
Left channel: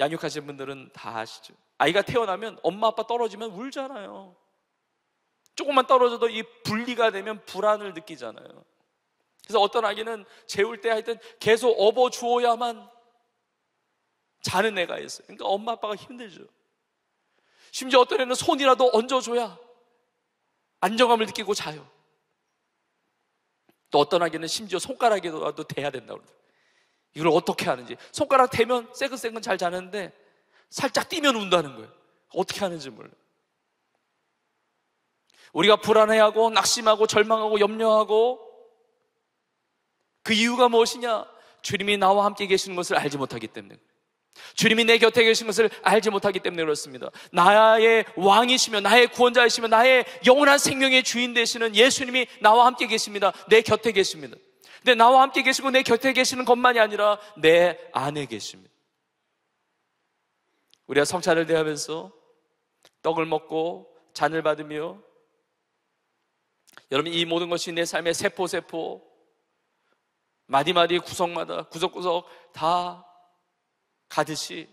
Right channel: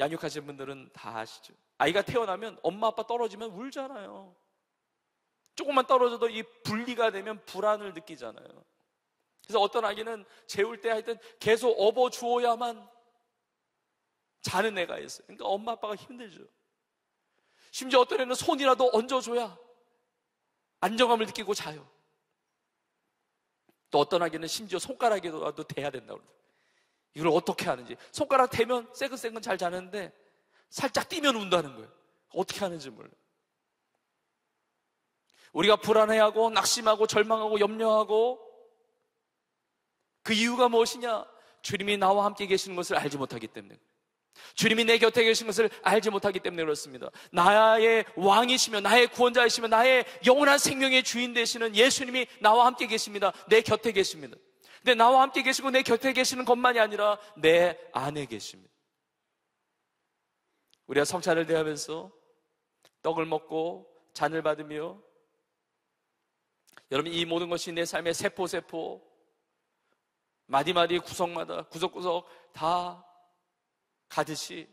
양육하신 분들은 다 아시죠. 아이가 태어나면 엄마 아빠 떨어지면 울잖아요. 조금만 떨어져도 이 분리가 되면 불안을 느끼잖아요. 그래서 어떤 아기는 재울 때 하여튼 계속 업어주어야만 자는 애가 있어요. 그러니까 엄마 아빠가 힘들죠. 심지어 어떤 애는 손이라도 얹어줘야 안정감을 느끼고 자요. 또 어떤 아기는 심지어 손가락이라도 대야 된다고 그러더라고요. 이걸 어떻게 하는지. 손가락 대면 새근새근 잘 자는데 살짝 뛰면 운다는 거예요. 어떻게 하는지 몰라요. 우리가 불안해하고 낙심하고 절망하고 염려하고 그 이유가 무엇이냐? 주님이 나와 함께 계시는 것을 알지 못하기 때문에, 주님이 내 곁에 계시는 것을 알지 못하기 때문에 그렇습니다. 나의 왕이시며 나의 구원자이시며 나의 영원한 생명의 주인 되시는 예수님이 나와 함께 계십니다. 내 곁에 계십니다. 근데 나와 함께 계시고 내 곁에 계시는 것만이 아니라 내 안에 계십니다. 우리가 성찬을 대하면서 떡을 먹고 잔을 받으며, 여러분, 이 모든 것이 내 삶의 세포 마디마디 구석마다 구석구석 다 가듯이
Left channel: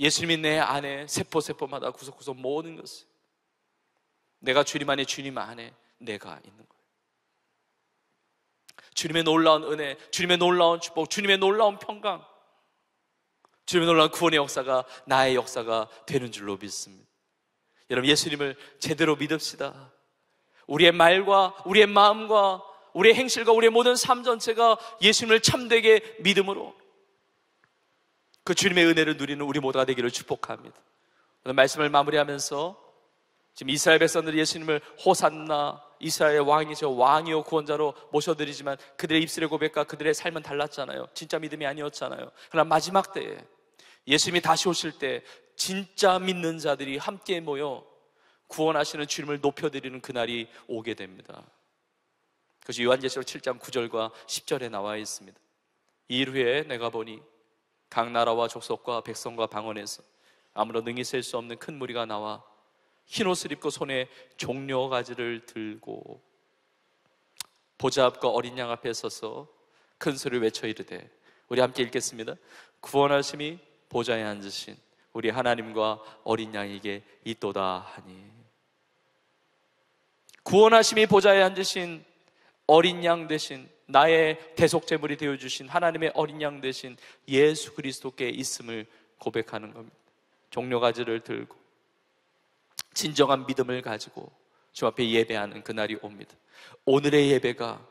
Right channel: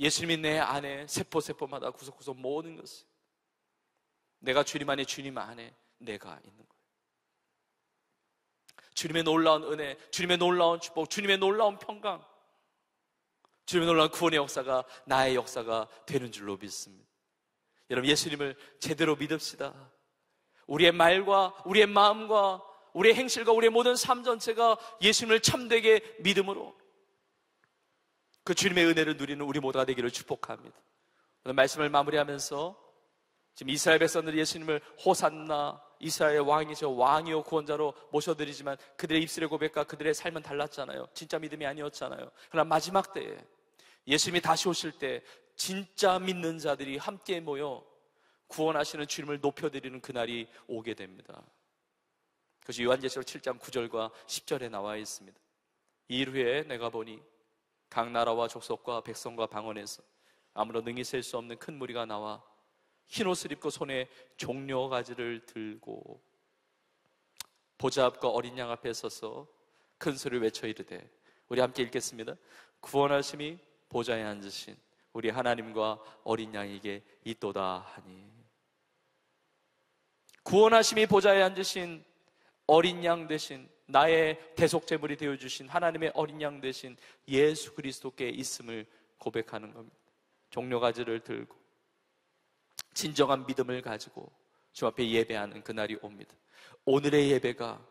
예수님이 내 안에 세포마다 구석구석 모든 것을, 내가 주님 안에 주님 안에 내가 있는 거예요. 주님의 놀라운 은혜, 주님의 놀라운 축복, 주님의 놀라운 평강, 주님의 놀라운 구원의 역사가 나의 역사가 되는 줄로 믿습니다. 여러분, 예수님을 제대로 믿읍시다. 우리의 말과 우리의 마음과 우리의 행실과 우리의 모든 삶 전체가 예수님을 참되게 믿음으로 그 주님의 은혜를 누리는 우리 모두가 되기를 축복합니다. 오늘 말씀을 마무리하면서 지금 이스라엘 백성들이 예수님을 호산나, 이스라엘의 왕이죠, 왕이요 구원자로 모셔드리지만 그들의 입술의 고백과 그들의 삶은 달랐잖아요. 진짜 믿음이 아니었잖아요. 그러나 마지막 때에 예수님이 다시 오실 때 진짜 믿는 자들이 함께 모여 구원하시는 주님을 높여드리는 그날이 오게 됩니다. 그것이 요한계시록 7장 9절과 10절에 나와 있습니다. 이 일 후에 내가 보니 각 나라와 족속과 백성과 방언에서 아무런 능히 셀 수 없는 큰 무리가 나와 흰옷을 입고 손에 종려가지를 들고 보좌 앞과 어린 양 앞에 서서 큰 소리를 외쳐 이르되, 우리 함께 읽겠습니다. 구원하심이 보좌에 앉으신 우리 하나님과 어린 양에게 있도다 하니. 구원하심이 보좌에 앉으신 어린 양 되신, 나의 대속제물이 되어주신 하나님의 어린 양 되신 예수 그리스도께 있음을 고백하는 겁니다. 종려가지를 들고 진정한 믿음을 가지고 주 앞에 예배하는 그날이 옵니다. 오늘의 예배가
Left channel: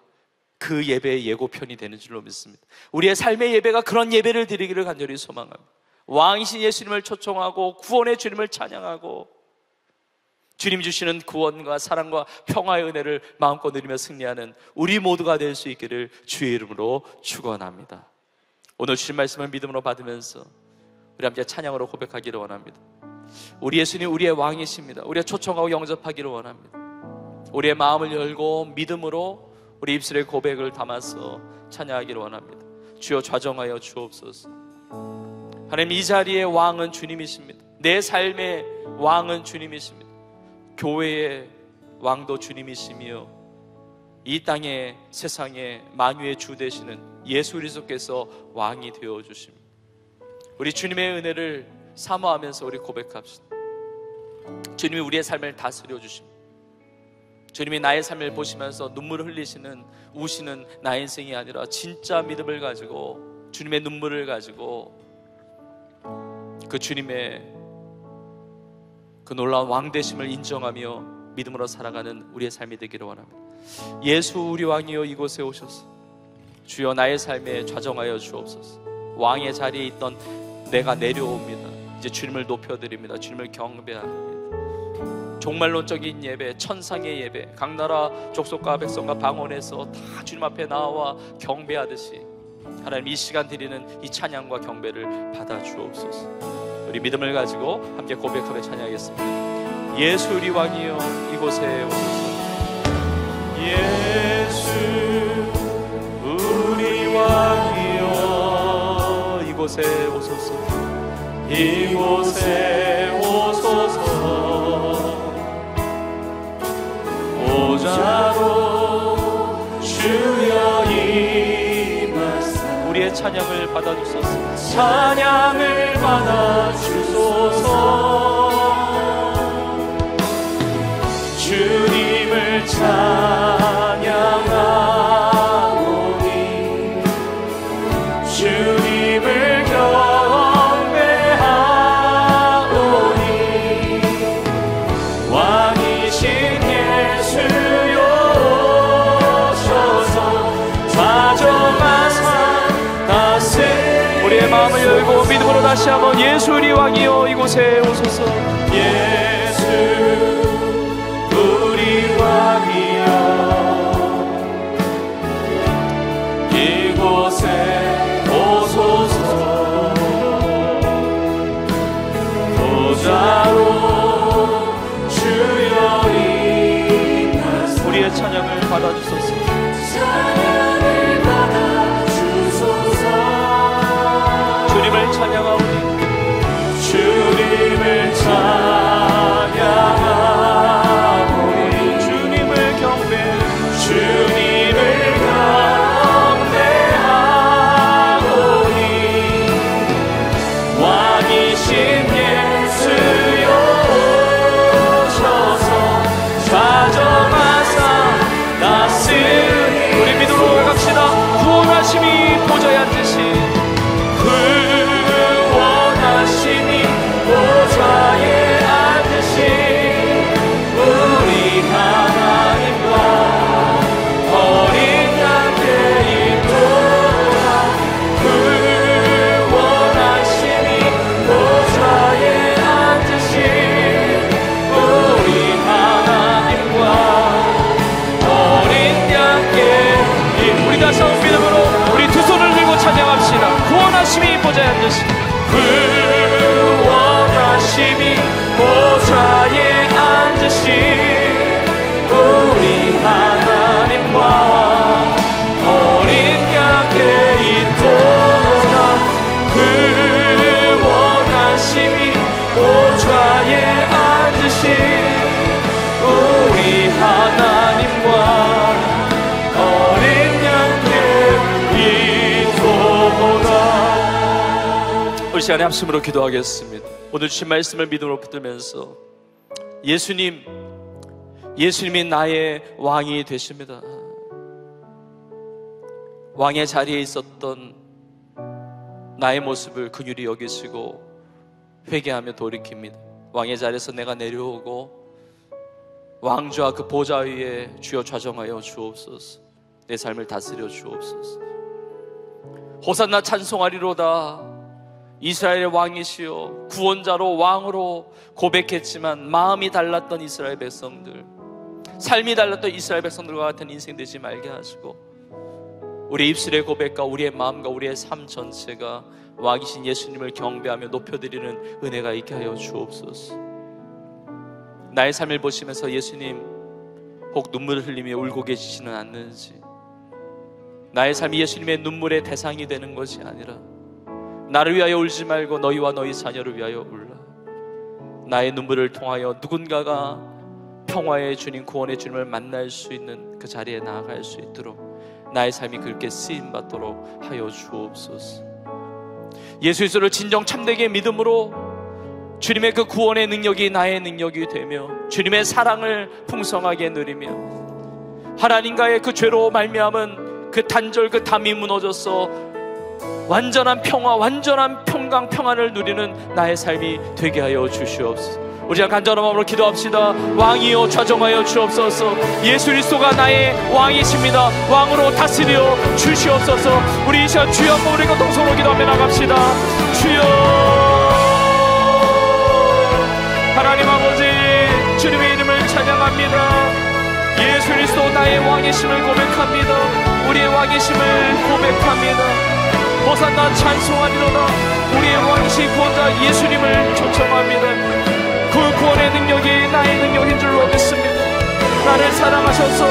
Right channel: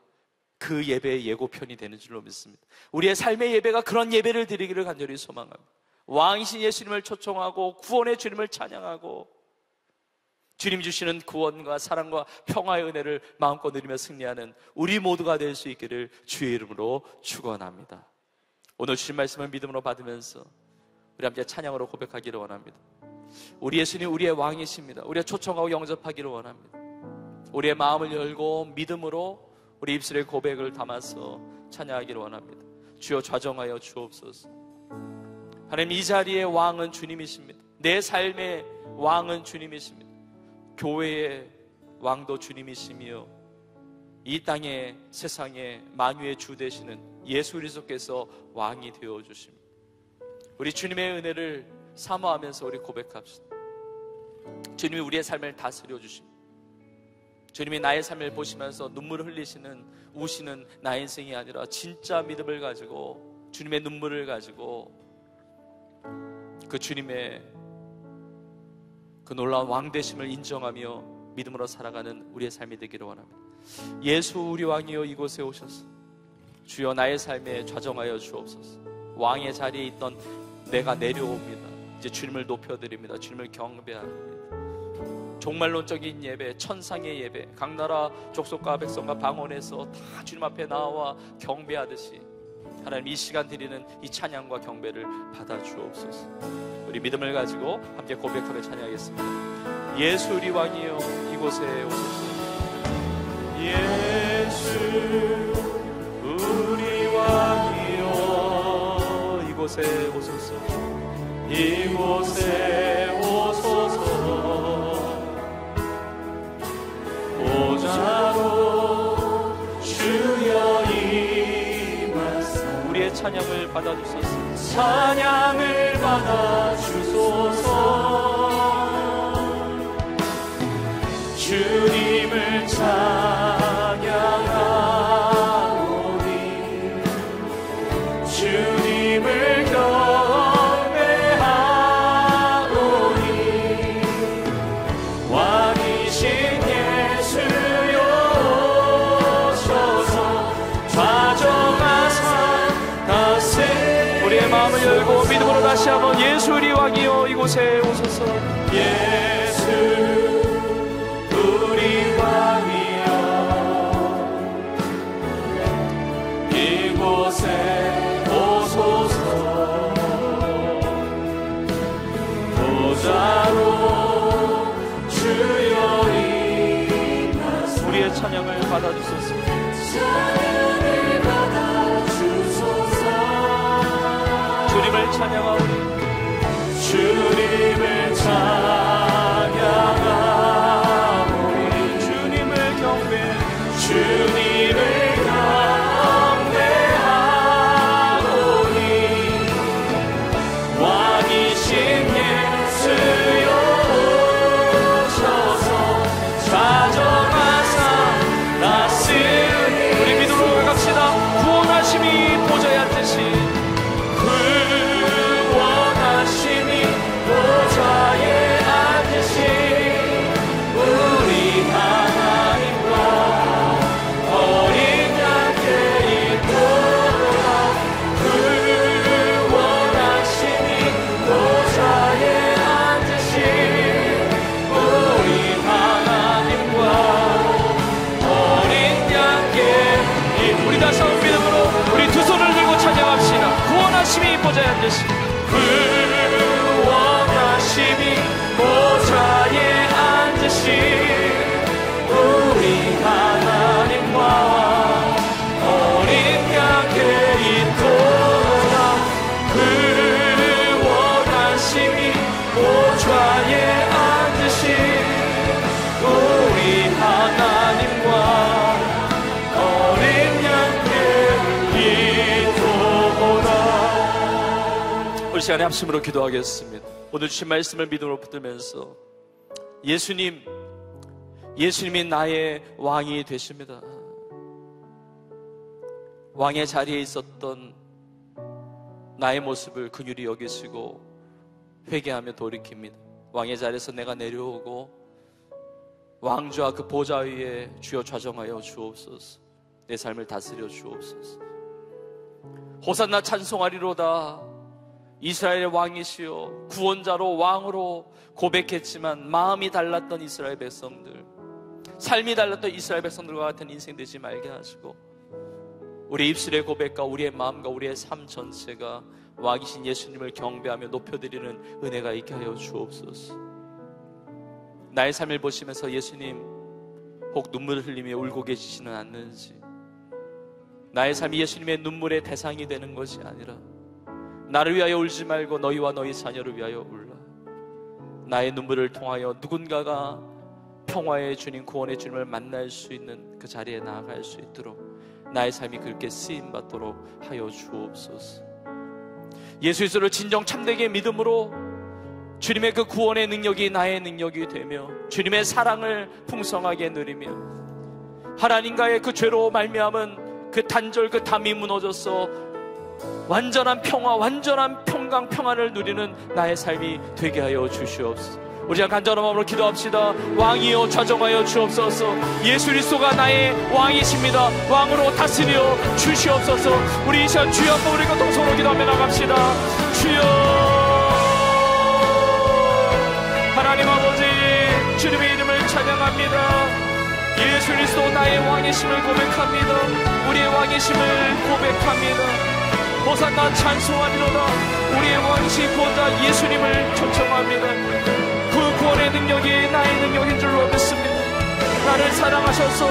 그 예배의 예고편이 되는 줄로 믿습니다. 우리의 삶의 예배가 그런 예배를 드리기를 간절히 소망합니다. 왕이신 예수님을 초청하고 구원의 주님을 찬양하고 주님 주시는 구원과 사랑과 평화의 은혜를 마음껏 누리며 승리하는 우리 모두가 될 수 있기를 주의 이름으로 축원합니다. 오늘 주신 말씀을 믿음으로 받으면서 우리 함께 찬양으로 고백하기를 원합니다. 우리 예수님 우리의 왕이십니다. 우리가 초청하고 영접하기를 원합니다. 우리의 마음을 열고 믿음으로 우리 입술에 고백을 담아서 찬양하기를 원합니다. 주여 좌정하여 주옵소서. 하나님, 이 자리의 왕은 주님이십니다. 내 삶의 왕은 주님이십니다. 교회의 왕도 주님이시며 이 땅의 세상의 만유의 주 되시는 예수 그리스도께서 왕이 되어 주십니다. 우리 주님의 은혜를 사모하면서 우리 고백합시다. 주님이 우리의 삶을 다스려 주십니다. 주님이 나의 삶을 보시면서 눈물을 흘리시는, 우시는 나의 인생이 아니라 진짜 믿음을 가지고 주님의 눈물을 가지고 그 주님의 그 놀라운 왕되심을 인정하며 믿음으로 살아가는 우리의 삶이 되기를 원합니다. 예수 우리 왕이여 이곳에 오셔서 주여 나의 삶에 좌정하여 주옵소서. 왕의 자리에 있던 내가 내려옵니다. 이제 주님을 높여드립니다. 주님을 경배합니다. 종말론적인 예배, 천상의 예배, 각 나라 족속과 백성과 방언에서 다 주님 앞에 나와 경배하듯이 하나님 이 시간 드리는 이 찬양과 경배를 받아 주옵소서. 우리 믿음을 가지고 함께 고백하며 찬양하겠습니다. 예수 우리 왕이여 이곳에 오소서. 예수 우리 왕이여 이곳에 오소서. 이곳에 오소서. 보좌로 주여 임하사 우리의 찬양을 받아주소서. 찬양을 받아주소서. 주님을 찬양하오니 주님을 경배하오니 왕이신 예수여 오셔서 좌정하사 다스 우리의 마음을 열고 믿음으로 다시 한번 예수 우리 왕이여 이곳에 오소서. 예수 우리 왕이여 이곳에 오소서. 보좌로 주여 임하사 우리의 찬양을 받아주소서. 찬양을 받아주소서. 주님을 찬양하오니 주님을 찬양하오니 주님을 경배하오니 주님을 경배하오니 왕이신 예수여 오셔서 좌정하사 다스리니 우리 믿음으로 갑시다. 구원하심이 보좌에 앉으신 구원하심이 보좌에 앉으신 우리 하나님과 어린 양께 있도다. 구원하심이 보좌에 앉으신 우리 하나님과 어린 양께 우리 다시 한번 믿음으로 우리 두 손을 들고 찬양합시다. 구원하심이 보좌에 앉으신 구원하심이 보좌에 앉으신 우리 하나님과 어린 양께 있도다. 구원하심이 보좌에 앉으신 우리 하나님과 어린 양께 있도다. 우리 시간에 합심으로 기도하겠습니다. 오늘 주신 말씀을 믿음으로 붙들면서 예수님이 나의 왕이 되십니다. 왕의 자리에 있었던 나의 모습을 긍휼히 여기시고 회개하며 돌이킵니다. 왕의 자리에서 내가 내려오고 왕좌 그 보좌 위에 주여 좌정하여 주옵소서. 내 삶을 다스려 주옵소서. 호산나 찬송하리로다. 이스라엘의 왕이시여, 구원자로 왕으로 고백했지만 마음이 달랐던 이스라엘 백성들, 삶이 달랐던 이스라엘 백성들과 같은 인생 되지 말게 하시고, 우리의 입술의 고백과 우리의 마음과 우리의 삶 전체가 왕이신 예수님을 경배하며 높여드리는 은혜가 있게 하여 주옵소서. 나의 삶을 보시면서 예수님 혹 눈물을 흘리며 울고 계시지는 않는지, 나의 삶이 예수님의 눈물의 대상이 되는 것이 아니라 나를 위하여 울지 말고 너희와 너희 자녀를 위하여 울라. 나의 눈물을 통하여 누군가가 평화의 주님, 구원의 주님을 만날 수 있는 그 자리에 나아갈 수 있도록 나의 삶이 그렇게 쓰임받도록 하여 주옵소서. 예수 그리스도를 진정 참되게 믿음으로 주님의 그 구원의 능력이 나의 능력이 되며 주님의 사랑을 풍성하게 누리며 하나님과의 그 죄로 말미암은 그 단절, 그 담이 무너져서 완전한 평화, 완전한 평강, 평안을 누리는 나의 삶이 되게 하여 주시옵소서. 우리가 간절한 마음으로 기도합시다. 왕이여 좌정하여 주옵소서. 예수 그리스도가 나의 왕이십니다. 왕으로 다스려 주시옵소서. 우리 이 시간 주여 한번 우리가 동성으로 기도하며 나갑시다. 주여, 하나님 아버지, 주님의 이름을 찬양합니다. 예수 그리스도 나의 왕이심을 고백합니다. 우리의 왕이심을 고백합니다. 호산나 찬송하리로다. 우리의 왕이신 구원자 예수님을 초청합니다. 그 구원의 능력이 나의 능력인 줄로 믿습니다. 나를 사랑하셔서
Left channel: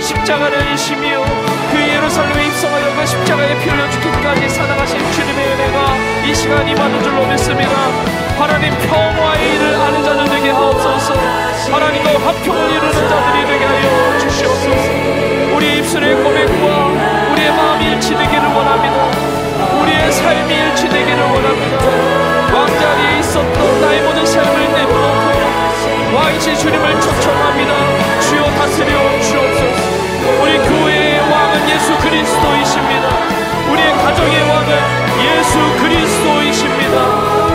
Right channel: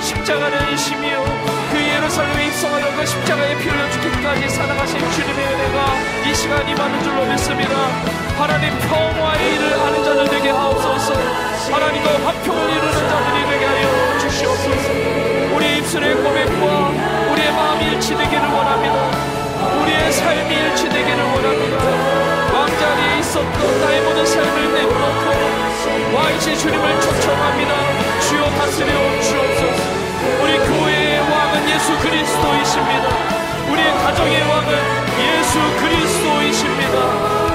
십자가를 지시며 그 예루살렘에 입성하여 그 십자가에 피 흘려 죽기까지 사랑하신 주님의 은혜가 이 시간 임하는 줄로 믿습니다. 하나님 평화의 일을 아는 자들 되게 하옵소서. 하나님과 화평을 이루는 자들이 되게 하여 주시옵소서. 우리 입술의 고백과 우리의 마음이 일치되기를 원합니다. 우리의 삶이 일치되기를 원합니다. 왕자리에 있었던 나의 모든 삶을 내놓고 왕이신 주님을 초청합니다. 주여 다스려 주옵소서. 우리 교회의 왕은 예수 그리스도이십니다. 우리의 가정의 왕은 예수 그리스도이십니다.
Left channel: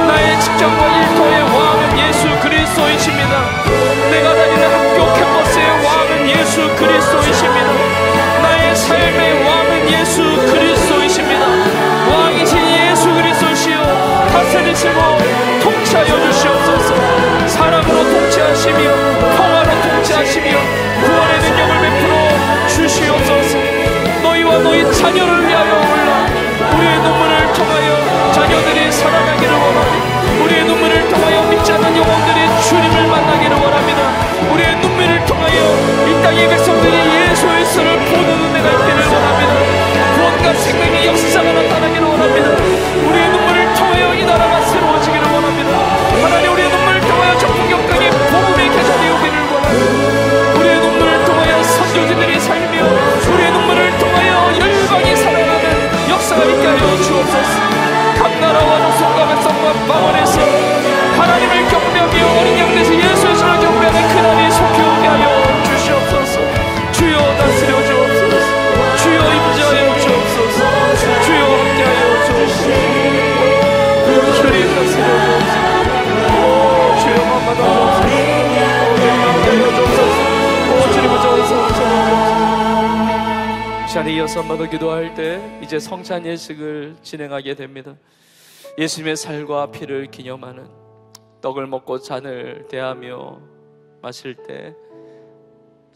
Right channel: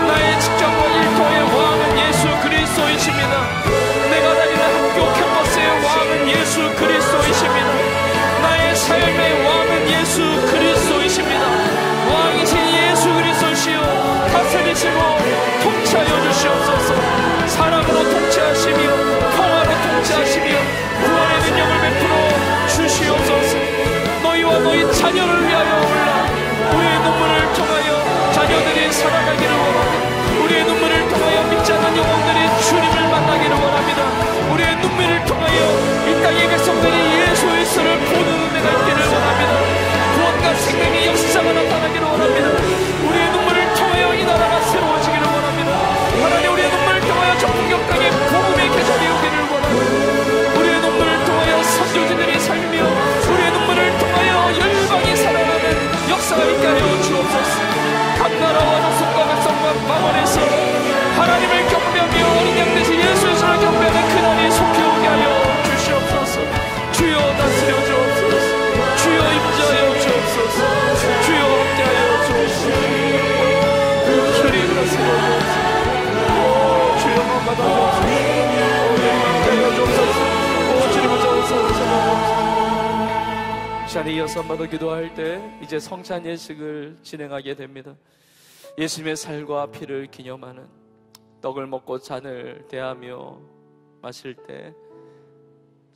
나의 직장과 일터의 왕은 예수 그리스도이십니다. 내가 다니는 학교 캠퍼스의 왕은 예수 그리스도이십니다. 나의 삶의 왕은 예수 그리스도이십니다. 왕이신 예수 그리스도시여 다스리시고 통치하여 주시옵소서. 사랑으로 통치하시며 평화로 통치하시며 구원의 능력을 베풀어 주시옵소서. 너희와 너희 자녀를 위하여 올라 우리의 눈물을 통하여 자녀들이 살아가기를 원합니다. 우리의 눈물을 통하여 믿지 않는 영혼들이 주님을 만나기를 원합니다. 우리의 눈물을 통하여 이 땅의 백성들이 예수 그리스도를 보는 은혜가 있기를 원합니다. 구원과 생명의 역사가 나타나기를 원합니다. 우리의 눈물을 통하여 이 나라가 새로워지기를 원합니다. 하나님, 우리의 눈물을 통하여 전국역강의 복음의 교사들이 오기를 원합니다. 우리의 눈물을 통하여 선교지들이 살며 우리의 눈물을 통하여 열방이 살아나는 역사가 있게 하여 주옵소서. 각 나라와 족속과 백성과 방언에서 하나님을 경배하며 어린 양에서 예수 그리스도를 경배하는 그날이 속히 오게 하여 주시옵소서. 주여 다스려 주옵소서. 주여 임재하여 주옵소서. 주여 함께하여 주옵소서. 주님 다스려 주옵소서. 주여 만받아 주옵소서. 주님을 저어서 찬양합니다. 시간에 이어서 한번 기도할 때 이제 성찬 예식을 진행하게 됩니다. 예수님의 살과 피를 기념하는 떡을 먹고 잔을 대하며 마실 때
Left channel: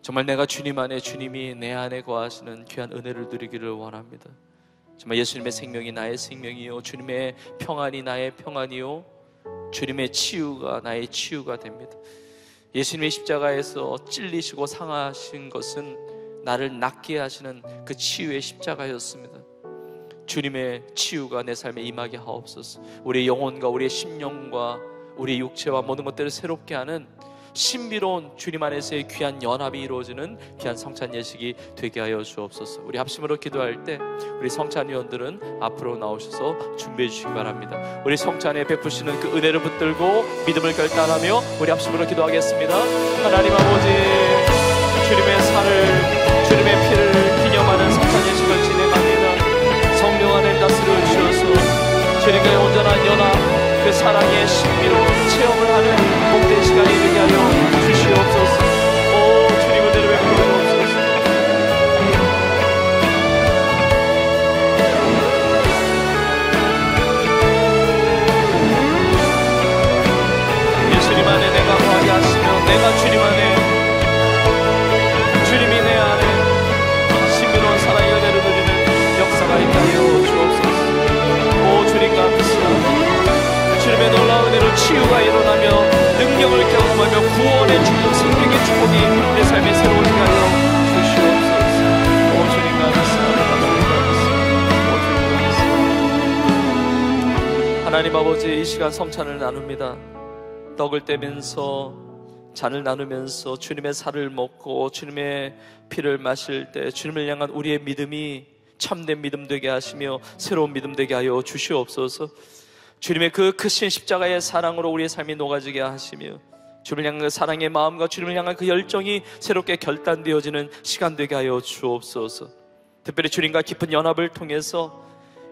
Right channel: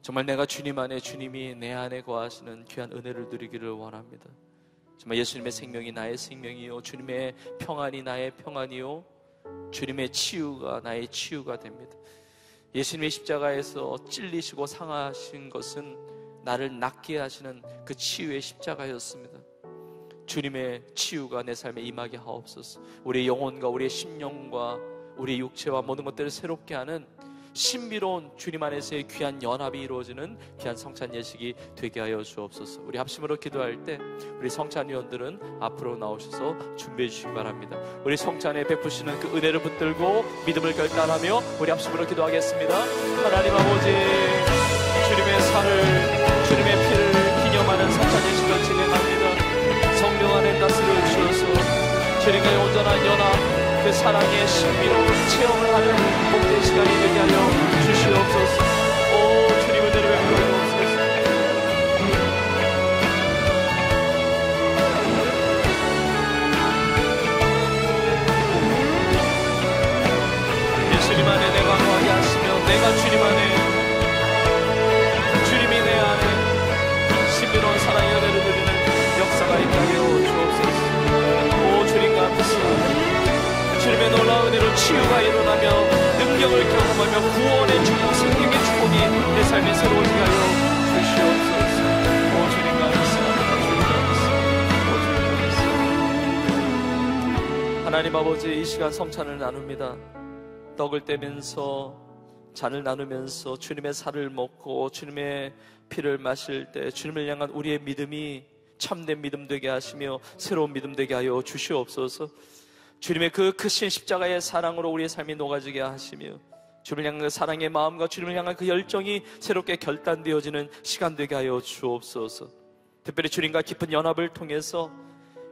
정말 내가 주님 안에, 주님이 내 안에 거하시는 귀한 은혜를 누리기를 원합니다. 정말 예수님의 생명이 나의 생명이요, 주님의 평안이 나의 평안이요, 주님의 치유가 나의 치유가 됩니다. 예수님의 십자가에서 찔리시고 상하신 것은 나를 낫게 하시는 그 치유의 십자가였습니다. 주님의 치유가 내 삶에 임하게 하옵소서. 우리의 영혼과 우리의 심령과 우리의 육체와 모든 것들을 새롭게 하는 신비로운 주님 안에서의 귀한 연합이 이루어지는 귀한 성찬 예식이 되게 하여 주옵소서. 우리 합심으로 기도할 때 우리 성찬위원들은 앞으로 나오셔서 준비해 주시기 바랍니다. 우리 성찬에 베푸시는 그 은혜를 붙들고 믿음을 결단하며 우리 합심으로 기도하겠습니다. 하나님 아버지, 주님의 살을, 주님의 피를 기념하는 성찬 예식을 진행합니다. 성령 안에 다스려 주셔서 주님의 온전한 연합, 그 사랑의 신비로운 체험을 하는 복된 시간이 되게 하여 주시옵소서. 오, 주님을 내려뵙게 하옵소서. 치유가 일어나며 능력을 경험하며 구원의 축복, 생명의 축복이 내 삶에 새로운 하여 주시옵소서. 오 주님 감사합니다. 하나님 아버지, 이 시간 성찬을 나눕니다. 떡을 떼면서 잔을 나누면서 주님의 살을 먹고 주님의 피를 마실 때 주님을 향한 우리의 믿음이 참된 믿음 되게 하시며 새로운 믿음 되게 하여 주시옵소서. 주님의 그 크신 십자가의 사랑으로 우리의 삶이 녹아지게 하시며 주님을 향한 그 사랑의 마음과 주님을 향한 그 열정이 새롭게 결단되어지는 시간 되게 하여 주옵소서. 특별히 주님과 깊은 연합을 통해서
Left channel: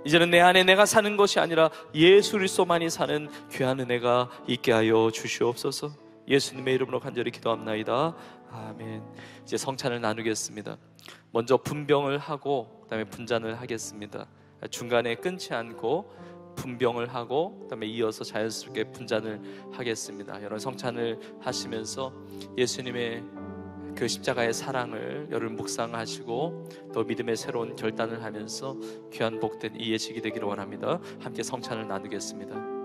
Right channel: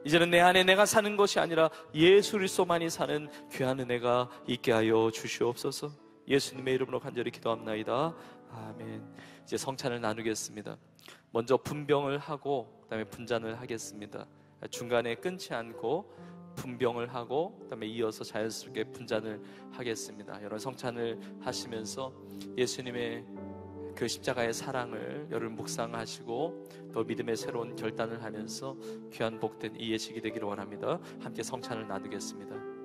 이제는 내 안에 내가 사는 것이 아니라 예수 그리스도만이 사는 귀한 은혜가 있게 하여 주시옵소서. 예수님의 이름으로 간절히 기도합나이다. 아멘. 이제 성찬을 나누겠습니다. 먼저 분병을 하고 그 다음에 분잔을 하겠습니다. 중간에 끊지 않고 분병을 하고 그 다음에 이어서 자연스럽게 분잔을 하겠습니다. 여러분 성찬을 하시면서 예수님의 그 십자가의 사랑을 여러분 묵상하시고 또 믿음의 새로운 결단을 하면서 귀한 복된 이 예식이 되기를 원합니다. 함께 성찬을 나누겠습니다.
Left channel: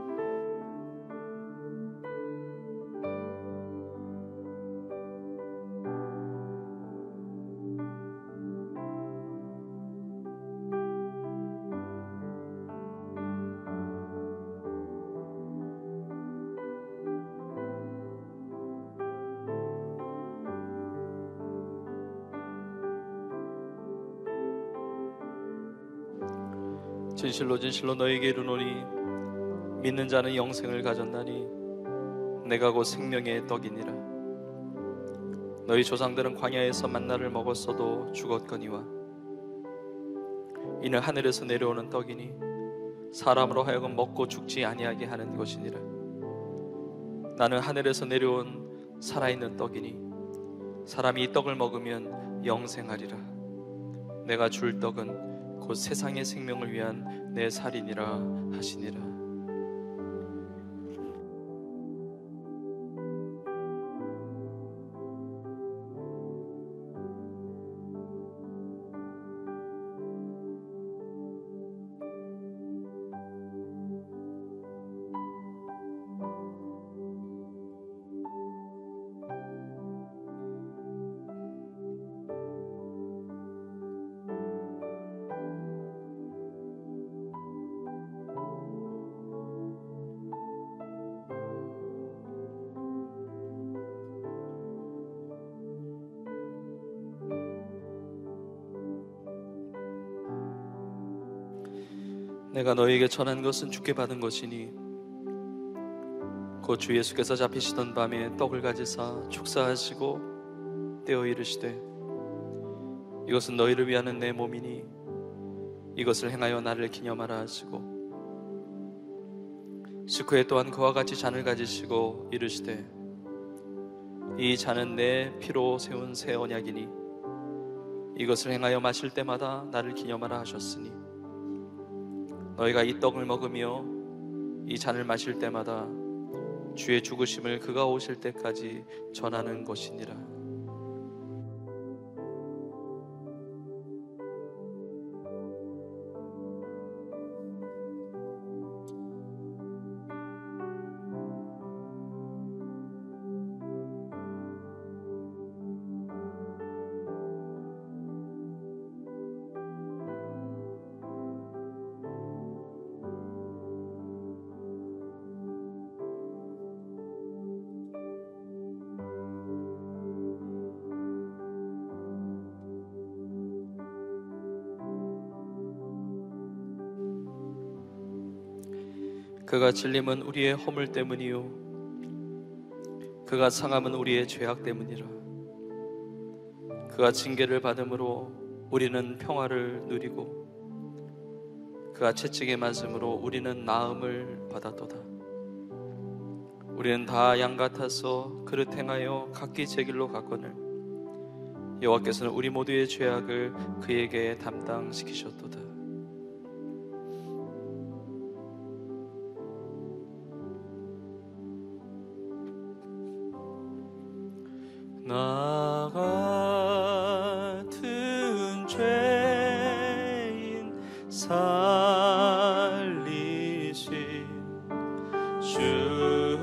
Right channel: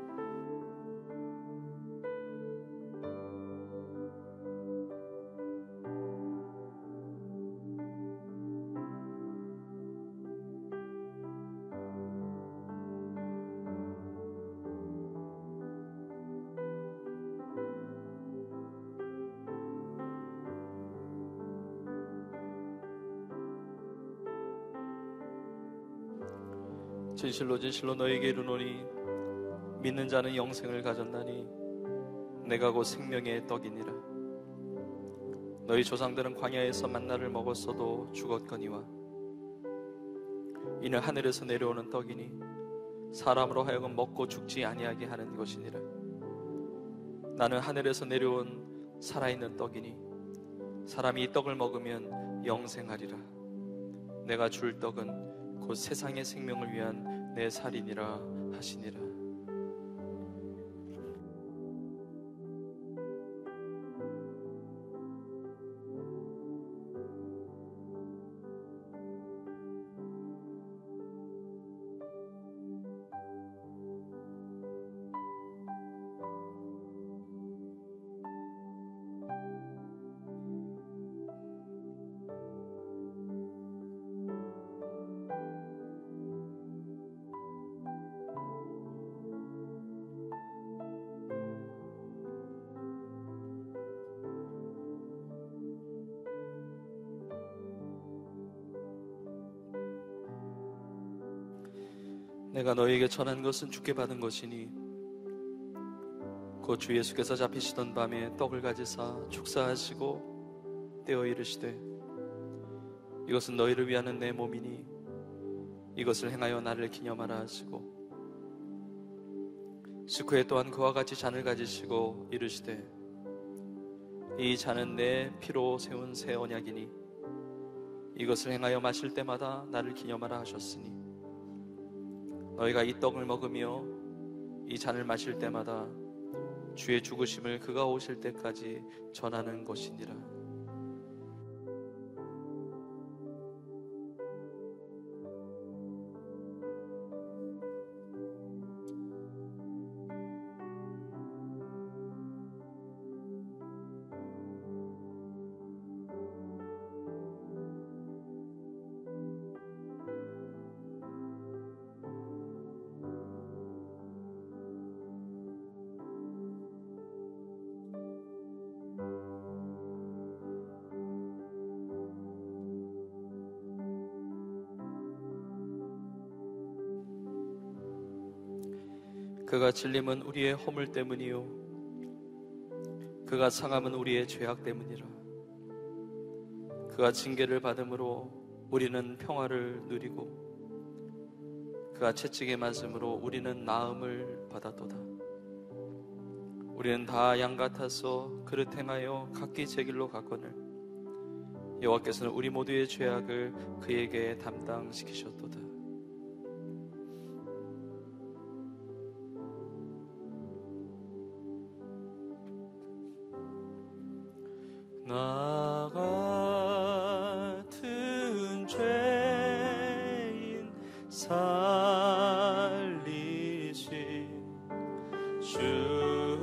진실로 진실로 너에게 이르노니 믿는 자는 영생을 가졌나니 내가 곧 생명의 떡이니라. 너희 조상들은 광야에서 만나를 먹었어도 죽었거니와 이는 하늘에서 내려오는 떡이니 사람으로 하여금 먹고 죽지 아니하게 하는 것이니라. 나는 하늘에서 내려온 살아있는 떡이니 사람이 이 떡을 먹으면 영생하리라. 내가 줄 떡은 곧 세상의 생명을 위한 내 살이니라 하시니라. 내가 너에게 전한 것은 주께 받은 것이니 곧 주 예수께서 잡히시던 밤에 떡을 가지사 축사하시고 떼어 이르시되 이것은 너희를 위하는 내 몸이니 이것을 행하여 나를 기념하라 하시고 식후에 또한 그와 같이 잔을 가지시고 이르시되 이 잔은 내 피로 세운 새 언약이니 이것을 행하여 마실 때마다 나를 기념하라 하셨으니 너희가 이 떡을 먹으며 이 잔을 마실 때마다 주의 죽으심을 그가 오실 때까지 전하는 것이니라. 그가 질림은 우리의 허물 때문이요 그가 상함은 우리의 죄악 때문이라. 그가 징계를 받음으로 우리는 평화를 누리고 그가 채찍에 맞음으로 우리는 나음을 받았도다. 우리는 다 양 같아서 그릇 행하여 각기 제 길로 갔거늘 여호와께서는 우리 모두의 죄악을 그에게 담당시키셨도다. 나 같은 죄인 살리신 주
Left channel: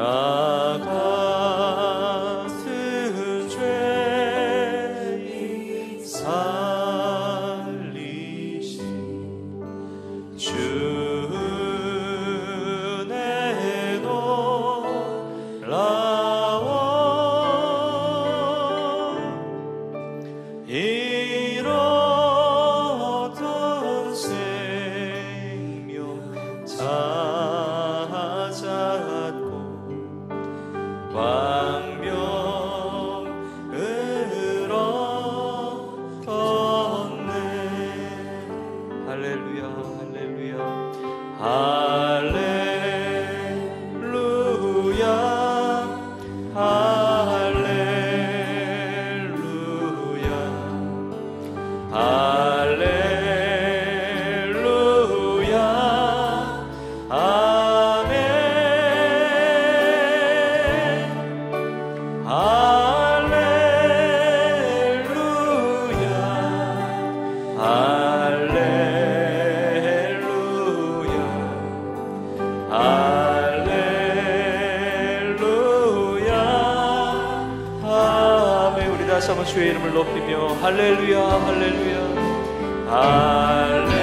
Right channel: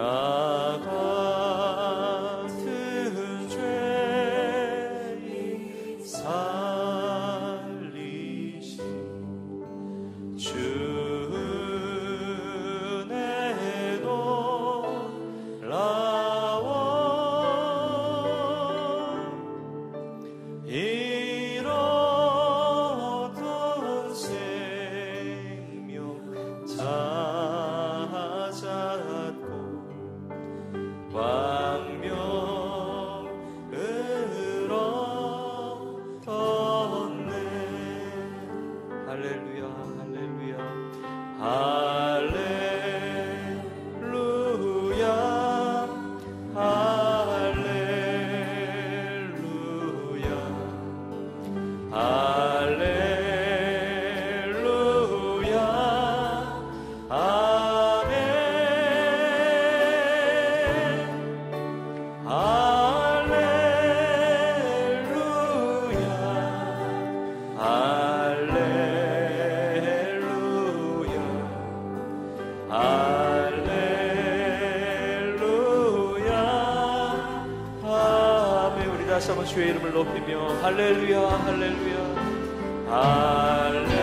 같은 죄인 살리신 주 은혜 놀라워 잃었던 생명 찾았고 광명을 얻었네. 할렐루야 할렐루야 할렐루야 할렐루야 할렐루야 아멘 할렐루야 할렐루야 할렐루야 아멘. 우리 다시 한번 주의 이름을 높이며 할렐루야 할렐루야 할렐루야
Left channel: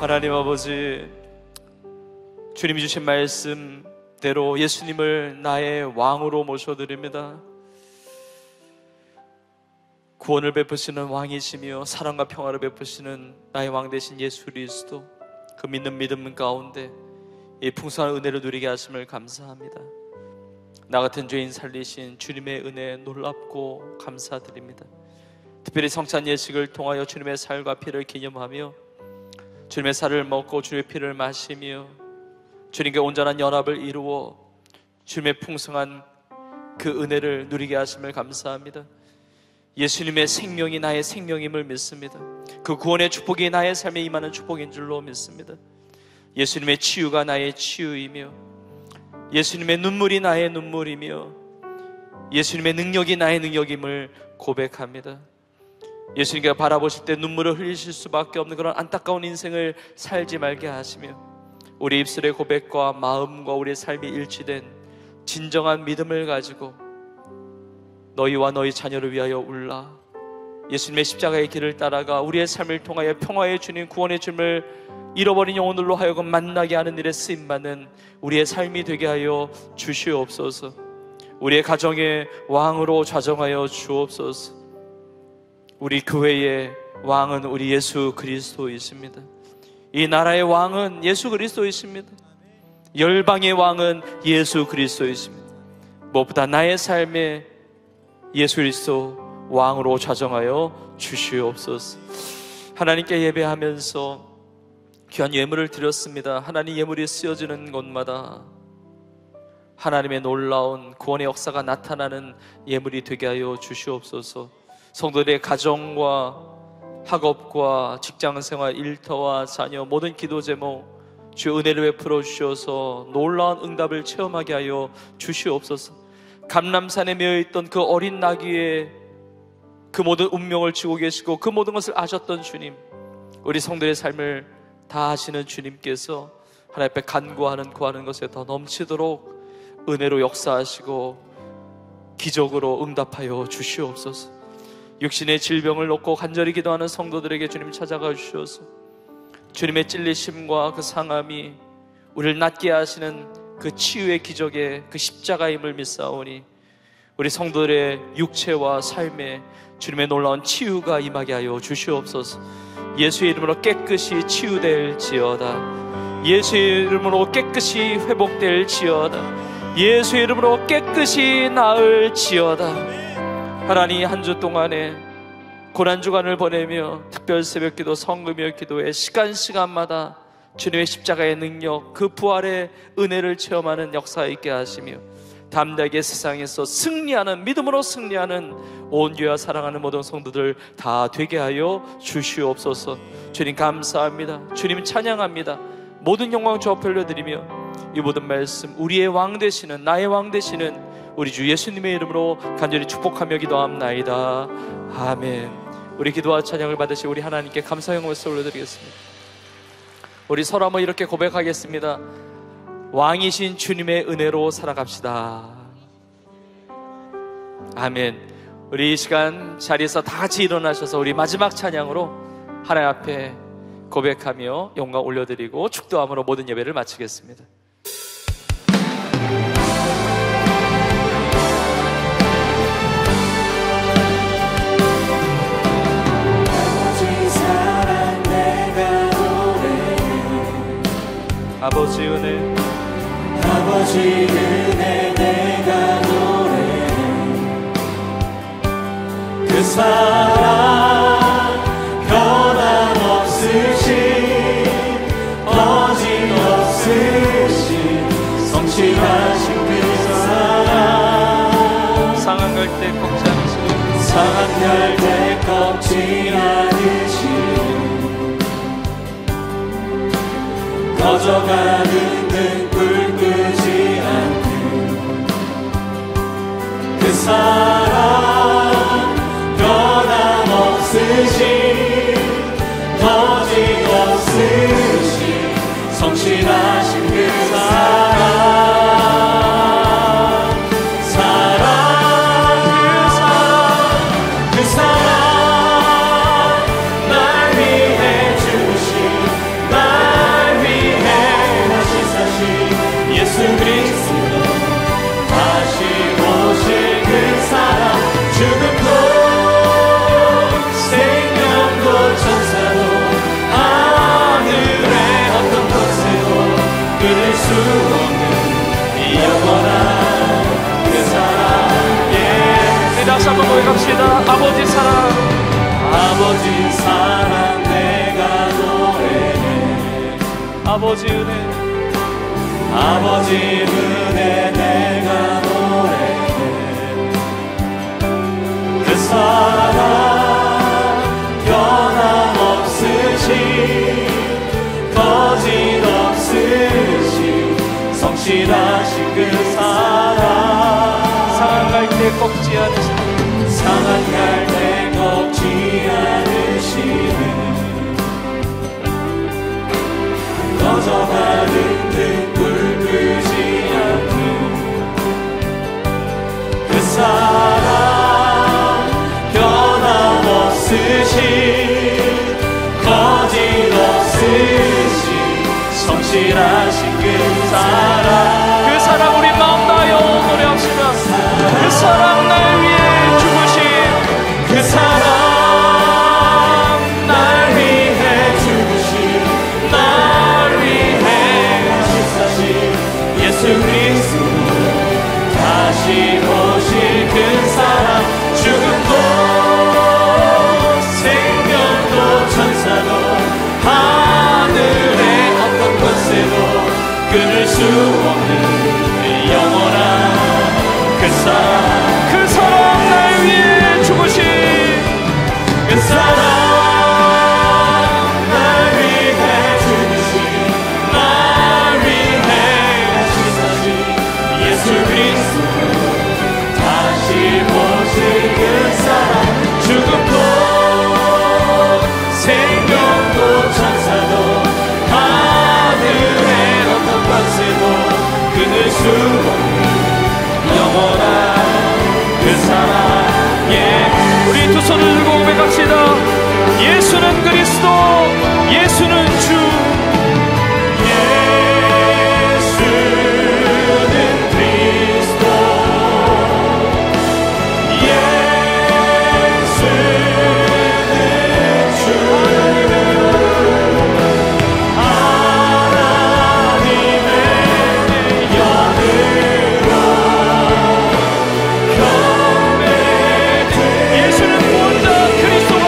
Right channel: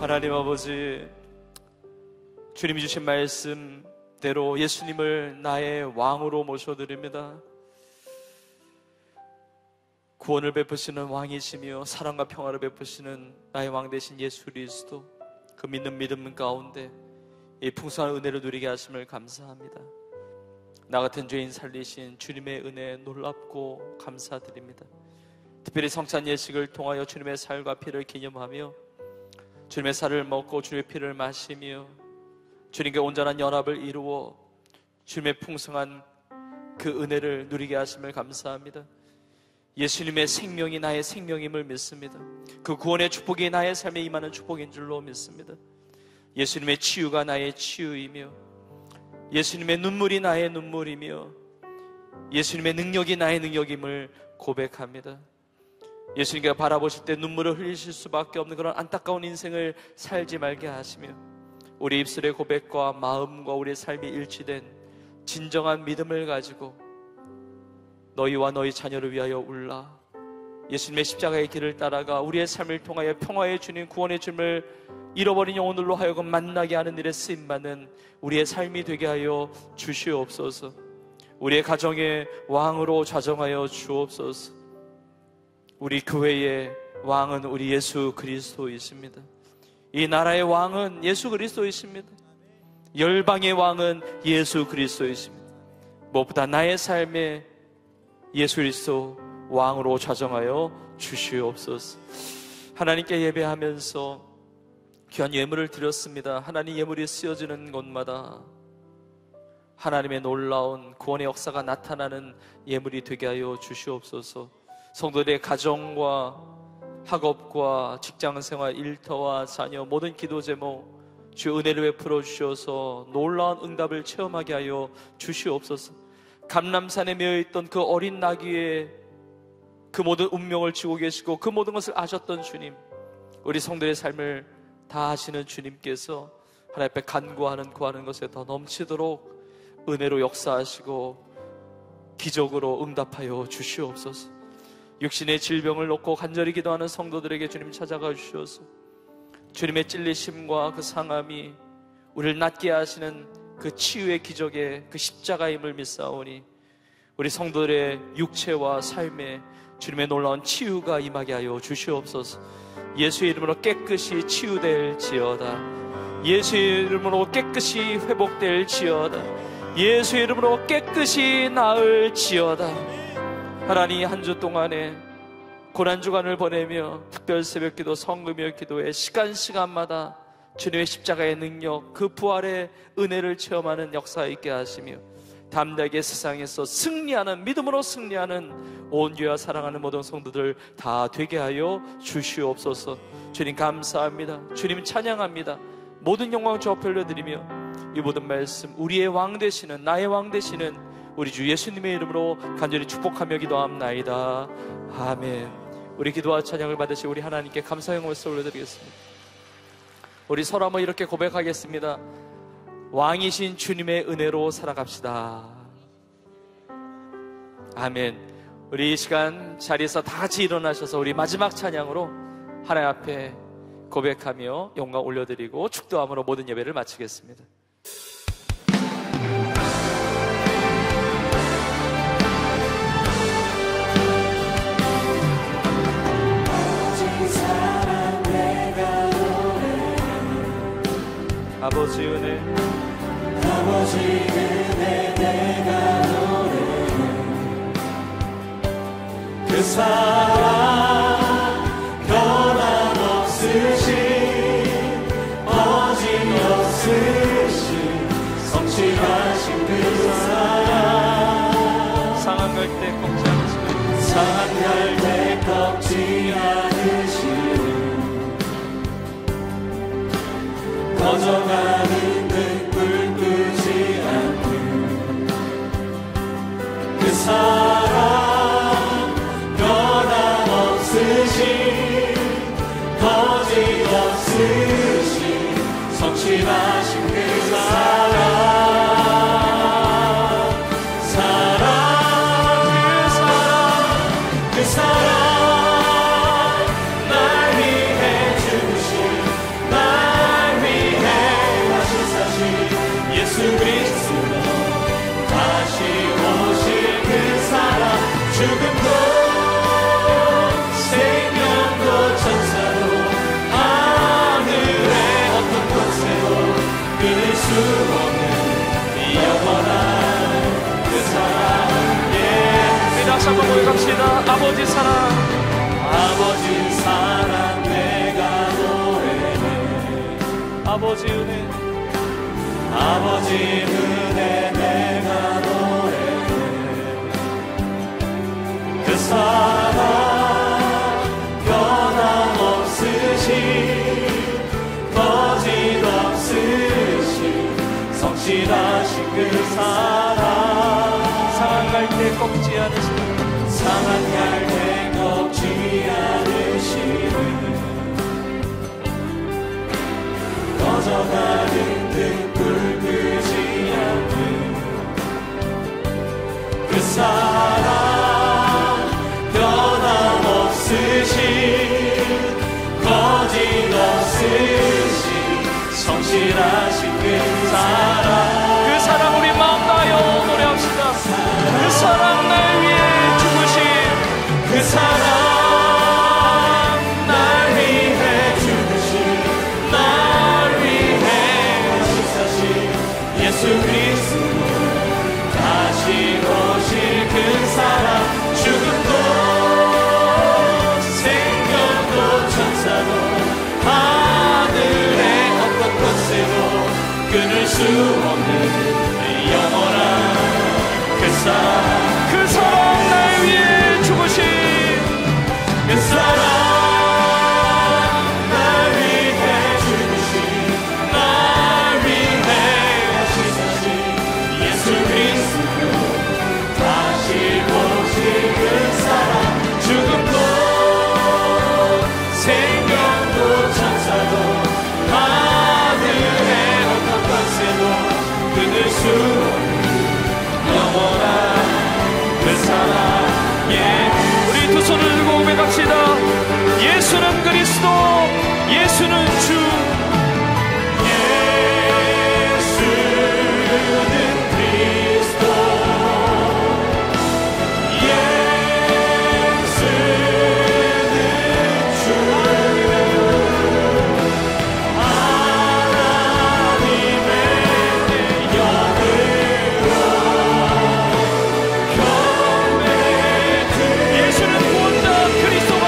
하나님 아버지, 주님이 주신 말씀대로 예수님을 나의 왕으로 모셔드립니다. 구원을 베푸시는 왕이시며 사랑과 평화를 베푸시는 나의 왕 되신 예수 그리스도, 그 믿는 믿음 가운데 이 풍성한 은혜를 누리게 하심을 감사합니다. 나 같은 죄인 살리신 주님의 은혜 놀랍고 감사드립니다. 특별히 성찬 예식을 통하여 주님의 살과 피를 기념하며 주님의 살을 먹고 주의 피를 마시며 주님께 온전한 연합을 이루어 주님의 풍성한 그 은혜를 누리게 하심을 감사합니다. 예수님의 생명이 나의 생명임을 믿습니다. 그 구원의 축복이 나의 삶에 임하는 축복인 줄로 믿습니다. 예수님의 치유가 나의 치유이며 예수님의 눈물이 나의 눈물이며 예수님의 능력이 나의 능력임을 고백합니다. 예수님께서 바라보실 때 눈물을 흘리실 수밖에 없는 그런 안타까운 인생을 살지 말게 하시며 우리 입술의 고백과 마음과 우리의 삶이 일치된 진정한 믿음을 가지고 너희와 너희 자녀를 위하여 울라, 예수님의 십자가의 길을 따라가 우리의 삶을 통하여 평화의 주님, 구원의 주님을 잃어버린 영혼들로 하여금 만나게 하는 일에 쓰임받는 우리의 삶이 되게 하여 주시옵소서. 우리의 가정의 왕으로 좌정하여 주옵소서. 우리 교회의 왕은 우리 예수 그리스도이십니다. 이 나라의 왕은 예수 그리스도이십니다. 열방의 왕은 예수 그리스도이십니다. 무엇보다 나의 삶에 예수 그리스도 왕으로 좌정하여 주시옵소서. 하나님께 예배하면서 귀한 예물을 드렸습니다. 하나님 예물이 쓰여지는 곳마다 하나님의 놀라운 구원의 역사가 나타나는 예물이 되게 하여 주시옵소서. 성도들의 가정과 학업과 직장생활, 일터와 자녀, 모든 기도 제목 주의 은혜를 베풀어 주셔서 놀라운 응답을 체험하게 하여 주시옵소서. 감람산에 매어있던 그 어린 나귀의 그 모든 운명을 쥐고 계시고 그 모든 것을 아셨던 주님, 우리 성도의 삶을 다 아시는 주님께서 하나님 앞에 구하는 것에 더 넘치도록 은혜로 역사하시고 기적으로 응답하여 주시옵소서. 육신의 질병을 놓고 간절히 기도하는 성도들에게 주님 찾아가 주셔서 주님의 찔리심과 그 상함이 우리를 낫게 하시는 그 치유의 기적의 그 십자가임을 믿사오니 우리 성도들의 육체와 삶에 주님의 놀라운 치유가 임하게 하여 주시옵소서. 예수의 이름으로 깨끗이 치유될지어다. 예수의 이름으로 깨끗이 회복될지어다. 예수의 이름으로 깨끗이 나을지어다. 하나님, 한 주 동안에 고난주간을 보내며 특별 새벽기도, 성금요 기도에 시간마다 주님의 십자가의 능력, 그 부활의 은혜를 체험하는 역사 있게 하시며 담대하게 세상에서 승리하는, 믿음으로 승리하는 온 교회와 사랑하는 모든 성도들 다 되게 하여 주시옵소서. 주님 감사합니다. 주님 찬양합니다. 모든 영광 주 앞에 올려드리며 이 모든 말씀 우리의 왕 되시는, 나의 왕 되시는 우리 주 예수님의 이름으로 간절히 축복하며 기도합나이다. 아멘. 우리 기도와 찬양을 받으시 우리 하나님께 감사 영광을 올려드리겠습니다. 우리 서로 한번 이렇게 고백하겠습니다. 왕이신 주님의 은혜로 살아갑시다. 아멘. 우리 이 시간 자리에서 다 같이 일어나셔서 우리 마지막 찬양으로 하나님 앞에 고백하며 영광 올려드리고 축도함으로 모든 예배를 마치겠습니다. 아버지 은혜, 아버지 은혜 내가 노래해. 그 사랑 변함없으신, 어지없으신 성실하신 그 사랑. 상한 갈 때 꺾지 않으시는, 상한 갈 때 꺾지 않으시는, 꺼져가는 등불 끄지 않는 그 사랑, 변함없으신, 거짓없으신 성실하신 그 사랑. 그 사랑 날 위해 주신, 예수 그리스도 다시 오실 그 사랑. 죽음도 생명도 천사도 하늘의 어떤 곳에도 끊을 수 없는 영원한 그 사랑. 예, 다시 한번 고백합시다. 아버지 사랑, 아버지 사랑 내가 노래해. 아버지 은혜, 아버지 은혜 내가 노래해. 그 사랑 변함없으신, 거짓없으신 성실하신 그 사랑. 상한 갈 때 꺾지 않으시는, 상한 갈 때 꺾지 않으시는, 꺼져가는 등불 끄지 않는 그 사랑, 변함없으신, 거짓없으신 성실하신 그 사랑. 그 사랑 우리 마음 다하여 노래합시다. 그 사랑 날 위해 죽으신, 그 사랑 날 위해 죽으신, 날 위해 가시사신 예수 그리스도 다시 오실 그 사랑. 죽음도 생명도 천사도 하늘의 어떤 곳에도 끊을 수 없는 영원한 그 사랑. 그 사랑 날 위해 죽으신, 그 사랑 날 위해 죽으신, 날 위해 가시사신 예수 그리스도 다시 오실 그 사랑. 죽음도 생명도 천사도 하늘의 어떤 곳에도 끊을 수 없는 영원한 그 사랑. 예, 우리 두 손을 들고 고백합시다. 예수는 그리스도, 예수는 주. 예수는 그리스도, 예수는 주. 하나님의 영으로 경배드. 예수는 구원자 그리스도가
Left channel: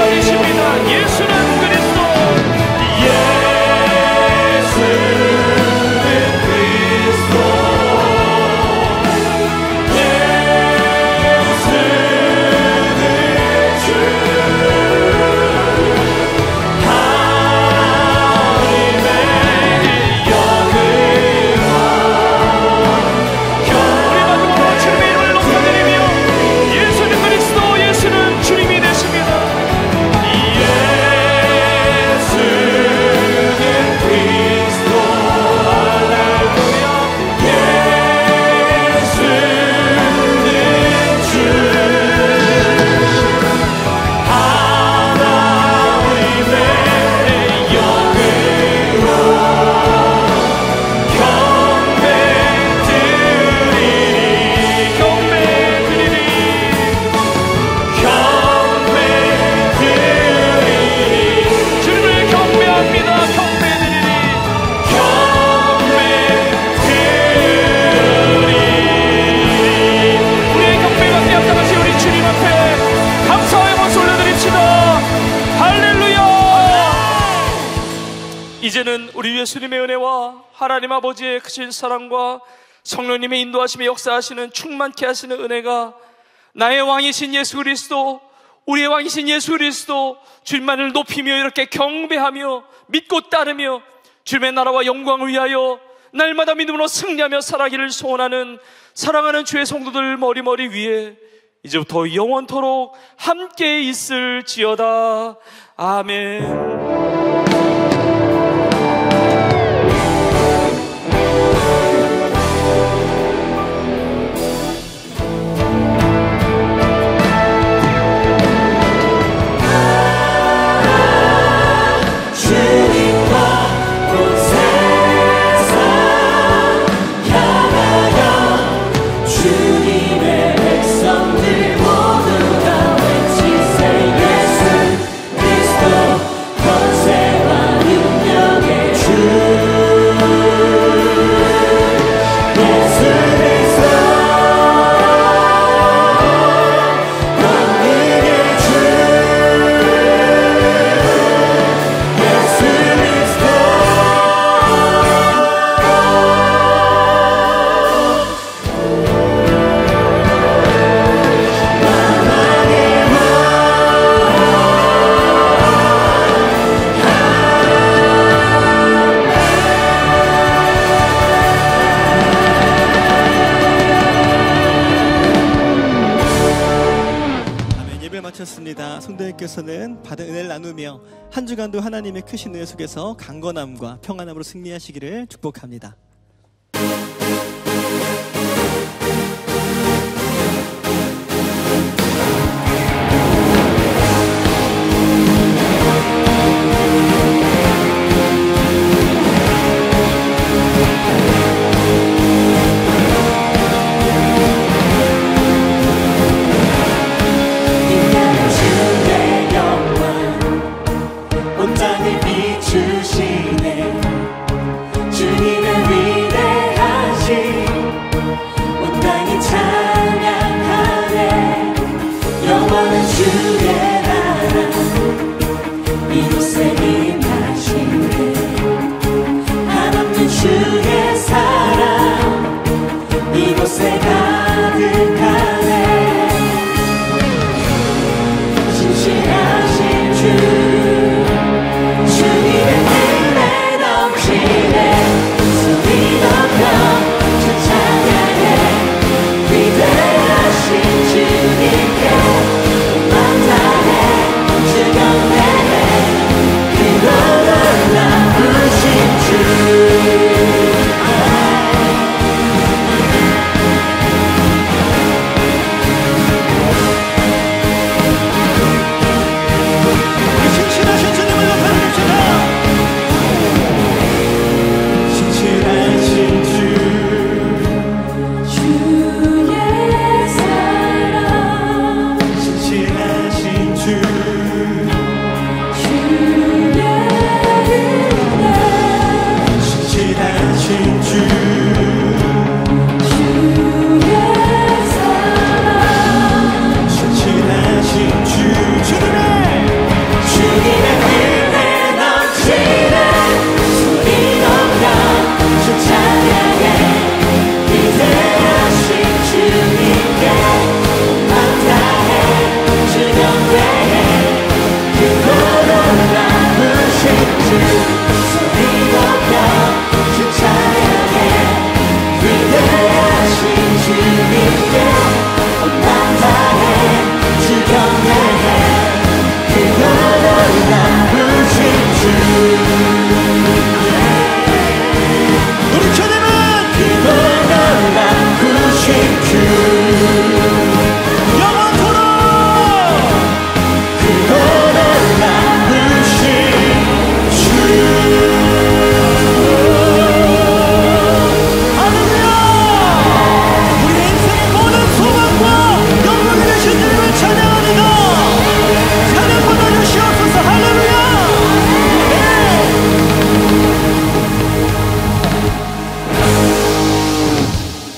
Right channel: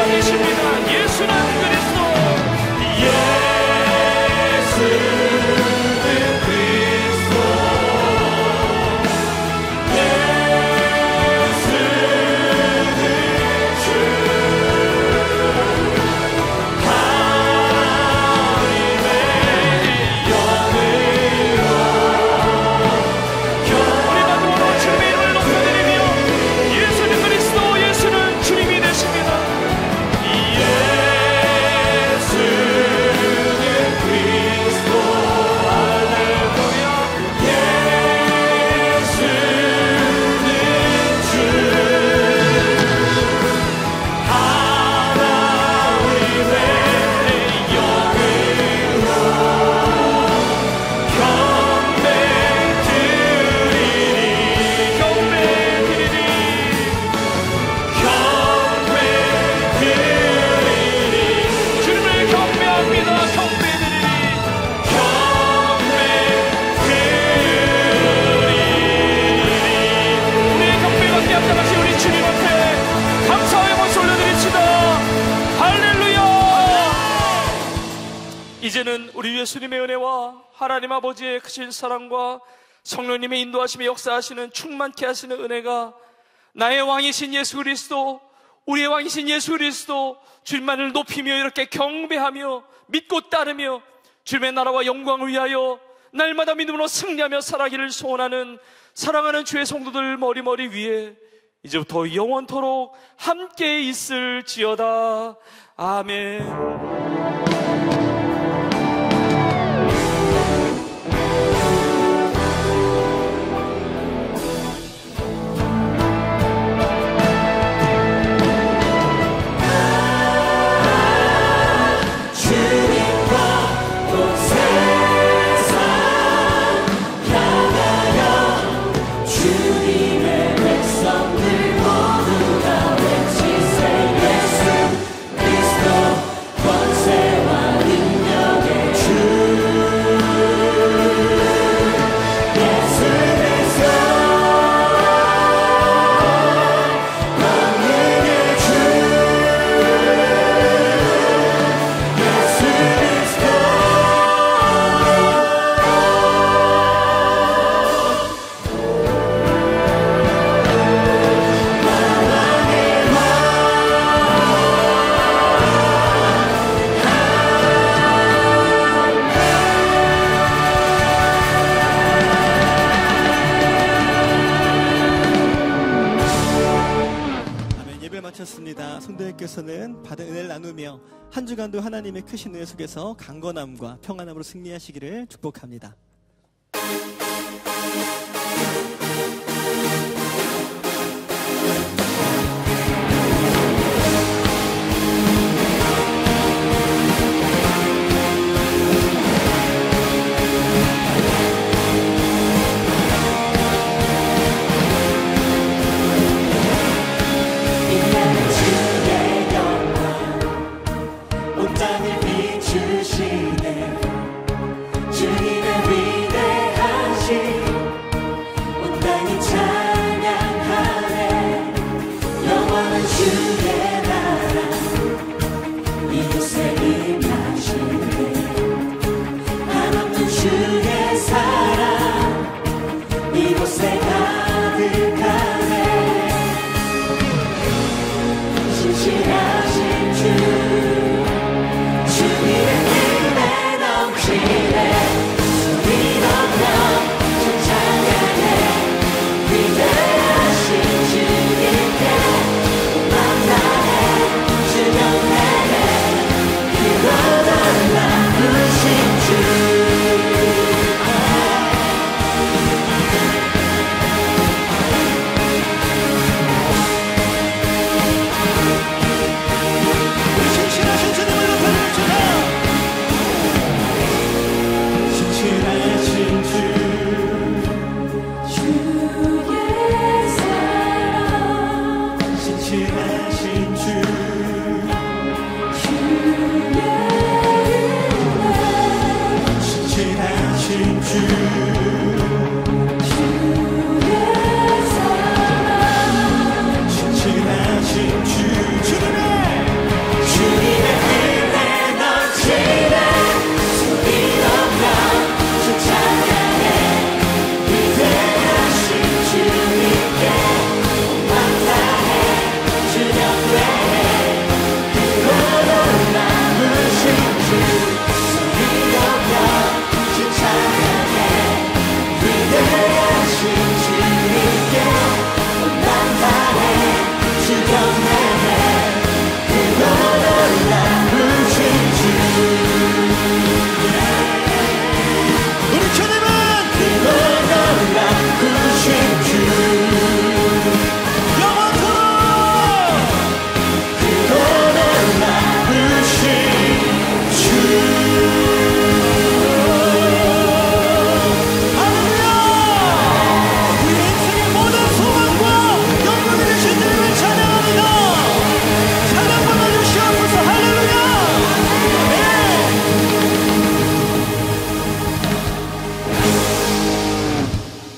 이제는 우리 예수님의 은혜와 하나님 아버지의 크신 사랑과 성령님의 인도하심에 역사하시는 충만케 하시는 은혜가 나의 왕이신 예수 그리스도, 우리의 왕이신 예수 그리스도 주님만을 높이며 이렇게 경배하며 믿고 따르며 주님의 나라와 영광을 위하여 날마다 믿음으로 승리하며 살아가기를 소원하는 사랑하는 주의 성도들 머리머리 위에 이제부터 영원토록 함께 있을지어다. 아멘. 성도님께서는 받은 은혜를 나누며 한 주간도 하나님의 크신 은혜 속에서 강건함과 평안함으로 승리하시기를 축복합니다. 주